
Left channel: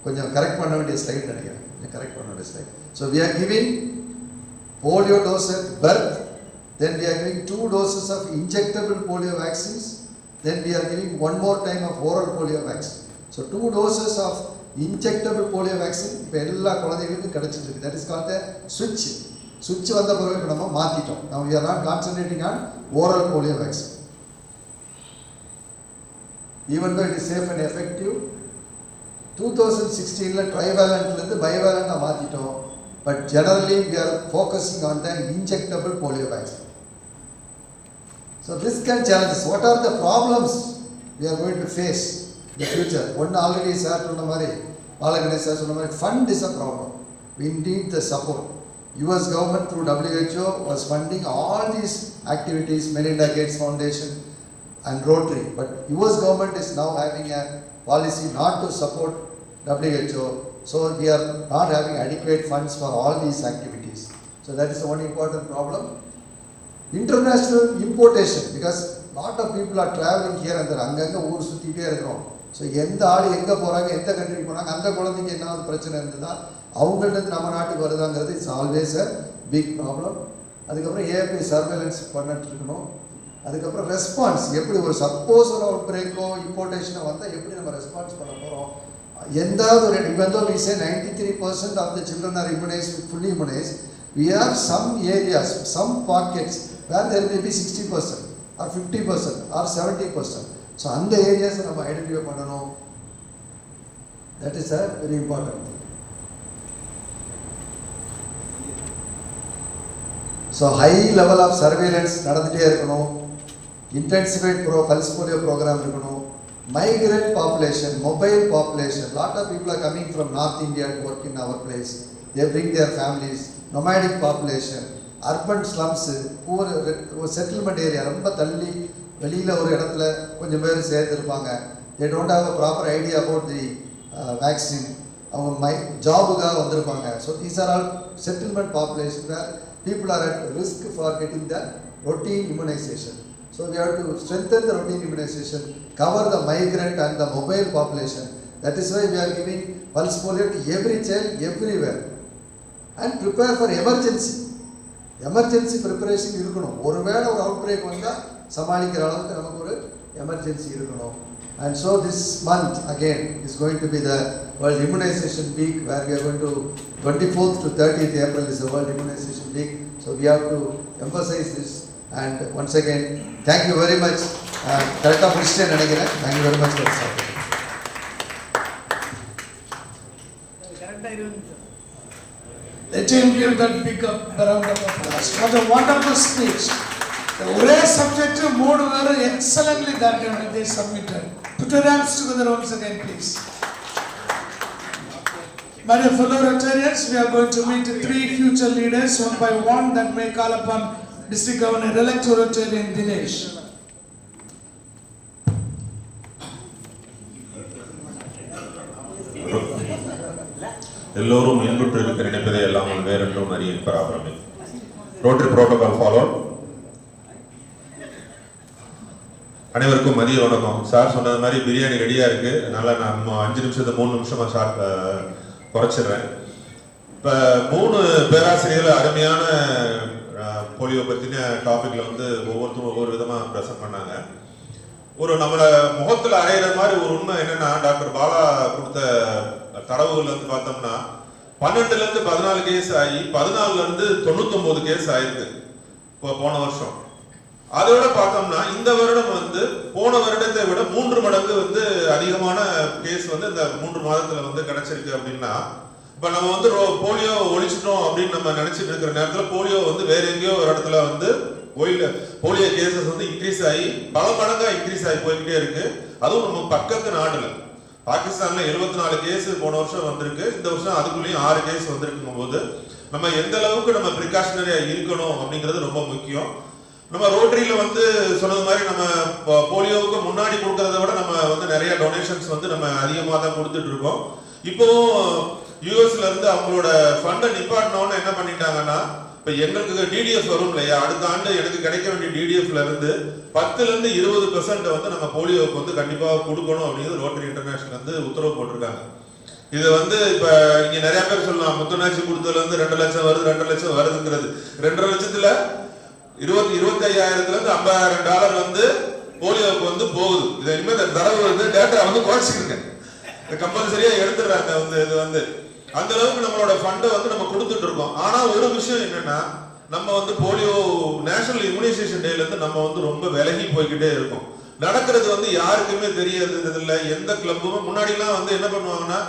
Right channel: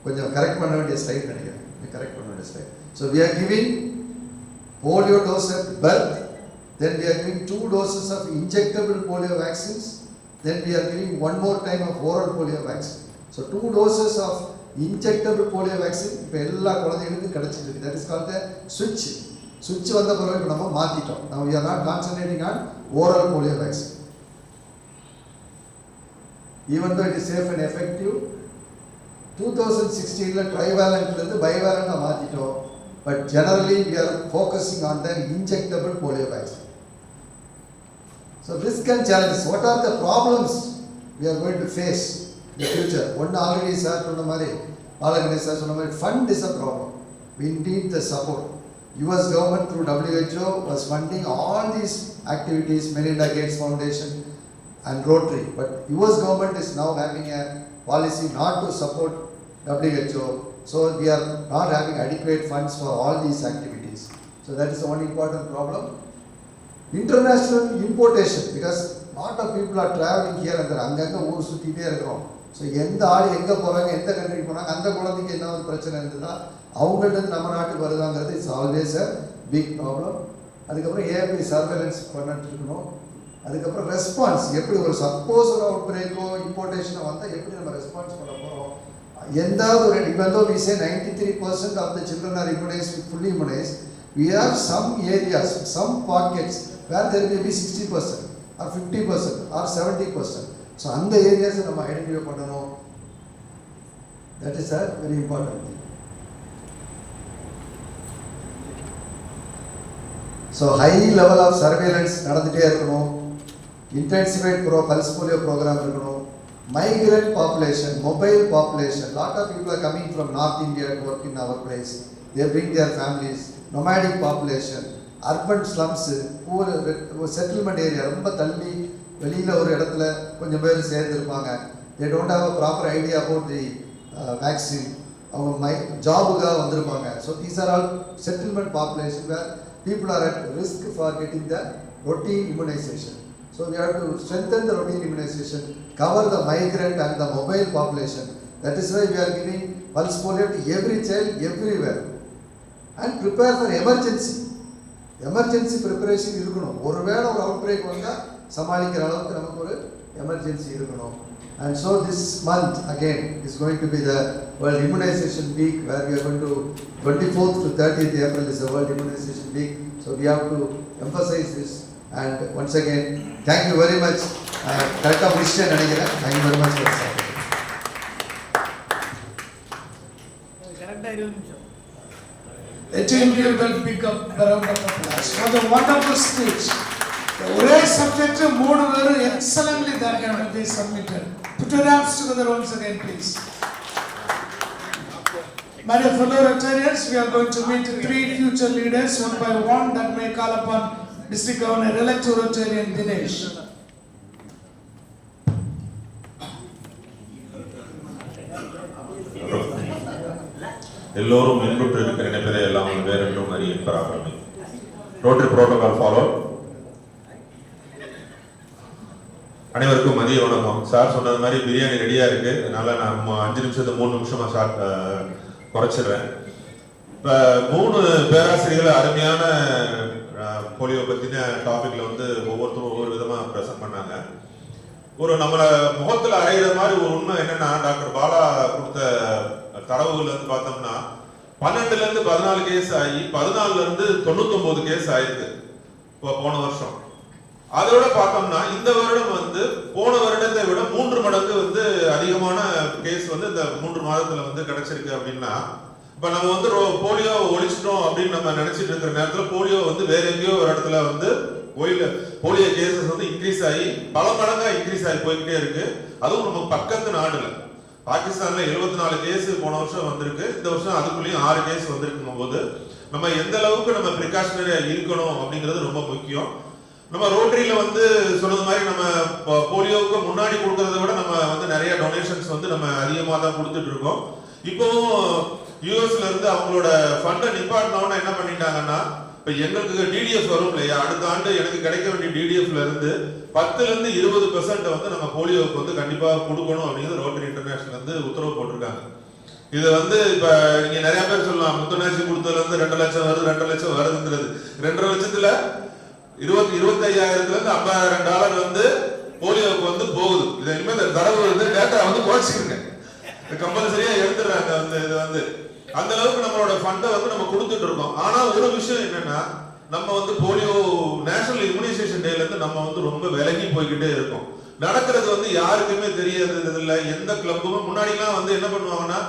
கொஞ்சம் கரெக்ட் பண்ண வேண்டிய ஸ்லைட் நினைக்கிறேன். கரெக்ட் பண்ண வேண்டிய slide. So we are giving polio dose at birth. Then we are giving 2 doses of injectable polio vaccines. Then we are giving 1 more time of oral polio vaccine. So 2 doses of injectable polio vaccine இப்போ எல்லா குழந்தைகளுக்கும் கிடைச்சிருக்கு. That is called a switch. Switch வந்த பிறகு இப்போ நம்ம மாற்றிட்டோம். Now we are not concentrating on oral polio vaccine. Even though it is safe and effective, 2016 trivalentலேருந்து bivalent மாற்றிட்டோம். But generally we are focusing on the injectable polio vaccine. So risk and challenges. What are the problems we are going to face in the future? One already sir சொன்ன மாதிரி, Balaganesh sir சொன்ன மாதிரி, fund is a problem. We need the support. US government through WHO was funding all these activities, Melinda Gates Foundation and Rotary. But US government is now having a policy not to support WHO. So we are not having adequate funds for all these activities. So that is the one important problem. International importation, because lot of people are traveling here and there. அங்கங்க ஊர் சுற்றிட்டே இருக்கிறோம். So எந்த ஆள் எங்கே போகிறாங்க, எந்த கண்ட்ரிக்கு போனாங்க, அந்த குழந்தைக்கு என்ன ஒரு பிரச்சனை இருந்ததுன்னா அவங்கள்ட்ட நம்ம நாட்டுக்கு வருதாங்கிறது it's always a big problem. அதுக்கப்புறம் ஏபி சர்வேலன்ஸ் பண்ணிட்டு இருக்கணும். அதுக்கப்புறம் ரெஸ்பான்ஸ், எப்படி ஒரு சப்போஸ் ஒரு அவுட் பிரேக்கோ இம்போர்ட்டேஷனோ வந்தால் எப்படி நம்ம ரெஸ்பான்ஸ் பண்ண போகிறோம். எந்தாவது ஒரு even though we say 93% of the children are immunized, fully immunized, we have some areas, some pockets where there may be 60% or 50% or 70%. So அந்த ஏரியாஸை நம்ம ஐடென்டிஃபை பண்ணணும். That is a very important. So high level of surveillance நடந்துகிட்டே இருக்கணும். Intensified pulse polio program இருக்கணும். Migrant population, mobile population, lot of people are coming from North India to work in our place. They bring their families. Nomadic population, urban slums, poor settlement area, ரொம்ப தள்ளி வெளியில் ஒரு இடத்துல கொஞ்சம் பேர் சேர்ந்துருப்பாங்க. They don't have a proper idea about the vaccine. அவங்க ஜாபுக்காக வந்திருப்பாங்க. So these are all settlement population where people are at risk for getting the routine immunization. So we have to strengthen the routine immunization, cover the migrant and the mobile population. That is why we are giving pulse polio to every child everywhere. And prepare for emergency. Emergency preparation இருக்கணும். ஒருவேளை ஒரு out break வந்தால் சமாளிக்கிற அளவுக்கு நமக்கு ஒரு emergency இருக்கணும். And so this month again is going to be the World Immunization Week, where we are going to 24th to 30th April is the World Immunization Week. So we have to emphasize this. And once again, thank you very much. Correct of Christian, thank you very much for this. Let him give that big up round of applause for the wonderful speech. The ஒரே subject மூணு பேரும் excellently that they submitted. Put your hands together once again, please. My dear fellow Rotarians, we are going to meet 3 future leaders one by one that may call upon District Governor-elect Rotarian Dinesh. எல்லோரும் இன்புற்று இருக்கிற நினைப்பதை எல்லாம் வேறென்றும் அறிய பெறாமல் rotary protocol follow. அனைவருக்கும் மதிய வணக்கம். சார் சொன்னது மாதிரி பிரியாணி ரெடியா இருக்கு. அதனால நான் 5 நிமிஷத்தை 3 நிமிஷமா சார் குறைச்சிடுறேன். இப்போ 3 பேராசிரியர்கள் அருமையான போலியோ பத்தின டாபிக்ல வந்து ஒவ்வொருத்தரும் ஒவ்வொரு விதமா பிரசன்ட் பண்ணாங்க. ஒரு நம்மள முகத்துல அறையிற மாதிரி ஒரு உண்மை என்னன்னா, டாக்டர் பாலா கொடுத்த தரவுகள்ல இருந்து பார்த்தோம்னா 12ல இருந்து 14 கேஸ் ஆகி 14ல இருந்து 99 கேஸ் ஆயிருக்கு போன வருஷம். அதோட பார்த்தோம்னா இந்த வருடம் வந்து போன வருடத்தை விட 3 மடங்கு வந்து அதிகமான கேஸ் வந்து இந்த 3 மாதத்துல வந்து கிடைச்சிருக்கு. அப்படின்னா இப்ப நம்ம வந்து போலியோ ஒழிச்சிட்டோம் அப்படின்னு நம்ம நினைச்சிட்டு இருக்கிற நேரத்துல போலியோ வந்து வேற எங்கேயோ ஒரு இடத்துல வந்து போலியோ கேசஸ் வந்து இன்க்ரீஸ் ஆகி பல மடங்கா இன்க்ரீஸ் ஆகி போய்கிட்டே இருக்கு. அதுவும் நம்ம பக்கத்து நாடுல பாகிஸ்தான்ல 74 கேஸ் போன வருஷம் வந்திருக்கு. இந்த வருஷம் அதுக்குள்ளேயும் 6 கேஸ் வந்திருக்கும் போது நம்ம எந்த அளவுக்கு நம்ம ப்ரிகாஷனரியா இருக்கணும் அப்படிங்கிறது ரொம்ப முக்கியம். நம்ம ரோட்டரியில வந்து சொன்னது மாதிரி நம்ம போலியோவுக்கு முன்னாடி கொடுக்கறத விட நம்ம வந்து நிறைய டொனேஷன்ஸ் வந்து நம்ம அதிகமாக தான் கொடுத்துட்டு இருக்கோம். இப்போவும் யூஎஸ்ல இருந்து அவங்களோட ஃபண்டை நிப்பாட்டினோன்னு என்ன பண்ணிட்டாங்கன்னா, இப்போ எங்களுக்கு டிடிஎஃப் வரும் இல்லையா, அடுத்த ஆண்டு எனக்கு கிடைக்க வேண்டிய டிடிஎஃப்ல இருந்து 10ல இருந்து 20% வந்து நம்ம போலியோவுக்கு வந்து கண்டிப்பாக கொடுக்கணும் அப்படிங்கிறது ரோட்டரி இன்டர்நேஷனல் வந்து உத்தரவு போட்டிருக்காங்க. இது வந்து இப்போ நீங்க நிறைய பேர் சொல்லலாம், முத்துநாச்சி கொடுத்ததுல இருந்து 2 லட்சம் வருது 2 லட்சம் வருதுங்கிறது. 2.5 லட்சத்துல 25,000ல இருந்து $50,000 வந்து போலியோவுக்கு வந்து போகுது. இதை இனிமேல் தரவு வந்து டேட்டா வந்து குறைச்சிருக்கேன், கம்பல்சரியா எடுத்துடுறாங்க. வந்து இது வந்து அந்த அளவுக்கு நம்மளோட ஃபண்டை வந்து நம்ம கொடுத்துட்டு இருக்கோம். ஆனா ஒரு விஷயம் என்னன்னா, நம்ம வந்து போலியோ நேஷனல் இம்யூனைசேஷன் டேல இருந்து நம்ம வந்து ரொம்ப விலகி போய்கிட்டே இருக்கோம். நடக்கிறது வந்து யாருக்குமே தெரியாது இல்லை. எந்த கிளப்புமே முன்னாடிலாம் வந்து என்ன பண்ணுவாங்கன்னா,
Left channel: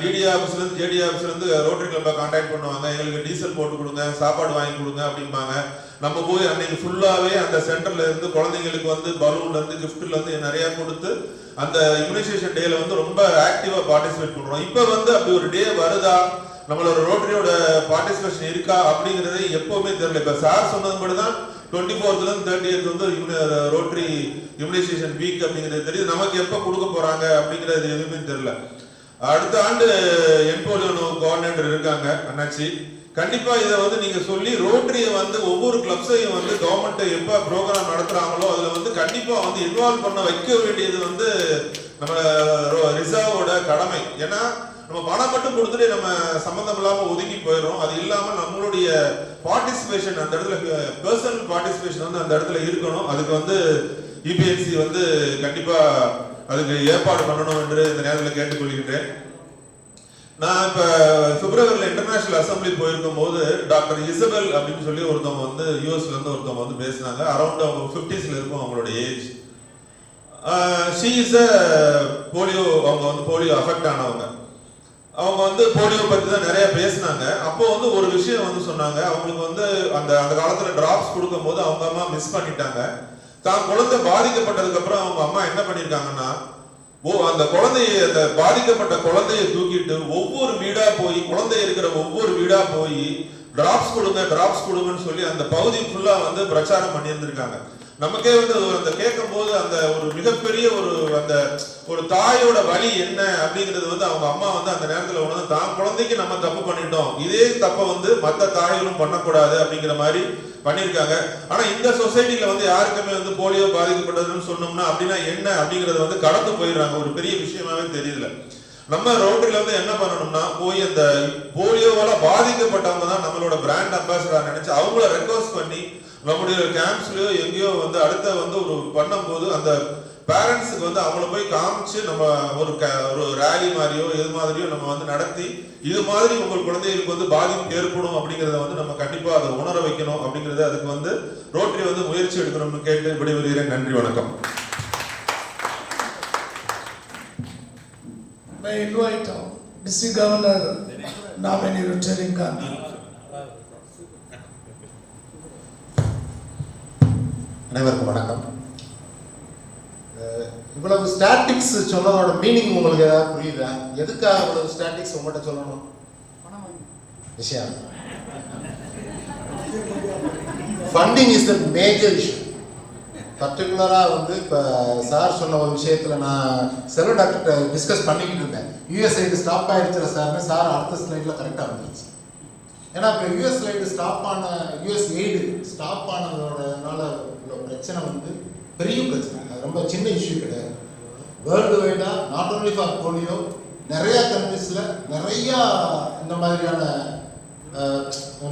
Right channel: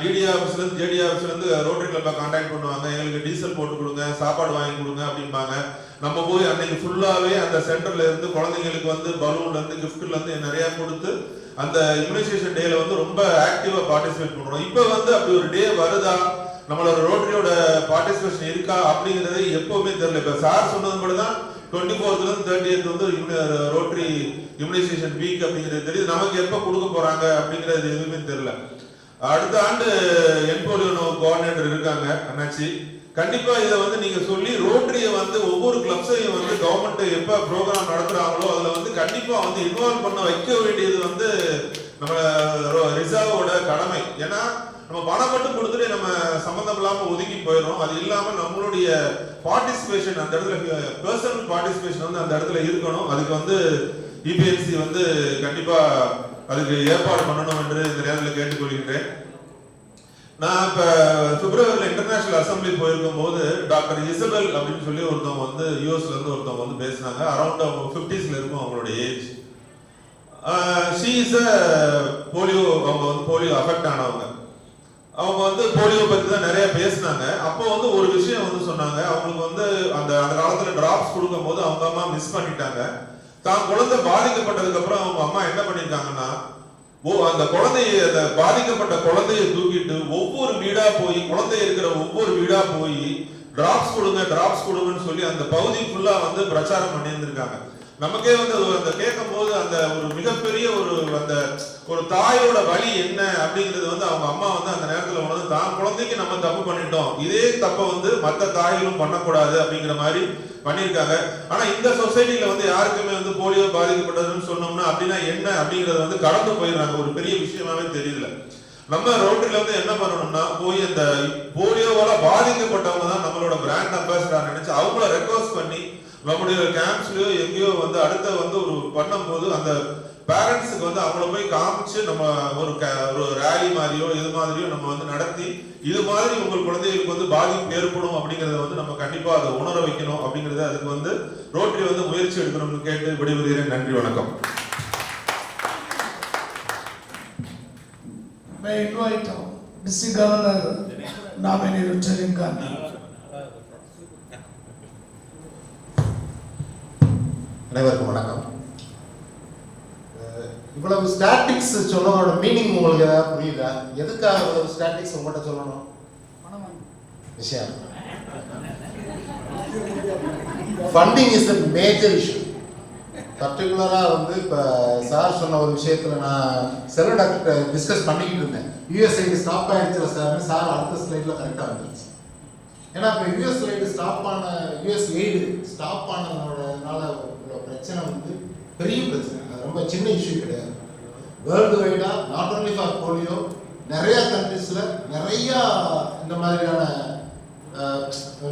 டிடி ஆஃபீஸ்ல இருந்து ஜேடி ஆஃபீஸ்ல இருந்து ரோட்டரி கிளப்பை கான்டாக்ட் பண்ணுவாங்க, எங்களுக்கு டீசல் போட்டு கொடுங்க, சாப்பாடு வாங்கி கொடுங்க அப்படிம்பாங்க. நம்ம போய் அன்னைக்கு ஃபுல்லாவே அந்த சென்டர்ல இருந்து குழந்தைங்களுக்கு வந்து பலூன்ல இருந்து கிஃப்ட்ல இருந்து நிறைய கொடுத்து அந்த இம்யூனைசேஷன் டேல வந்து ரொம்ப ஆக்டிவா பார்ட்டிசிபேட் பண்றோம். இப்போ வந்து அப்படி ஒரு டே வருதா, நம்மளோட ரோட்டரியோட பார்ட்டிசிபேஷன் இருக்கா அப்படிங்கிறது எப்பவுமே தெரியல. இப்போ சார் சொன்னது மட்டும் தான் 24th இருந்து 30th வந்து ரோட்டரி இம்யூனைசேஷன் வீக் அப்படிங்கிறது தெரியுது. நமக்கு எப்போ கொடுக்க போறாங்க அப்படிங்கிறது எதுவுமே தெரியல. அடுத்த ஆண்டு என்போலியோ கோஆர்டினேட்டர் இருக்காங்க அண்ணாச்சி. கண்டிப்பா இதை வந்து நீங்க சொல்லி ரோட்டரியை வந்து ஒவ்வொரு கிளப்ஸையும் வந்து கவர்மெண்ட் எப்ப ப்ரோக்ராம் நடத்துறாங்களோ அதுல வந்து கண்டிப்பா வந்து இன்வால்வ் பண்ண வைக்க வேண்டியது வந்து நம்ம ரிசர்வோட கடமை. ஏன்னா நம்ம பணம் மட்டும் கொடுத்துட்டு நம்ம சம்பந்தம் இல்லாம ஒதுக்கி போயிடும். அது இல்லாம நம்மளுடைய பார்ட்டிசிபேஷன் அந்த இடத்துல பர்சனல் பார்ட்டிசிபேஷன் வந்து அந்த இடத்துல இருக்கணும். அதுக்கு வந்து இபிஎன்சி வந்து கண்டிப்பா அதுக்கு ஏற்பாடு பண்ணணும் என்று இந்த நேரத்தில் கேட்டுக்கொள்கின்றேன். நான் இப்ப பிப்ரவரியில் இன்டர்நேஷனல் அசம்பிளி போயிருக்கும் போது டாக்டர் இசபெல் அப்படின்னு சொல்லி ஒருத்தவங்க வந்து யூஎஸ்ல இருந்து ஒருத்தவங்க வந்து பேசினாங்க. அரௌண்ட் அவங்க 50s இருக்கும் அவங்களோட ஏஜ். ஷீ இஸ் போலியோ, அவங்க வந்து போலியோ அஃபெக்ட் ஆனவங்க. அவங்க வந்து போலியோ பத்தி தான் நிறைய பேசினாங்க. அப்போ வந்து ஒரு விஷயம் வந்து சொன்னாங்க, அவங்களுக்கு வந்து அந்த அந்த காலத்துல டிராப்ஸ் கொடுக்கும் போது அவங்க அம்மா மிஸ் பண்ணிட்டாங்க. தான் குழந்தை பாதிக்கப்பட்டதுக்கு அப்புறம் அவங்க அம்மா என்ன பண்ணிருக்காங்கன்னா, அந்த குழந்தைய அந்த பாதிக்கப்பட்ட குழந்தைய தூக்கிட்டு ஒவ்வொரு வீடா போய், குழந்தை இருக்கிற ஒவ்வொரு வீடா போய் டிராப்ஸ் கொடுங்கன்னு சொல்லி அந்த பகுதி ஃபுல்லா வந்து பிரச்சாரம் பண்ணியிருந்திருக்காங்க. நமக்கே வந்து அந்த கேட்கும் போது அந்த ஒரு மிகப்பெரிய அந்த ஒரு தாயோட வலி என்ன அப்படிங்கிறது வந்து அவங்க அம்மா வந்து அந்த நேரத்தில் உணர்ந்து, தான் குழந்தைக்கு நம்ம தப்பு பண்ணிட்டோம், இதே தப்பை வந்து மற்ற தாய்களும் பண்ணக்கூடாது அப்படிங்கிற மாதிரி பண்ணியிருக்காங்க. ஆனா இந்த சொசைட்டில வந்து யாருக்குமே வந்து போலியோ பாதிக்கப்பட்டதுன்னு சொன்னோம்னா அப்படின்னா என்ன அப்படிங்கறத வந்து கடந்து போயிடுறாங்க. ஒரு பெரிய விஷயமாவே தெரியல. நம்ம ரோட்டரியில வந்து என்ன பண்ணணும்னா, போய் அந்த போலியோவால பாதிக்கப்பட்டவங்க தான் நம்மளோட பிராண்ட் அம்பாசிடர் நினைச்சு அவங்கள ரெக்வஸ்ட் பண்ணி நம்முடைய கேம்ப்ஸ்லயோ எங்கேயோ வந்து அடுத்த வந்து ஒரு பண்ணும்போது அந்த பேரண்ட்ஸுக்கு வந்து அவங்கள போய் காமிச்சு நம்ம ஒரு ரேலி மாதிரியோ இது மாதிரியோ நம்ம வந்து நடத்தி இது மாதிரி உங்கள் குழந்தைகளுக்கு வந்து பாதிப்பு ஏற்படும் அப்படிங்கிறத வந்து நம்ம கண்டிப்பா அதை உணர வைக்கணும் அப்படிங்கறத அதுக்கு வந்து ரோட்டரி வந்து முயற்சி எடுக்கணும்னு கேட்டு விடைபெறுகிறேன். நன்றி, வணக்கம். May I invite District Governor nominee Rotarian Gandhi. அனைவருக்கும் வணக்கம். இவ்வளவு ஸ்டாட்டிக்ஸ் சொன்னதோட மீனிங் உங்களுக்கு ஏதாவது புரியுதா? எதுக்காக இவ்வளவு ஸ்டாட்டிக்ஸ் உங்கள்கிட்ட சொல்லணும்? விஷயம் funding is the major issue. பர்டிகுலராக வந்து இப்போ சார் சொன்ன ஒரு விஷயத்தில் நான் செல்வ டாக்டர்கிட்ட டிஸ்கஸ் பண்ணிக்கிட்டு இருந்தேன். யூஎஸ்ஐடி ஸ்டாப் ஆகிடுச்சுல சார்னு. சார் அடுத்த ஸ்லைடில் கரெக்டாக வந்துருச்சு. ஏன்னா இப்போ யூஎஸ் லைடு ஸ்டாப் ஆன யூஎஸ் எய்டு ஸ்டாப் ஆனதோடனால இவ்வளோ பிரச்சனை வந்து பெரிய பிரச்சனை. அது ரொம்ப சின்ன இஷ்யூ கிடையாது. வேர்ல்டு வைடாக நாட் ஓன்லி ஃபார் போலியோ, நிறையா கண்ட்ரிஸில் நிறையா இந்த மாதிரியான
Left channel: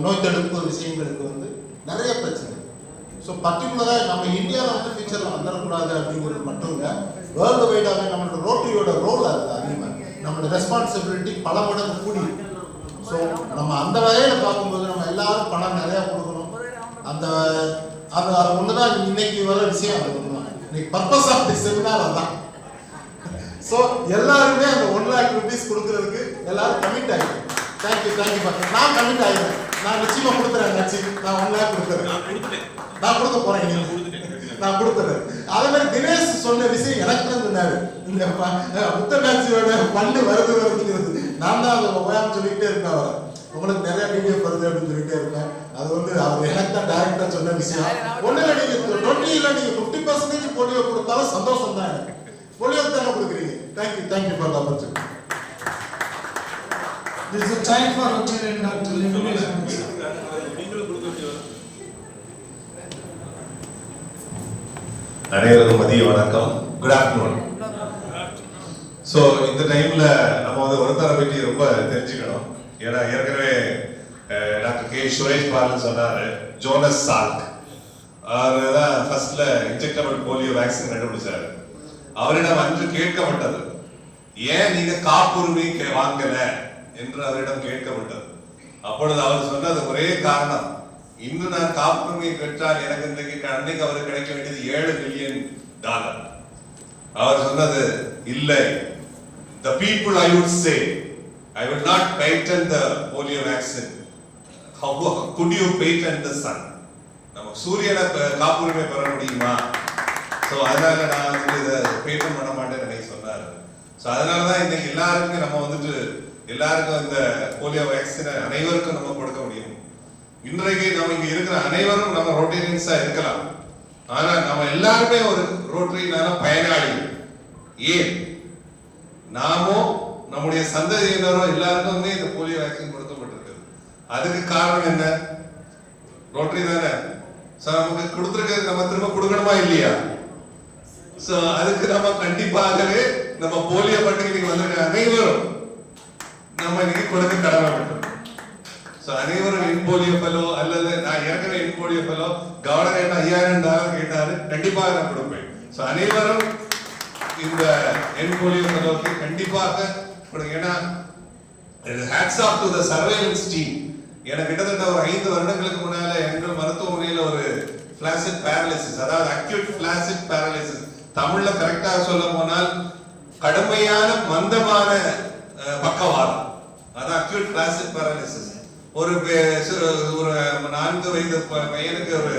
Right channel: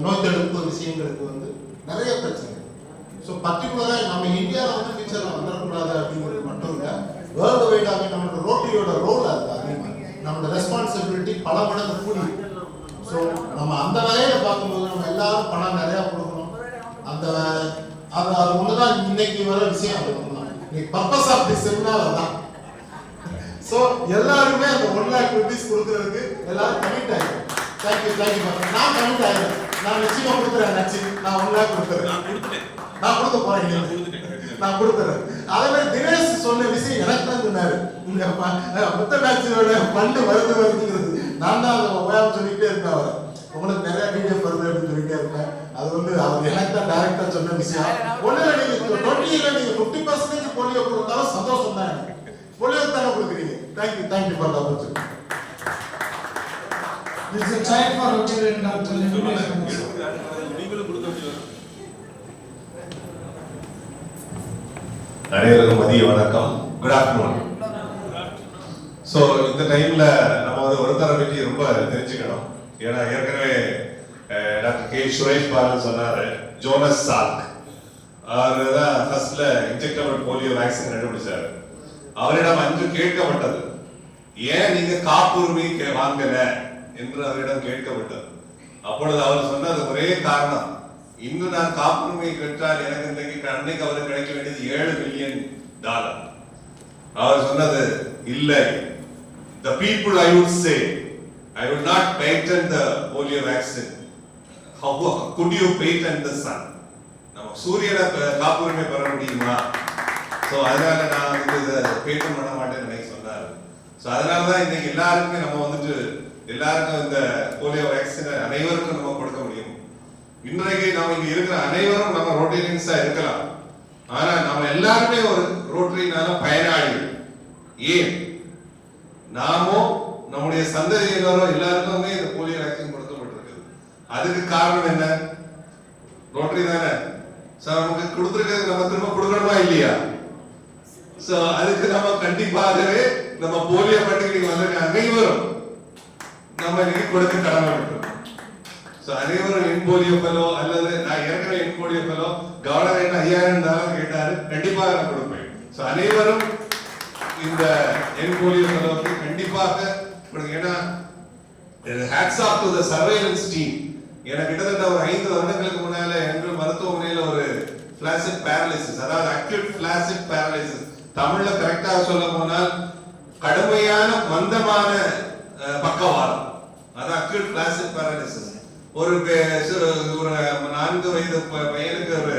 நோய் தடுப்பு விஷயங்களுக்கு வந்து நிறைய பிரச்சனை. ஸோ பர்டிகுலராக நம்ம இந்தியாவில் வந்து ஃபியூச்சரில் வந்துடக்கூடாது அப்படிங்கிறது மட்டும் இல்லை, வேர்ல்டு வைடாக நம்மளோட ரோட்டரியோட ரோல் அது அதிகமாக, நம்மளோட ரெஸ்பான்சிபிலிட்டி பல மடங்கு கூடி. ஸோ நம்ம அந்த வகையில் பார்க்கும்போது நம்ம எல்லாரும் பணம் நிறையா கொடுக்கணும். அந்த அது ஒன்று தான் இன்னைக்கு வர விஷயம். இன்னைக்கு பர்பஸ் ஆஃப் தி செமினார் அதான். ஸோ எல்லாருமே அந்த 1 lakh rupees கொடுக்குறதுக்கு எல்லாரும் கமிட் ஆகிடும். தேங்க்யூ நான் கமிட் ஆகிடுறேன். நான் நிச்சயமாக கொடுக்குறேன். நான் 1 lakh கொடுக்குறேன். நான் கொடுக்க போறேன். நான் கொடுக்குறேன். அதே மாதிரி தினேஷ் சொன்ன விஷயம் எனக்கு தான் சொன்னாரு. இந்த புத்த பேட்சியோட ஃபண்டு வருதுங்கிறது நான் தான் அதை உபயோகம் சொல்லிக்கிட்டே இருப்பேன். அவரை உங்களுக்கு நிறைய வீடியோ வருது அப்படின்னு சொல்லிட்டே இருப்பேன். அது வந்து அவர் எனக்கு தான் டைரக்டா சொன்ன விஷயம். ஒன்றும் நீங்க 20 நீங்க 50% போலியோ கொடுத்தாலும் சந்தோஷம் தான். போலியோ தானே கொடுக்குறீங்க. Thank you for the opportunity. This is a time for Rotarian to elimination. அனைவருக்கும் மதிய வணக்கம். Good afternoon. ஸோ இந்த டைம்ல நம்ம வந்து ஒருத்தரை பற்றி ரொம்ப தெரிஞ்சுக்கணும். ஏன்னா ஏற்கனவே டாக்டர் கே சுரேஷ் பாலன் சொன்னாரு, ஜோனஸ் சால்க் அவர் தான் ஃபர்ஸ்ட்ல இன்ஜெக்டபிள் போலியோ வேக்சின் கண்டுபிடிச்சாரு. அவரிடம் அன்று கேட்கப்பட்டது, ஏன் நீங்க காப்புரிமை வாங்கல என்று அவரிடம் கேட்கப்பட்டது. அப்பொழுது அவர் சொன்னது ஒரே காரணம், இன்னும் நான் காப்புரிமை பெற்றால் எனக்கு அன்னைக்கு அவருக்கு கிடைக்க வேண்டியது $7 மில்லியன். அவர் சொன்னது, இல்லை, the people I would say I will not patent the polio vaccine. How could you patent the sun? நம்ம சூரியனை காப்புரிமை பெற முடியுமா? ஸோ அதனால நான் வந்து இதை பேட்டன் பண்ண மாட்டேன்னு சொன்னாரு. ஸோ அதனால தான் இன்னைக்கு எல்லாருக்குமே நம்ம வந்துட்டு எல்லாருக்கும் இந்த போலியோ வேக்சினை அனைவருக்கும் நம்ம கொடுக்க முடியும். இன்றைக்கு நம்ம இங்க இருக்கிற அனைவரும் நம்ம ரோட்டரியன்ஸா இருக்கலாம். ஆனா நம்ம எல்லாருமே ஒரு ரோட்டரினால பயனாளிகள். ஏன்? நாமோ நம்முடைய சந்ததியினரோ எல்லாருக்குமே இந்த போலியோ வேக்சின் கொடுக்கப்பட்டிருக்கு. அதுக்கு காரணம் என்ன? ரோட்டரி தானே. நமக்கு கொடுத்துருக்கிறது நம்ம திரும்ப கொடுக்கணுமா இல்லையா? சோ அதுக்கு நம்ம கண்டிப்பாகவே நம்ம போலியோ பண்டிகைக்கு வந்திருக்க அனைவரும் நம்ம இன்னைக்கு கொடுக்க கடமைப்பட்டோம். அனைவரும் என் போலியோ ஃபெலோ அல்லது நான் ஏற்கனவே என் போலியோ ஃபெலோ கவர்னர் என்ன $5000 கேட்டாரு, கண்டிப்பாக நான் கொடுப்பேன். ஸோ அனைவரும் இந்த என் போலியோ ஃபெலோக்கு கண்டிப்பாக ஏன்னா hats off to the surveillance team. எனக்கு கிட்டத்தட்ட ஒரு 5 வருடங்களுக்கு முன்னால எங்கள் மருத்துவமனையில் ஒரு ஃபிளாசிட் பேரலிசிஸ், அதாவது அக்யூட் ஃபிளாசிட் பேரலிசிஸ், தமிழ்ல கரெக்டாக சொல்ல போனால் கடுமையான மந்தமான பக்கவாதம், அதான் அக்யூட் ஃபிளாசிட் பேரலிசிஸ். ஒரு 4 வயது பையனுக்கு ஒரு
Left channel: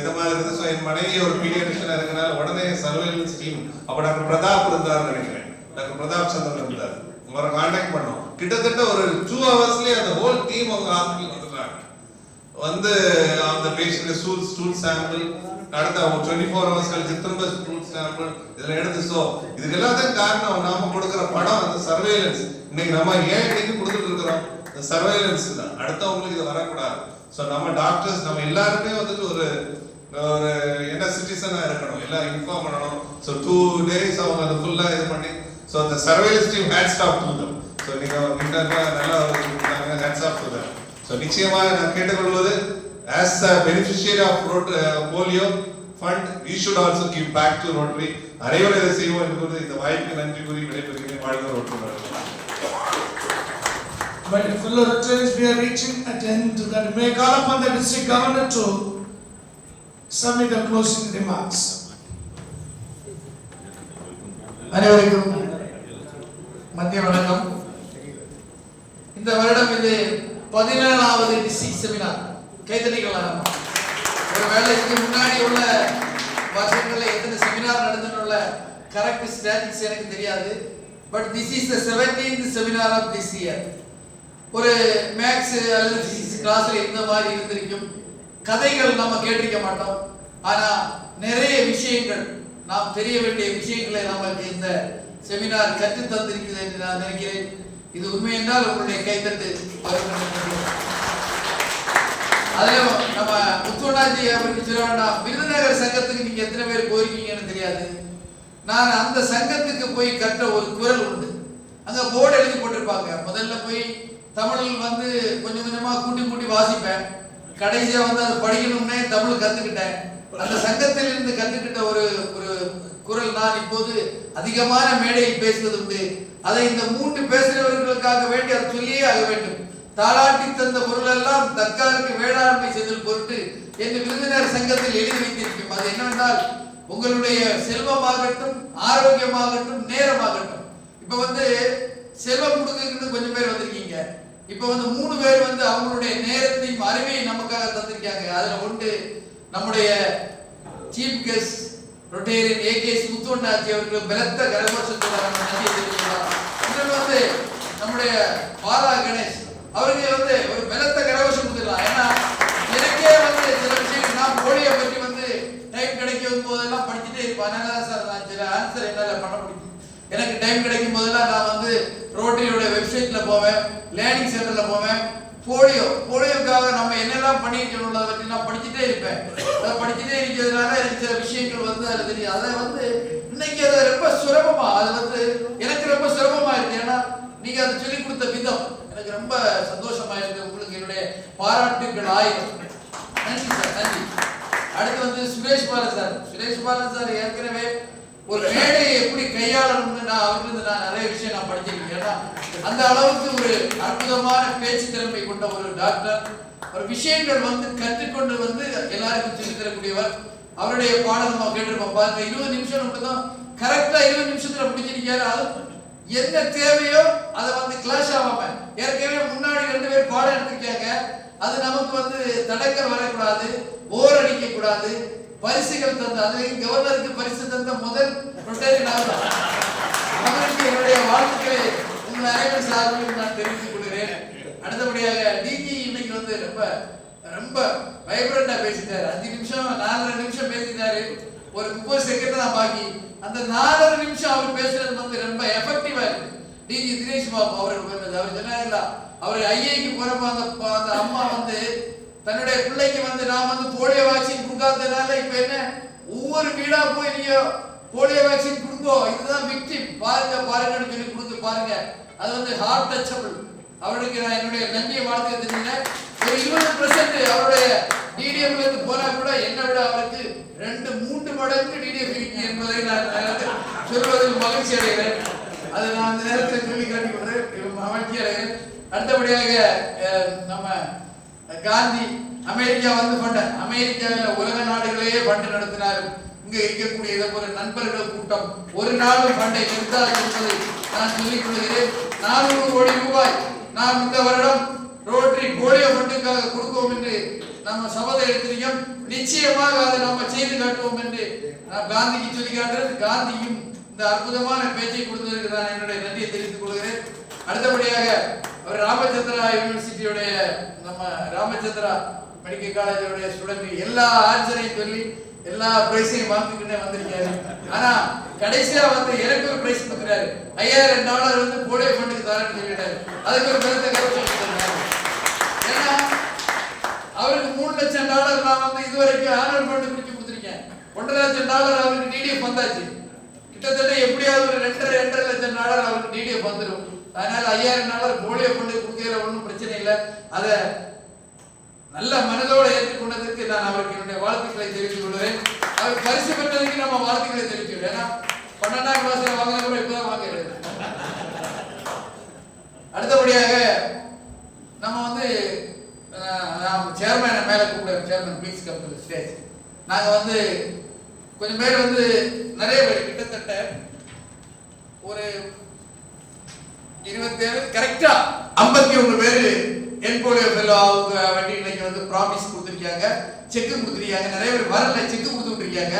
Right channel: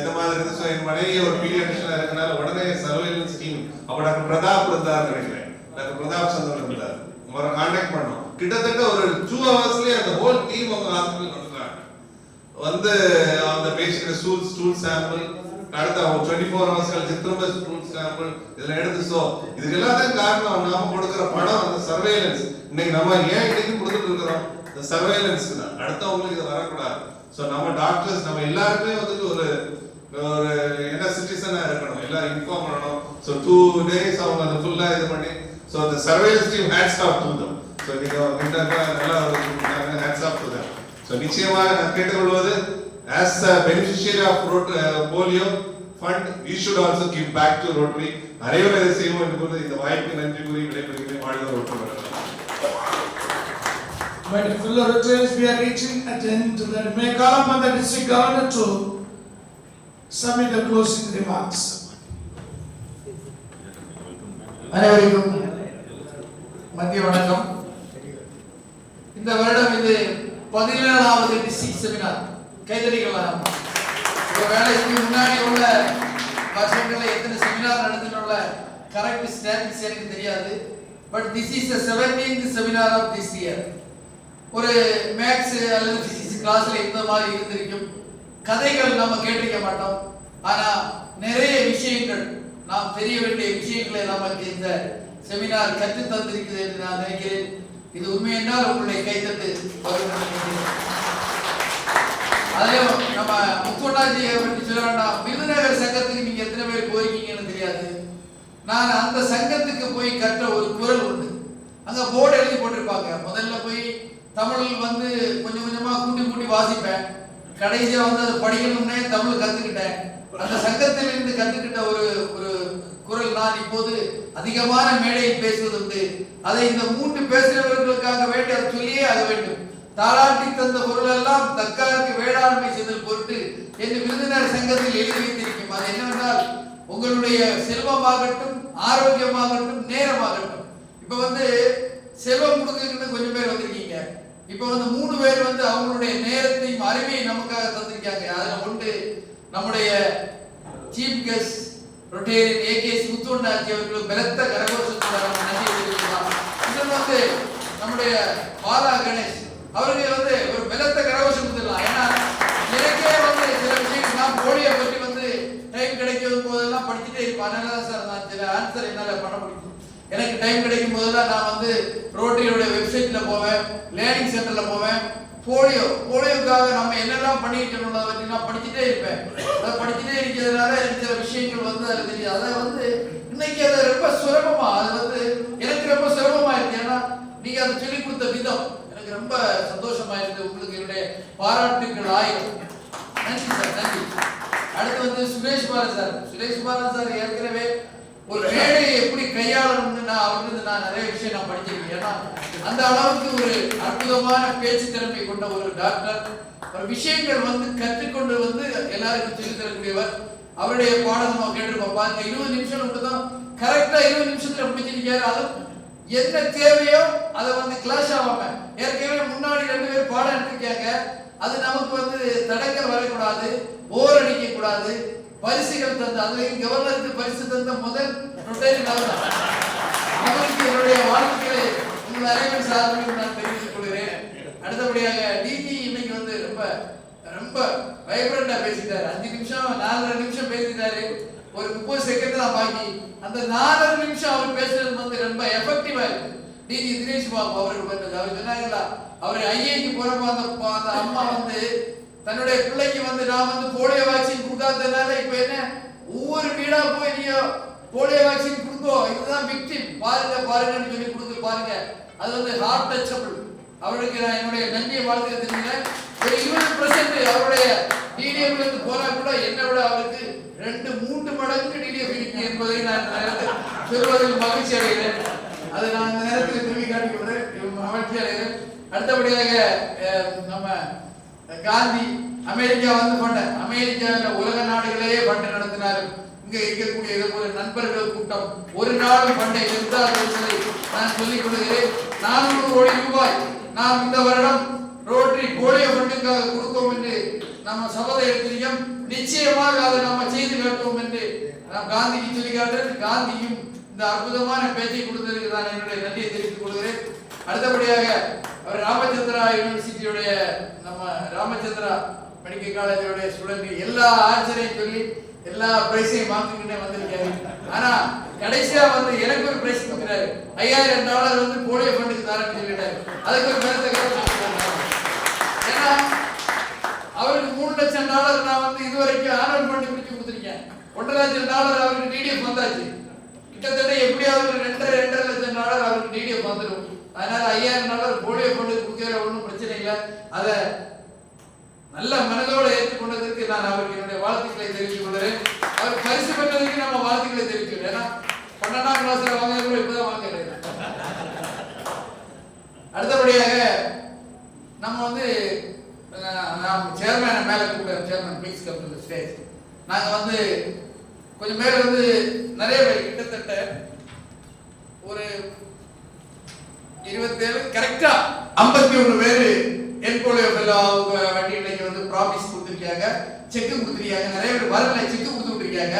இந்த மாதிரி இருந்து என் மனைவி ஒரு பீடியாட்ரிஷியனா இருக்கனால உடனே சர்வேலன்ஸ் டீம், அப்ப டாக்டர் பிரதாப் இருந்தார் நினைக்கிறேன், டாக்டர் பிரதாப் சந்திரன் இருந்தார், அவரை கான்டாக்ட் பண்ணோம். கிட்டத்தட்ட ஒரு 2 ஹவர்ஸ்லயே அந்த ஹோல் டீம் அவங்க ஹாஸ்பிட்டல் வந்துட்டாங்க. வந்து அந்த பேஷண்ட் ஸ்டூல் சாம்பிள், அடுத்த 24 ஹவர்ஸ் கழிச்சு திரும்ப ஸ்டூல் சாம்பிள் இதெல்லாம் எடுத்து. ஸோ இதுக்கு எல்லாத்தையும் காரணம் நாம கொடுக்குற பணம், அந்த சர்வேலன்ஸ். இன்னைக்கு நம்ம ஏன் இன்னைக்கு கொடுத்துட்டு இருக்கிறோம்? சர்வேலன்ஸ் தான். அடுத்தவங்களுக்கு இது வரக்கூடாது. ஸோ நம்ம டாக்டர்ஸ் நம்ம எல்லாருமே வந்துட்டு ஒரு என்ன சிட்டிசனா இருக்கணும், எல்லாம் இன்ஃபார்ம் பண்ணணும். ஸோ 2 days அவங்க அதை ஃபுல்லா இது பண்ணி, ஸோ அந்த surveillance team hats off to them. So நீங்க நல்லா hats off to them. So நிச்சயமாக நான் கேட்டுக்கொள்வது, as a beneficiary of polio fund, we should also give back to Rotary. அனைவரும் இதை செய்வோம் என்று இந்த வாய்ப்புக்கு நன்றி கூறி விடைபெறுகிறேன். வாழ்க Rotary. My fellow Rotarians, we are reaching at the end to that. May I call upon the district governor to submit the closing remarks. அனைவருக்கும் மத்திய வணக்கம். இந்த வருடம் இது 17வது டிஸ்ட்ரிக்ட் செமினார். கைதடிக்கலாம். ஒரு வேலைக்கு முன்னாடி உள்ள வருஷங்களில் எத்தனை செமினார் நடந்துள்ள கரெக்ட் ஸ்டாட்டிஸ்டிக்ஸ் எனக்கு தெரியாது. But this is the 17th seminar of this year. ஒரு மேக்ஸ் அல்லது பிசிக்ஸ் கிளாஸ்ல இந்த மாதிரி இருந்திருக்கும். கதைகள் நம்ம கேட்டிருக்க மாட்டோம். ஆனா நிறைய விஷயங்கள் நாம் தெரிய வேண்டிய விஷயங்களை நமக்கு இந்த செமினார் கற்று தந்திருக்கிறது என்று நான் நினைக்கிறேன். இது உண்மை என்றால் உங்களுடைய கைத்தட்டு அதில் நம்ம முத்துவண்ணாஜியை பற்றி சொல்ல வேண்டாம். விருதுநகர் சங்கத்துக்கு நீங்க எத்தனை பேர் போயிருக்கீங்கன்னு தெரியாது. நான் அந்த சங்கத்துக்கு போய் கற்ற ஒரு குரல் உண்டு. அங்க போர்டு எழுதி போட்டிருப்பாங்க. முதல்ல போய் தமிழ் வந்து கொஞ்சம் கொஞ்சமா கூட்டி கூட்டி வாசிப்பேன். கடைசியா வந்து அதை படிக்கணும்னே தமிழ் கத்துக்கிட்டேன். அந்த சங்கத்தில் இருந்து கற்றுக்கிட்ட ஒரு ஒரு குரல் நான் இப்போது அதிகமான மேடையில் பேசுவது உண்டு. அதை இந்த 3 பேசுகிறவர்களுக்காக வேண்டி அதை சொல்லியே ஆக வேண்டும். தாளாட்டி தந்த பொருள் எல்லாம் தற்காலத்து வேளாண்மை செய்தல் பொருட்டு என்று விருந்தினர் சங்கத்தில் எழுதி வைத்திருக்கும். அது என்னவென்றால் உங்களுடைய செல்வமாகட்டும், ஆரோக்கியமாகட்டும், நேரமாகட்டும். இப்ப வந்து செல்வம் கொடுக்குன்னு கொஞ்சம் பேர் வந்திருக்கீங்க. இப்ப வந்து 3 பேர் வந்து அவங்களுடைய நேரத்தையும் அறிவையும் நமக்காக தந்திருக்காங்க. அதுல ஒன்று நம்முடைய சீஃப் கெஸ்ட் ரொட்டேரியன் ஏகேஎஸ் முத்துவண்ணாச்சி அவர்கள் பலத்த கரகோஷத்துக்காக நன்றி தெரிவிக்கலாம். இன்னொன்று வந்து நம்முடைய பாலா கணேஷ் அவர்கள் வந்து ஒரு பலத்த கரகோஷம் கொடுத்துடலாம். ஏன்னா எனக்கே வந்து சில விஷயங்கள் நான் போலியை பற்றி வந்து டைம் கிடைக்கும் போதெல்லாம் படிச்சுட்டே இருப்பேன். அதனால தான் சார் நான் சில ஆன்சர் என்னால் பண்ண முடியும். எனக்கு டைம் கிடைக்கும் போதெல்லாம் நான் வந்து ரோட்டரியோட வெப்சைட்ல போவேன், லேர்னிங் சென்டர்ல போவேன். போலியோக்காக நம்ம என்னெல்லாம் பண்ணிருக்கணும் அதை பற்றி நான் படிச்சுட்டே இருப்பேன். அதை படிச்சுட்டே இருக்கிறதுனால எனக்கு சில விஷயங்கள் வந்து அதில் தெரியும். அதை வந்து இன்னைக்கு அதை ரொம்ப சுலபமா அது வந்து எனக்கு ரொம்ப சுலபமா இருக்கு. ஏன்னா நீங்க அதை சொல்லிக் கொடுத்த விதம் எனக்கு ரொம்ப சந்தோஷமா இருக்கு. உங்களுக்கு என்னுடைய பாராட்டுகள் 1000. நன்றி சார், நன்றி. அடுத்து வந்து சுரேஷ் பாலன் சார். சுரேஷ் பாலன் சார் ஏற்கனவே ஒரு மேடையை எப்படி கையாளணும்னு அவருக்கு நான் நிறைய விஷயம் நான் படிச்சிருக்கேன். ஏன்னா அந்த அளவுக்கு ஒரு அற்புதமான பேச்சு திறமை கொண்ட ஒரு டாக்டர். ஒரு விஷயங்கள் வந்து கற்றுக்கொண்டு வந்து எல்லாருக்கும் சொல்லி தரக்கூடியவர். அவருடைய பாடம் நம்ம கேட்டிருப்போம் பாருங்க. 20 நிமிஷம் மட்டும்தான் கரெக்டா 20 நிமிஷத்துல முடிச்சிருக்காரு. அது என்ன தேவையோ அதை வந்து கிளாஷ் ஆகாம ஏற்கனவே முன்னாடி 2 பேர் பாடம் எடுத்திருக்காங்க. அது நமக்கு வந்து தடக்க வரக்கூடாது, போர் அடிக்க கூடாது. பரிசுகள் தந்த அதுக்கு கவர்னருக்கு பரிசு தந்த முதல் ரொட்டேரியன் அவருக்கு என்னுடைய வாழ்த்துக்களை உங்கள் அனைவரும் சார்பில் நான் தெரிவித்துக் கொள்கிறேன். அடுத்தபடியாக டிஜி இன்னைக்கு வந்து ரொம்ப ரொம்ப வைப்ரண்டா பேசிட்டாரு. 5 நிமிஷம் 4.5 நிமிஷம் பேசிட்டாரு. ஒரு 30 செகண்ட் தான் பாக்கி. அந்த 4.5 நிமிஷம் அவர் பேசுறது வந்து ரொம்ப எஃபெக்டிவா இருக்கு. டிஜி தினேஷ் பாபு அவர்கள் பண்ணது. அவர் சொன்னாங்களா, அவர் ஐஏக்கு போறப்ப அந்த அம்மா வந்து தன்னுடைய பிள்ளைக்கு வந்து நான் வந்து போலியோ வேக்சின் கொடுக்காததுனால இப்ப என்ன ஒவ்வொரு வீடா போய் நீங்க போலியோ வேக்சின் கொடுங்கோ, இதுதான் விக்டிம் பாருங்க பாருங்கன்னு சொல்லி கொடுத்து பாருங்க. அது வந்து ஹார்ட் டச்சபிள். அவருக்கு நான் என்னுடைய நன்றியை வாழ்த்து தெரிஞ்சுக்கிறேன். ஒரு 20% அவருடைய டிடிஎஃப்ல இருந்து போனா கூட என்னை விட அவருக்கு 2-3 மடங்கு டிடிஎஃப் இருக்கு என்பதை நான் சொல்வதில் மகிழ்ச்சி அடைகிறேன். அதை நான் அந்த நேரத்தில் சொல்லி காட்டிக் கொள்றேன், மகிழ்ச்சி அடைகிறேன். அடுத்தபடியாக நம்ம காந்தி அமெரிக்கா வந்து பண்ண அமெரிக்காவில் உலக நாடுகளே பண்டை நடத்தினாலும் இங்க இருக்கக்கூடிய இதை போல நண்பர்கள் கூட்டம் ஒரு நாளும் பண்டை நிறுத்தாது என்பதை நான் சொல்லிக் கொள்கிறேன். 400 கோடி ரூபாய் நாம் இந்த வருடம் ரோட்டரி போலியோ ஃபண்டுக்காக கொடுப்போம் என்று நம்ம சபதம் எடுத்திருக்கோம். நிச்சயமாக அதை நம்ம செய்து காட்டுவோம் என்று நான் காந்திக்கு சொல்லி காட்டுறேன். காந்தியும் இந்த அற்புதமான பேச்சை கொடுத்ததற்கு நான் என்னுடைய நன்றியை தெரிவித்துக் கொள்கிறேன். அடுத்தபடியாக அவர் ராமச்சந்திரா யூனிவர்சிட்டியுடைய நம்ம ராமச்சந்திரா மெடிக்கல் காலேஜோடைய ஸ்டூடெண்ட் எல்லா ஆன்சரையும் சொல்லி எல்லா பிரைஸையும் வாங்கிக்கிட்டே வந்திருக்காரு. ஆனா கடைசியா வந்து எனக்கு ஒரு பிரைஸ் கொடுக்குறாரு. $5000 வந்து போலியோ ஃபண்டுக்கு தரேன்னு சொல்லிட்டாரு. அதுக்கு ஒரு பெருத்த கருத்து. ஏன்னா அவருக்கு $3 லட்சம் நான் வந்து இதுவரைக்கும் ஆனுவல் ஃபண்டு பிரிச்சு கொடுத்துருக்கேன். $1.5 லட்சம் அவருக்கு டிடிஎஃப் வந்தாச்சு. கிட்டத்தட்ட எப்படியாவது ஒரு $2.5 லட்சம் அவருக்கு டிடிஎஃப் வந்துடும். அதனால $5000 போலியோ ஃபண்டு கொடுக்கிற ஒன்றும் பிரச்சனை இல்லை. அதை நல்ல மனதோடு ஏற்றுக்கொண்டதற்கு நான் அவருக்கு என்னுடைய வாழ்த்துக்களை தெரிவித்துக் கொள்கிறேன். அவர் பரிசு பெற்றதற்கு நம்ம வாழ்த்துக்களை தெரிவிக்கிறோம். ஏன்னா 12ஆம் கிளாஸ்ல வாங்கின இப்பதான் வாங்குறேன். அடுத்தபடியாக நம்ம வந்து சேர்மேனை மேல கூப்பிடுவோம். Chairman please come to the stage. நாங்க வந்து கொஞ்சம் பேர் வந்து நிறைய பேர் கிட்டத்தட்ட ஒரு 27 கரெக்டா 51 பேர் என்போலியோ ஃபெல்லோ அவங்க வண்டி இன்னைக்கு வந்து ப்ராமிஸ் கொடுத்துருக்காங்க, செக் கொடுத்துருக்காங்க. நிறைய பேர் வரல, செக் கொடுத்துருக்காங்க.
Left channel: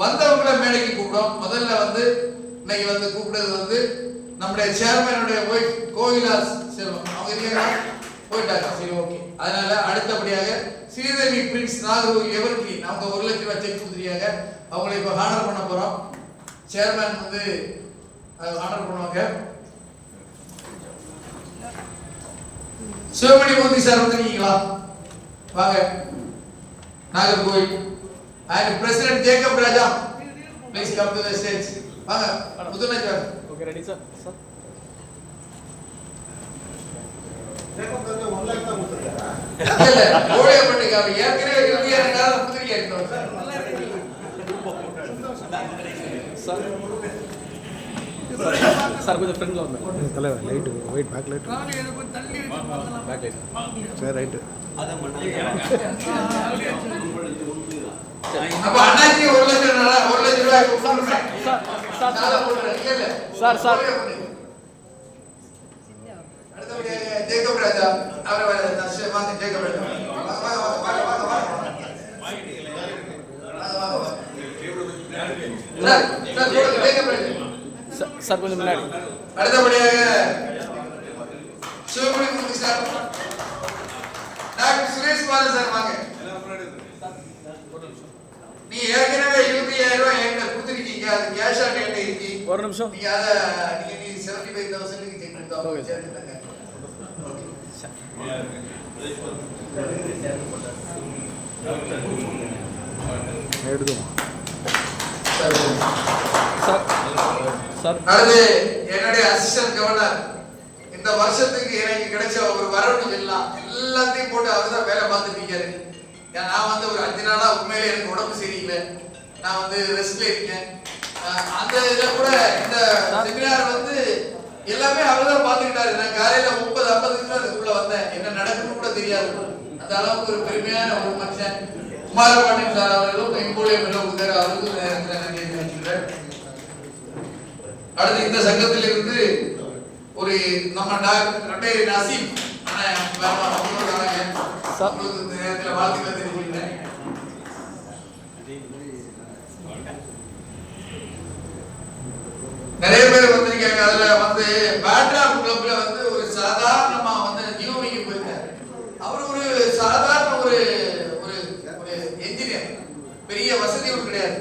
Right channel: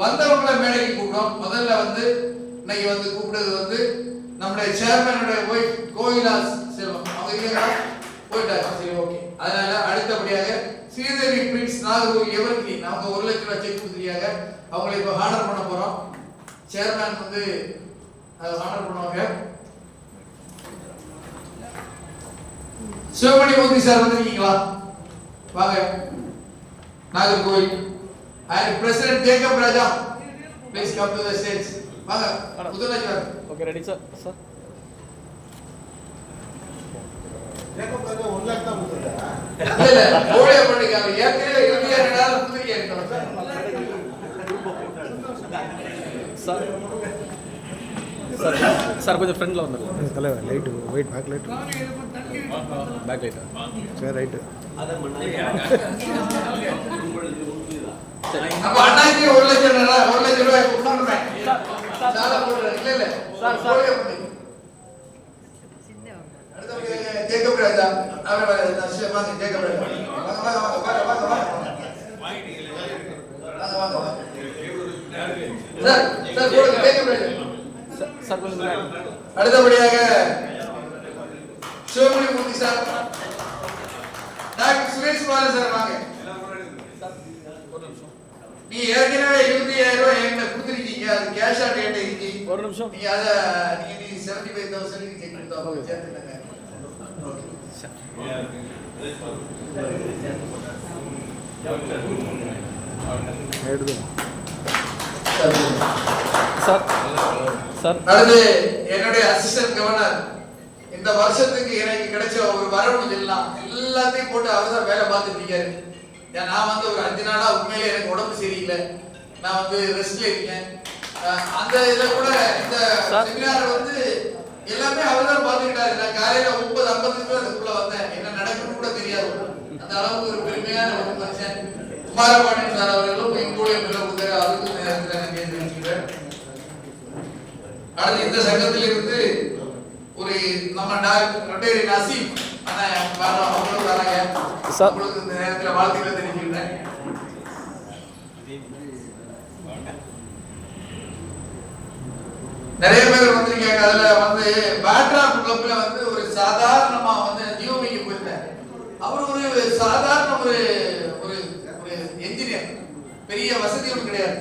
வந்தவங்கள மேடைக்கு கூப்பிடும். முதல்ல வந்து இன்னைக்கு வந்து கூப்பிடுறது வந்து நம்முடைய சேர்மேனுடைய ஒய்ஃப் கோயிலா செல்வம். அவங்க இருக்கா போயிட்டாங்க. சரி, ஓகே. அதனால அடுத்தபடியாக ஸ்ரீதேவி பிரின்ஸ் நாகூர் எவருக்கு அவங்க 1 லட்சம் ரூபாய் செக் கொடுத்துருக்காங்க. அவங்களை இப்போ ஹானர் பண்ண போறோம். சேர்மேன் வந்து ஹானர் பண்ணுவாங்க. சிவமணி மூர்த்தி சார் வந்திருக்கீங்களா? வாங்க. Nagercoil and President Jacob Raja, please come to the stage. வாங்க. முதலமைச்சர் sir. Okay, ready sir. Sir. இல்ல கோடியா பண்ணிக்க. அவர் ஏற்கனவே இந்தியா நேரம் கொடுத்துருக்கேன் சார். சார் கொஞ்சம் ஃப்ரெண்ட்ல வந்து தலைவர் light weight pack light pack light sir right அப்ப அண்ணாக்கு 1 லட்சம் ரூபாய் கொடுத்துறேன். சாலா போடுறேன். இல்ல சார் அடுத்து ஜேக்கப் ராஜா அவரை வாங்க. ஜேக்கப் ராஜா சார் போடுங்க. ஜேக்கப் ராஜா சார் கொஞ்சம் முன்னாடி. அடுத்தபடியாக Sivamani Murthy sir, doctor Suresh Balu sir வாங்க. நீ ஏற்கனவே 25,000 ரூபாய் என்கிட்ட கொடுத்துருக்கீங்க. அது கேஷ் ஆன் டேட் இருக்கு. ஒரு நிமிஷம். நீங்க அத நீங்க 75,000 க்கு செக் கொடுத்தா ஓகே சேர்த்துட்டாங்க. எடுத்துமா சார். சார் அடுத்து என்னுடைய அசிஸ்டன்ட் கவர்னர் இந்த வருஷத்துக்கு எனக்கு கிடைச்ச ஒரு வரவுன்னு சொல்லலாம். எல்லாத்தையும் போட்டு அவர்தான் வேலை பார்த்துட்டு இருக்காரு. நான் வந்து ஒரு 5 நாளா உண்மையிலே எனக்கு உடம்பு சரியில்லை. நான் வந்து ரெஸ்ட்ல இருக்கேன். அந்த இதுல கூட இந்த செமினார் வந்து எல்லாமே அவர்தான் பார்த்துக்கிட்டாரு. நான் காலையில 9:50 தான் இதுக்குள்ள வந்தேன். என்ன நடக்குன்னு கூட தெரியாது. அந்த அளவுக்கு ஒரு பெருமையான ஒரு மனுஷன் குமாரபாண்டியன் சார் அவர்களும் எங்கூழிய மேல கொடுத்தாரு. அதுக்கும் நேரத்தில் நான் கேட்டு வச்சுக்கிறேன். அடுத்து இந்த சங்கத்திலிருந்து ஒரு நம்ம டாக்டர் நசீம் அவங்களும் வராங்க. அவங்களுக்கு இந்த நேரத்தில் வாழ்த்துக்களை தெரிவிச்சுக்கிறேன். நிறைய பேர் வந்திருக்காங்க. அதுல வந்து பேட்ராக் கிளப்ல வந்து ஒரு சாதாரணமா வந்து ஜீவமிக்கு போயிருக்காரு. அவர் ஒரு சாதாரண ஒரு ஒரு என்ஜினியர், பெரிய வசதியும் கிடையாது.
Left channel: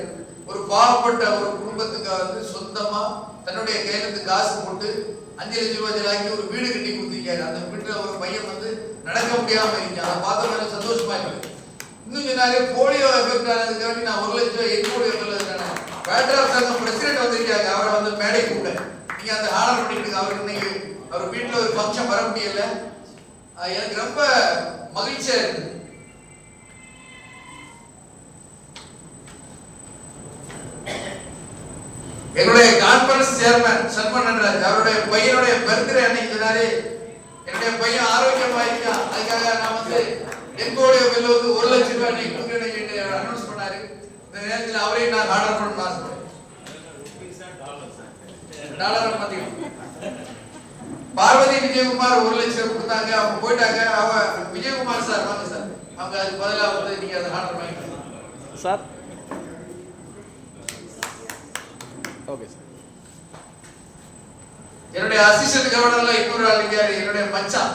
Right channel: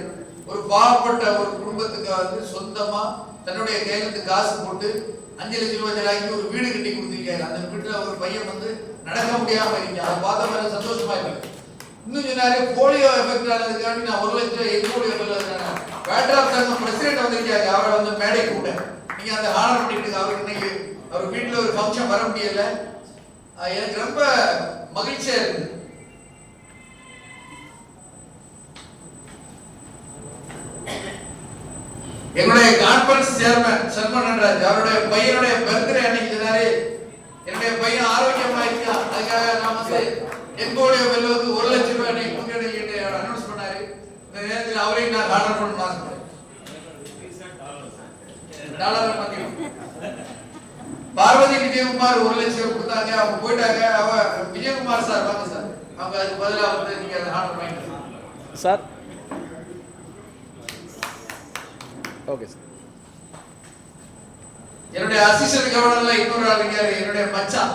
ஒரு பாவப்பட்ட ஒரு குடும்பத்துக்கு வந்து சொந்தமா தன்னுடைய கையெழுத்து காசு போட்டு 5 லட்சம் ரூபாய் ஆக்கி ஒரு வீடு கட்டி கொடுத்திருக்காரு. அந்த வீட்டுல ஒரு பையன் வந்து நடக்க முடியாம இருக்கு. அதை பார்த்த மாதிரி சந்தோஷமா இருக்கு. இன்னும் சொன்னாரு போலியோ எஃபெக்ட் ஆனதுக்காண்டி நான் 1 லட்சம் ரூபாய் என்னுடைய பேட்ராக் சங்கம் பிரசிடென்ட் வந்திருக்காங்க. அவரை வந்து மேடை கூட நீங்க அந்த ஆர்டர் பண்ணிட்டு அவருக்கு இன்னைக்கு அவர் வீட்டுல ஒரு ஃபங்க்ஷன் வர முடியல. எனக்கு ரொம்ப மகிழ்ச்சியா இருக்கு. என்னுடைய கான்ஃபரன்ஸ் சேர்மன் சல்மான் நடராஜ் அவருடைய பையனுடைய பர்த்டே அன்னைக்கு சொன்னாரு என்னுடைய பையன் ஆரோக்கியமா இருக்கான், அதுக்காக நான் வந்து என்போலியோ வெல்லுவதற்கு 1 லட்சம் ரூபாய் அன்னைக்கு கொடுக்க அனௌன்ஸ் பண்ணாரு. இந்த நேரத்தில் அவரையும் நான் ஆர்டர் பண்ணணும். டாலர் மதியம் பார்வதி விஜயகுமார் 1 லட்சம் கொடுத்தாங்க. அவங்க போயிட்டாங்க. விஜயகுமார் சார் வாங்க சார். அவங்க அதுக்கு பதிலாக வந்து நீங்க அதை ஆர்டர் பண்ணிட்டு சார். Okay sir. என்னுடைய அசிஸ்டன்ட் கவர்னர்ல இன்னொரு ஆள் இருக்காரு, என்னுடைய மச்சான்.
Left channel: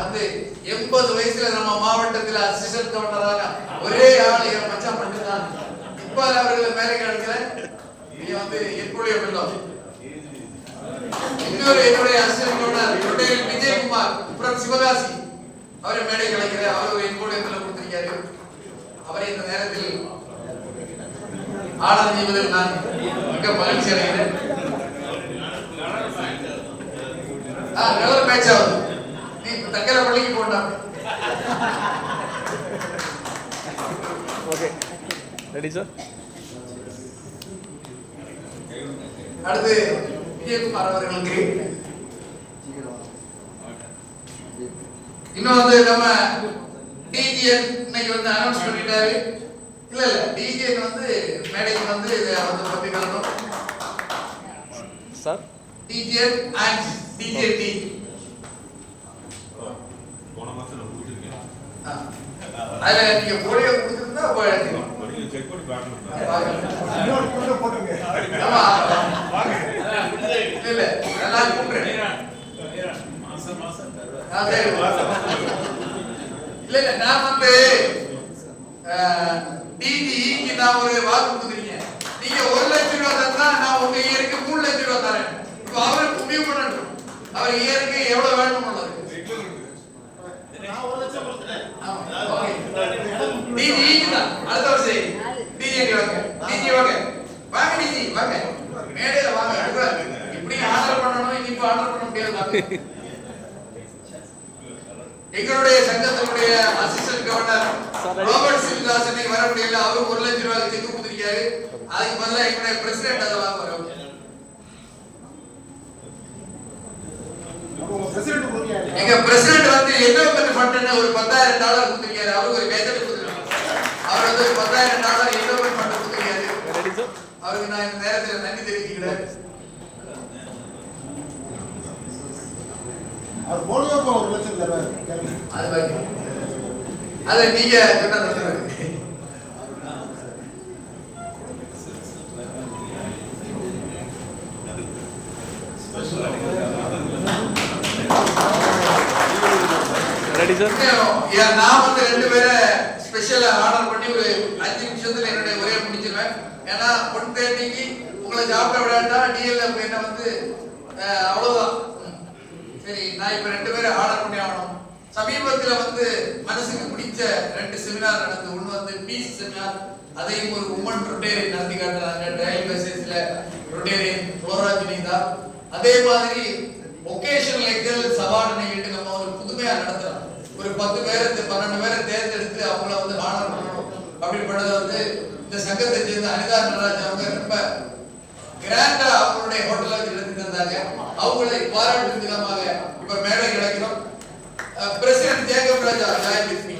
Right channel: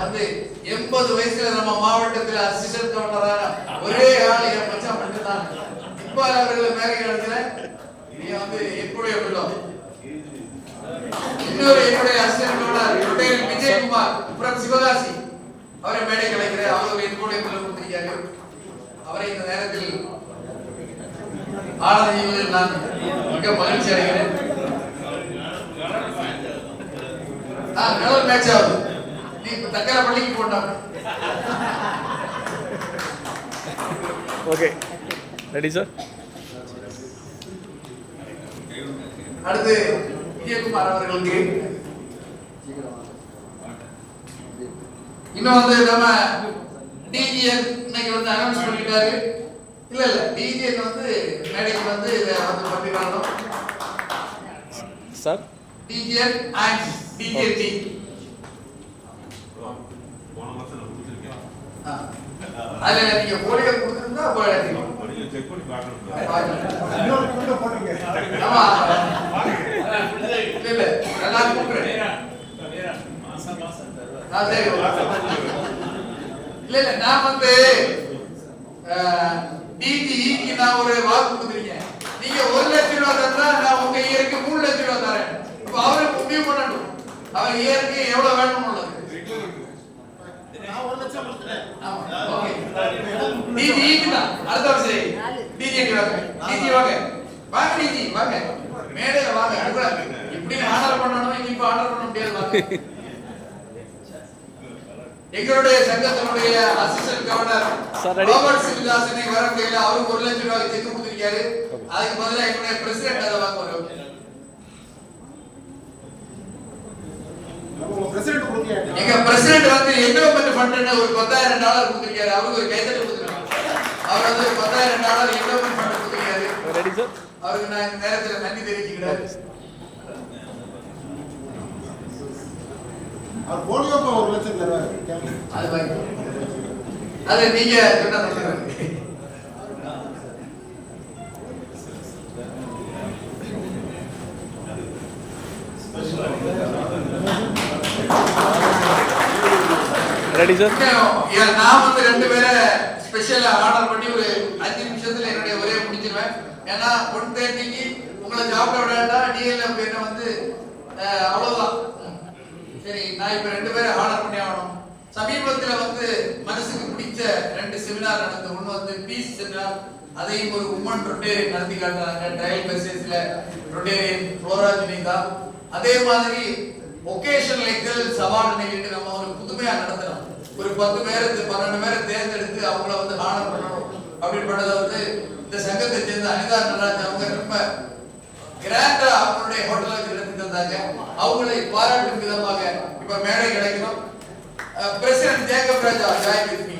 வந்து 80 வயசுல நம்ம மாவட்டத்துல அசிஸ்டன்ட் கவர்னரா ஒரே ஆள் என் மச்சான் மட்டும்தான். இப்ப அவர்கள் மேலே நடக்கிற நீ வந்து எப்படியே பண்ணலாம். இன்னொரு என்னுடைய assistant governor Vijayakumar from Sivakasi, அவரை மேடை கிடைக்கிற அவர் என்னுடைய கொடுத்திருக்காரு. அவரை இந்த நேரத்தில் ஆனந்த செய்வதில் நான் மிக மகிழ்ச்சி அடைகிறேன். நல்ல மேட்ச் ஆகுது. நீ தக்கரை பள்ளிக்கு போட்டாங்க. Okay ready sir. அடுத்து விஜயகுமார் அவர்களுக்கு இன்னும் வந்து நம்ம டிஜிஎன் இன்னைக்கு வந்து அனௌன்ஸ் பண்ணிட்டாரு. இல்ல டிஜிஎன் வந்து மேடைக்கு வந்து இதை வந்து பத்தி வரணும் சார். டிஜிஎன் அண்ட் டிஜிஎன்டி அதுல நீங்க போலியோ கொடுத்துருந்தா அப்போ எடுத்துக்கலாம். இல்ல எல்லாரும் கூப்பிடுறேன். இல்ல நான் வந்து டிடிக்கு நான் ஒரு வாக்கு கொடுத்துருக்கேன். நீங்க 1 லட்சம் ரூபாய் தந்தா நான் உங்க இயருக்கு 3 லட்சம் ரூபாய் தரேன். இப்போ அவருக்கு முடிவு பண்ணணும் அவர் இயருக்கு எவ்வளவு வேணும்னு உள்ளது. டிஜிக்கு தான் அடுத்த வருஷம் டிஜிக்கு வாங்க. டிஜி வாங்க வாங்க டிஜி வாங்க மேடையில வாங்க. இப்படி ஆர்டர் பண்ணணும் இன்னைக்கு ஆர்டர் பண்ண முடியாது. வாங்க. எங்களுடைய சங்கத்தினுடைய அசிஸ்டன்ட் கவர்னர் ராபர்ட் சிவதாசனை வர முடியல. அவருக்கு 1 லட்சம் ரூபாய் செக் கொடுத்திருக்காரு. அதுக்கு பதிலா எங்களுடைய பிரசிடென்ட் அதை வாங்குவாங்க. எங்க பிரசிடென்ட் வந்து என்டோமென்ட் ஃபண்ட்னு ஒரு $10,000 கொடுத்திருக்காரு. அவருக்கு ஒரு கைதட்டல் கொடுத்திருக்காங்க. அவர் வந்து ஒரு $10,000 என்டோமென்ட் ஃபண்ட் கொடுத்திருக்காரு. அவருக்கு நான் இந்த நேரத்தில் நன்றி தெரிவிச்சுக்கிறேன். அவர் போலியோக்கு 1 லட்சம் தருவார். அது நீங்க சொன்னது. Ready sir. நான் வந்து 2 பேரை ஸ்பெஷலா ஆர்டர் பண்ணி ஒரு 5 நிமிஷத்துல என்னுடைய ஒரே முடிச்சிருவேன். ஏன்னா 1:30க்கு உங்களை சாப்பிட விடாட்டா டிஎல்எஃப் என்ன வந்து அவ்வளவுதான். சரி நான் இப்ப 2 பேரை ஆர்டர் பண்ணி ஆகணும். சமீபத்துல வந்து மனசுக்கு பிடிச்ச 2 செமினார் நடந்து. ஒன்று வந்து பீஸ் செமினார். அதையும் ஒரு உமன் ரொட்டேரியன் நடத்தி காட்டுறாங்க. ட்ரையல் பேசிஸ்ல ரொட்டேரியன் புளோராஜினிதா. அதே மாதிரி ஒகேஷனல் எக்ஸலன்ஸ் அவார்டு நிகழ்ச்சி நம்ம ஒரு புதுமையா நடத்துறோம். ஒரு 10 பேர் 12 பேரை தேர்ந்தெடுத்து அவங்கள வந்து ஆனர் பண்ணணும் அப்படின்றத வந்து இந்த சங்கத்தை சேர்ந்த அனிதா நடராஜ் அவங்க ரொம்ப கிராண்டா அவங்களுடைய ஹோட்டல்ல எடுத்து தந்தாங்க. அவங்களை பாராட்டும் விதமாக இப்ப மேடை கிடைக்கிறோம். President Jacob Raja join with me.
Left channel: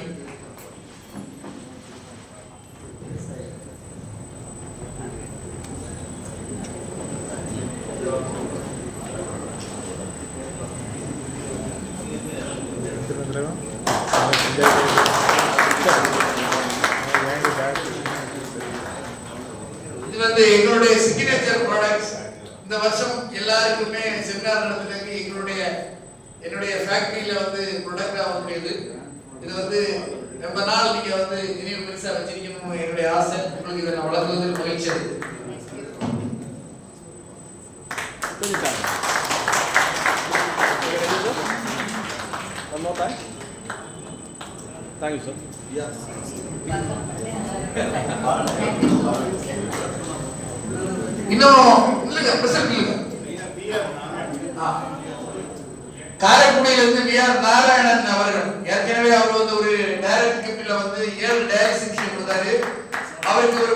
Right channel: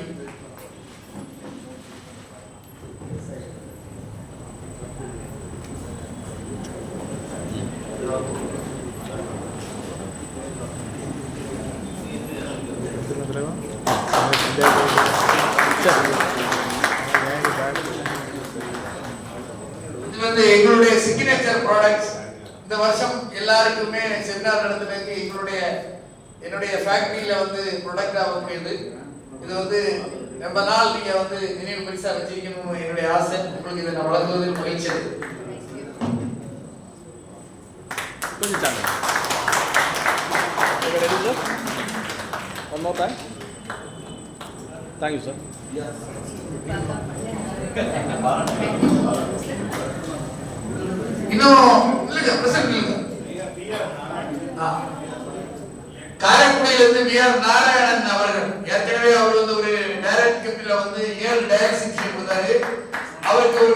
இது வந்து எங்களுடைய சிக்னேச்சர் ப்ராடக்ட்ஸ். இந்த வருஷம் எல்லாருக்குமே செமினார் நடத்துறதுக்கு என்னுடைய ஃபேக்டரியில வந்து ப்ரொடக்ட் ஆகக்கூடியது. இது வந்து ரொம்ப நாள் நீங்க வந்து நினைவு பெருசா வச்சிருக்கணும்னு என்னுடைய ஆசை. உங்களுக்கு இதை வளர்ந்ததில் மகிழ்ச்சி இருக்கு. One more time. Thank you, sir. இன்னும் இல்ல பிரசன்ட் இல்ல. காரைக்குடியிலிருந்து விஆர் நாராயணன் அவர்கள் ஏற்கனவே அவர் வந்து ஒரு டைரக்ட் கிப்பில வந்து 7 டயாலிசிஸ் மிஷின் கொடுத்தாரு. அவருக்கு ஒரு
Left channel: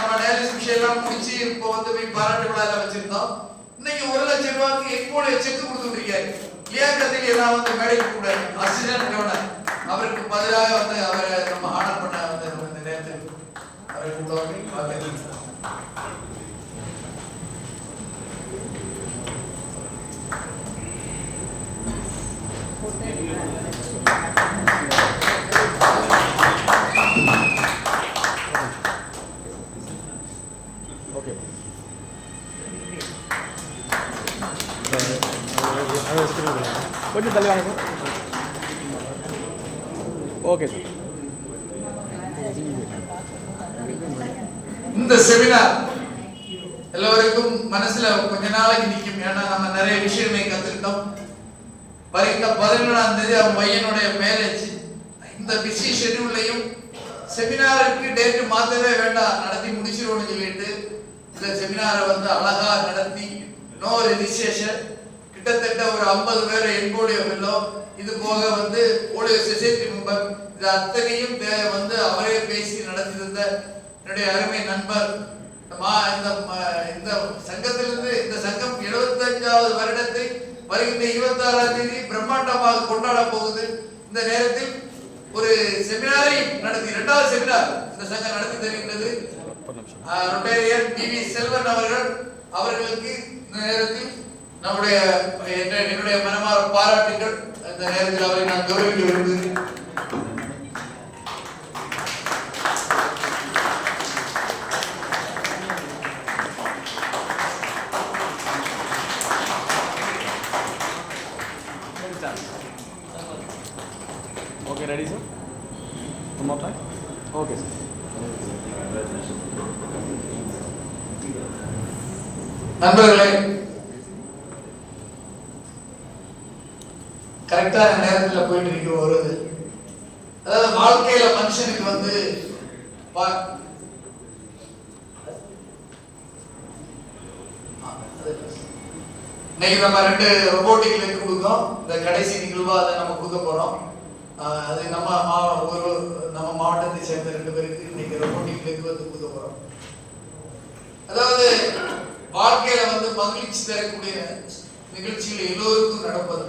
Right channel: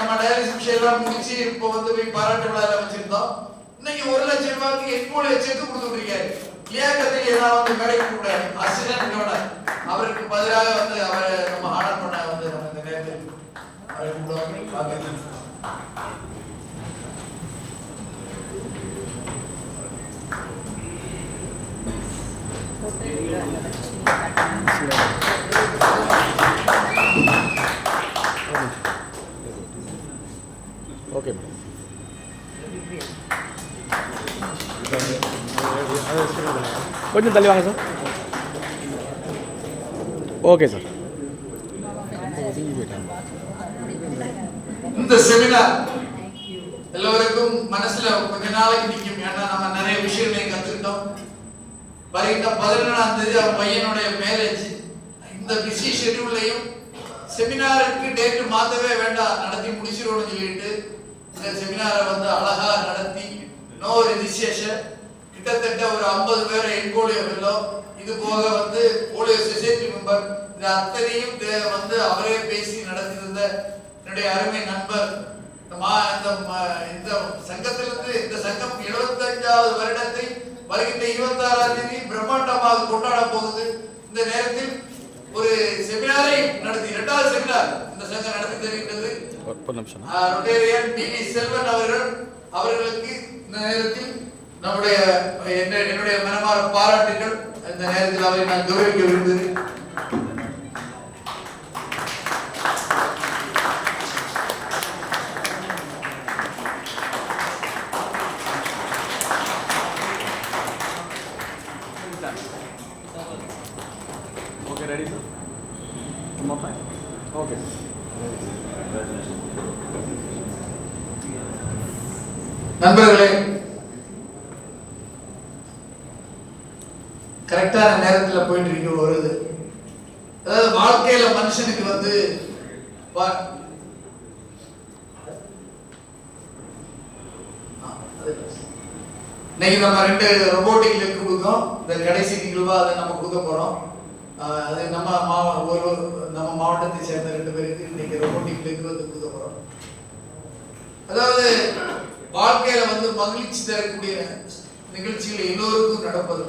நம்ம டயாலிசிஸ் மிஷின் எல்லாம் முடிச்சு இப்போ வந்து போய் பாராட்டு விழா வச்சிருந்தோம். இன்னைக்கு 1 லட்சம் ரூபாய்க்கு எக்மோல செக் கொடுத்துருக்காரு. லியாக்கத்தில் ஏதாவது வந்து மேடைக்கு கூட அசிஸ்டன்ட் கவர்னர் அவருக்கு பதிலாக வந்து அவரை நம்ம ஆர்டர் பண்ண வந்து இந்த நேரத்தில் அவருக்கு Okay. கொஞ்சம் தள்ளி வாங்க சார். Okay sir. இந்த செமினார் எல்லோருக்கும் மனசுல கொஞ்ச நாளைக்கு நிற்கும். ஏன்னா நம்ம நிறைய விஷயமே கத்துக்கிட்டோம். வருகின்ற 17ஆம் தேதி அவன் பையனுடைய மேரேஜ். இந்த பிஸி ஷெட்யூல்லையும் செமினாருக்கு டேட் மாத்தவே வேண்டாம், நடத்தி முடிச்சிடணும்னு சொல்லிட்டு இந்த செமினாரை வந்து அழகா நடத்தி நோ ரெஜிஸ்ட்ரேஷன் கிட்டத்தட்ட ஒரு 50 பேரை போலியோ வெல்லோ இது போக வந்து போலியோ சொசைட்டி மெம்பர் இது அத்தனையும் வந்து அவரே பேசி நடத்திருந்த இருந்த என்னுடைய அருமை நண்பர் இந்த சங்கத்திலிருந்து இந்த சங்கம் 75வது வருடத்தை வருகின்ற 26ஆம் தேதி பிரம்மாண்டமாக கொண்டாட போகுது. இந்த நேரத்தில் ஒரு செமினாரை நடத்தி 2வது செமினார் இந்த சங்கம் நடத்தி தருகின்றது. ரொட்டேரியன் டிவி செல்வன் அவர்களுக்கு இந்த நேரத்தில் நம்முடைய என்னுடைய மனமார பாராட்டுகள். இந்த நேரத்தில் அவரை நான் கௌரவிக்க விரும்புகிறேன். Okay, ready, sir? One more time? Okay, sir. நண்பர்களே, கரெக்டான நேரத்தில் போயிட்டு இருக்க வருது. அதாவது வாழ்க்கையில மனுஷனுக்கு வந்து இன்னைக்கு நம்ம 2 ரொபோட்டிக் லெக் கொடுத்தோம். இந்த கடைசி நிகழ்வா அதை நம்ம கொடுக்க போறோம். அது நம்ம மாவட்டத்தை சேர்ந்த 2 பேருக்கு இன்னைக்கு ரொபோட்டிக் லெக் வந்து கொடுக்க போறோம். அதாவது வாழ்க்கையில வந்து மகிழ்ச்சி தரக்கூடிய நிகழ்ச்சிகள் எல்லோருக்கும் நடப்பது.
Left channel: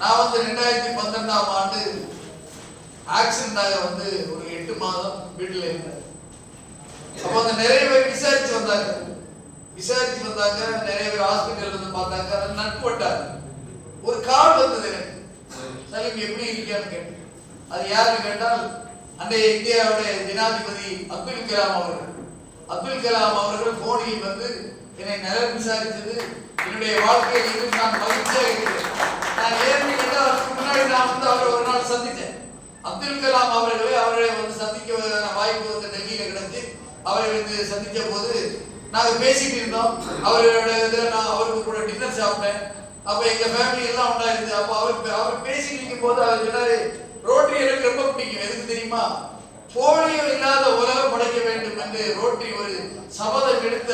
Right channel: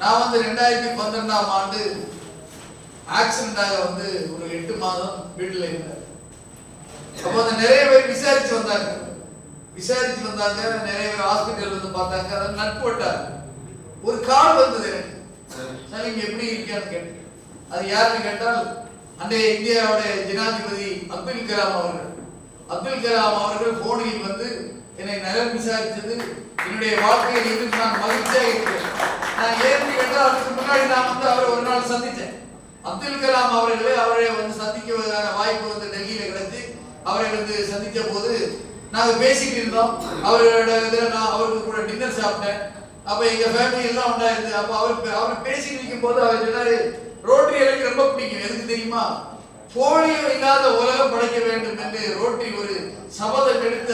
நான் வந்து 2012ஆம் ஆண்டு ஆக்சிடென்டாக வந்து ஒரு 8 மாதம் வீட்டில் இருந்தேன். அப்போ வந்து நிறைய பேர் விசாரிச்சு வந்தாங்க. நிறைய பேர் ஹாஸ்பிட்டல் வந்து பார்த்தாங்க. அதை நட்பட்டாங்க. ஒரு கால் வந்தது எனக்கு, சலீம் எப்படி இருக்கான்னு கேட்டேன். அது யாருன்னு கேட்டால் அன்றைய இந்தியாவுடைய ஜனாதிபதி அப்துல் கலாம் அவர்கள் போனில் வந்து என்னை நலம் விசாரித்தது. என்னுடைய வாழ்க்கையில் இது நான் மகிழ்ச்சியாக இருக்கிறேன். நான் ஏன்னு கேட்டால் அதுக்கு முன்னாடி நான் வந்து அவரை ஒரு நாள் சந்தித்தேன். அப்துல் கலாம் அவரை வந்து சந்திக்குவதற்கான வாய்ப்பு வந்து டெல்லியில கிடைச்சு அவரை வந்து சந்தித்த போது நாங்கள் பேசிட்டு இருந்தோம். நான் அவருக்கு கூட டின்னர் சாப்பிட்டேன். அப்ப எங்க ஃபேமிலி எல்லாம் உண்டாயிருது. அப்ப அவர் பேசிட்டு இருக்கும் போது அவர் சொன்னாரு, ரோட்டரி எனக்கு ரொம்ப பிடிக்கும். எதுக்கு தெரியுமா? போலியோ இல்லாத உலகம் படைக்க வேண்டும் என்று ரோட்டரி ஒரு சபதம் எடுத்து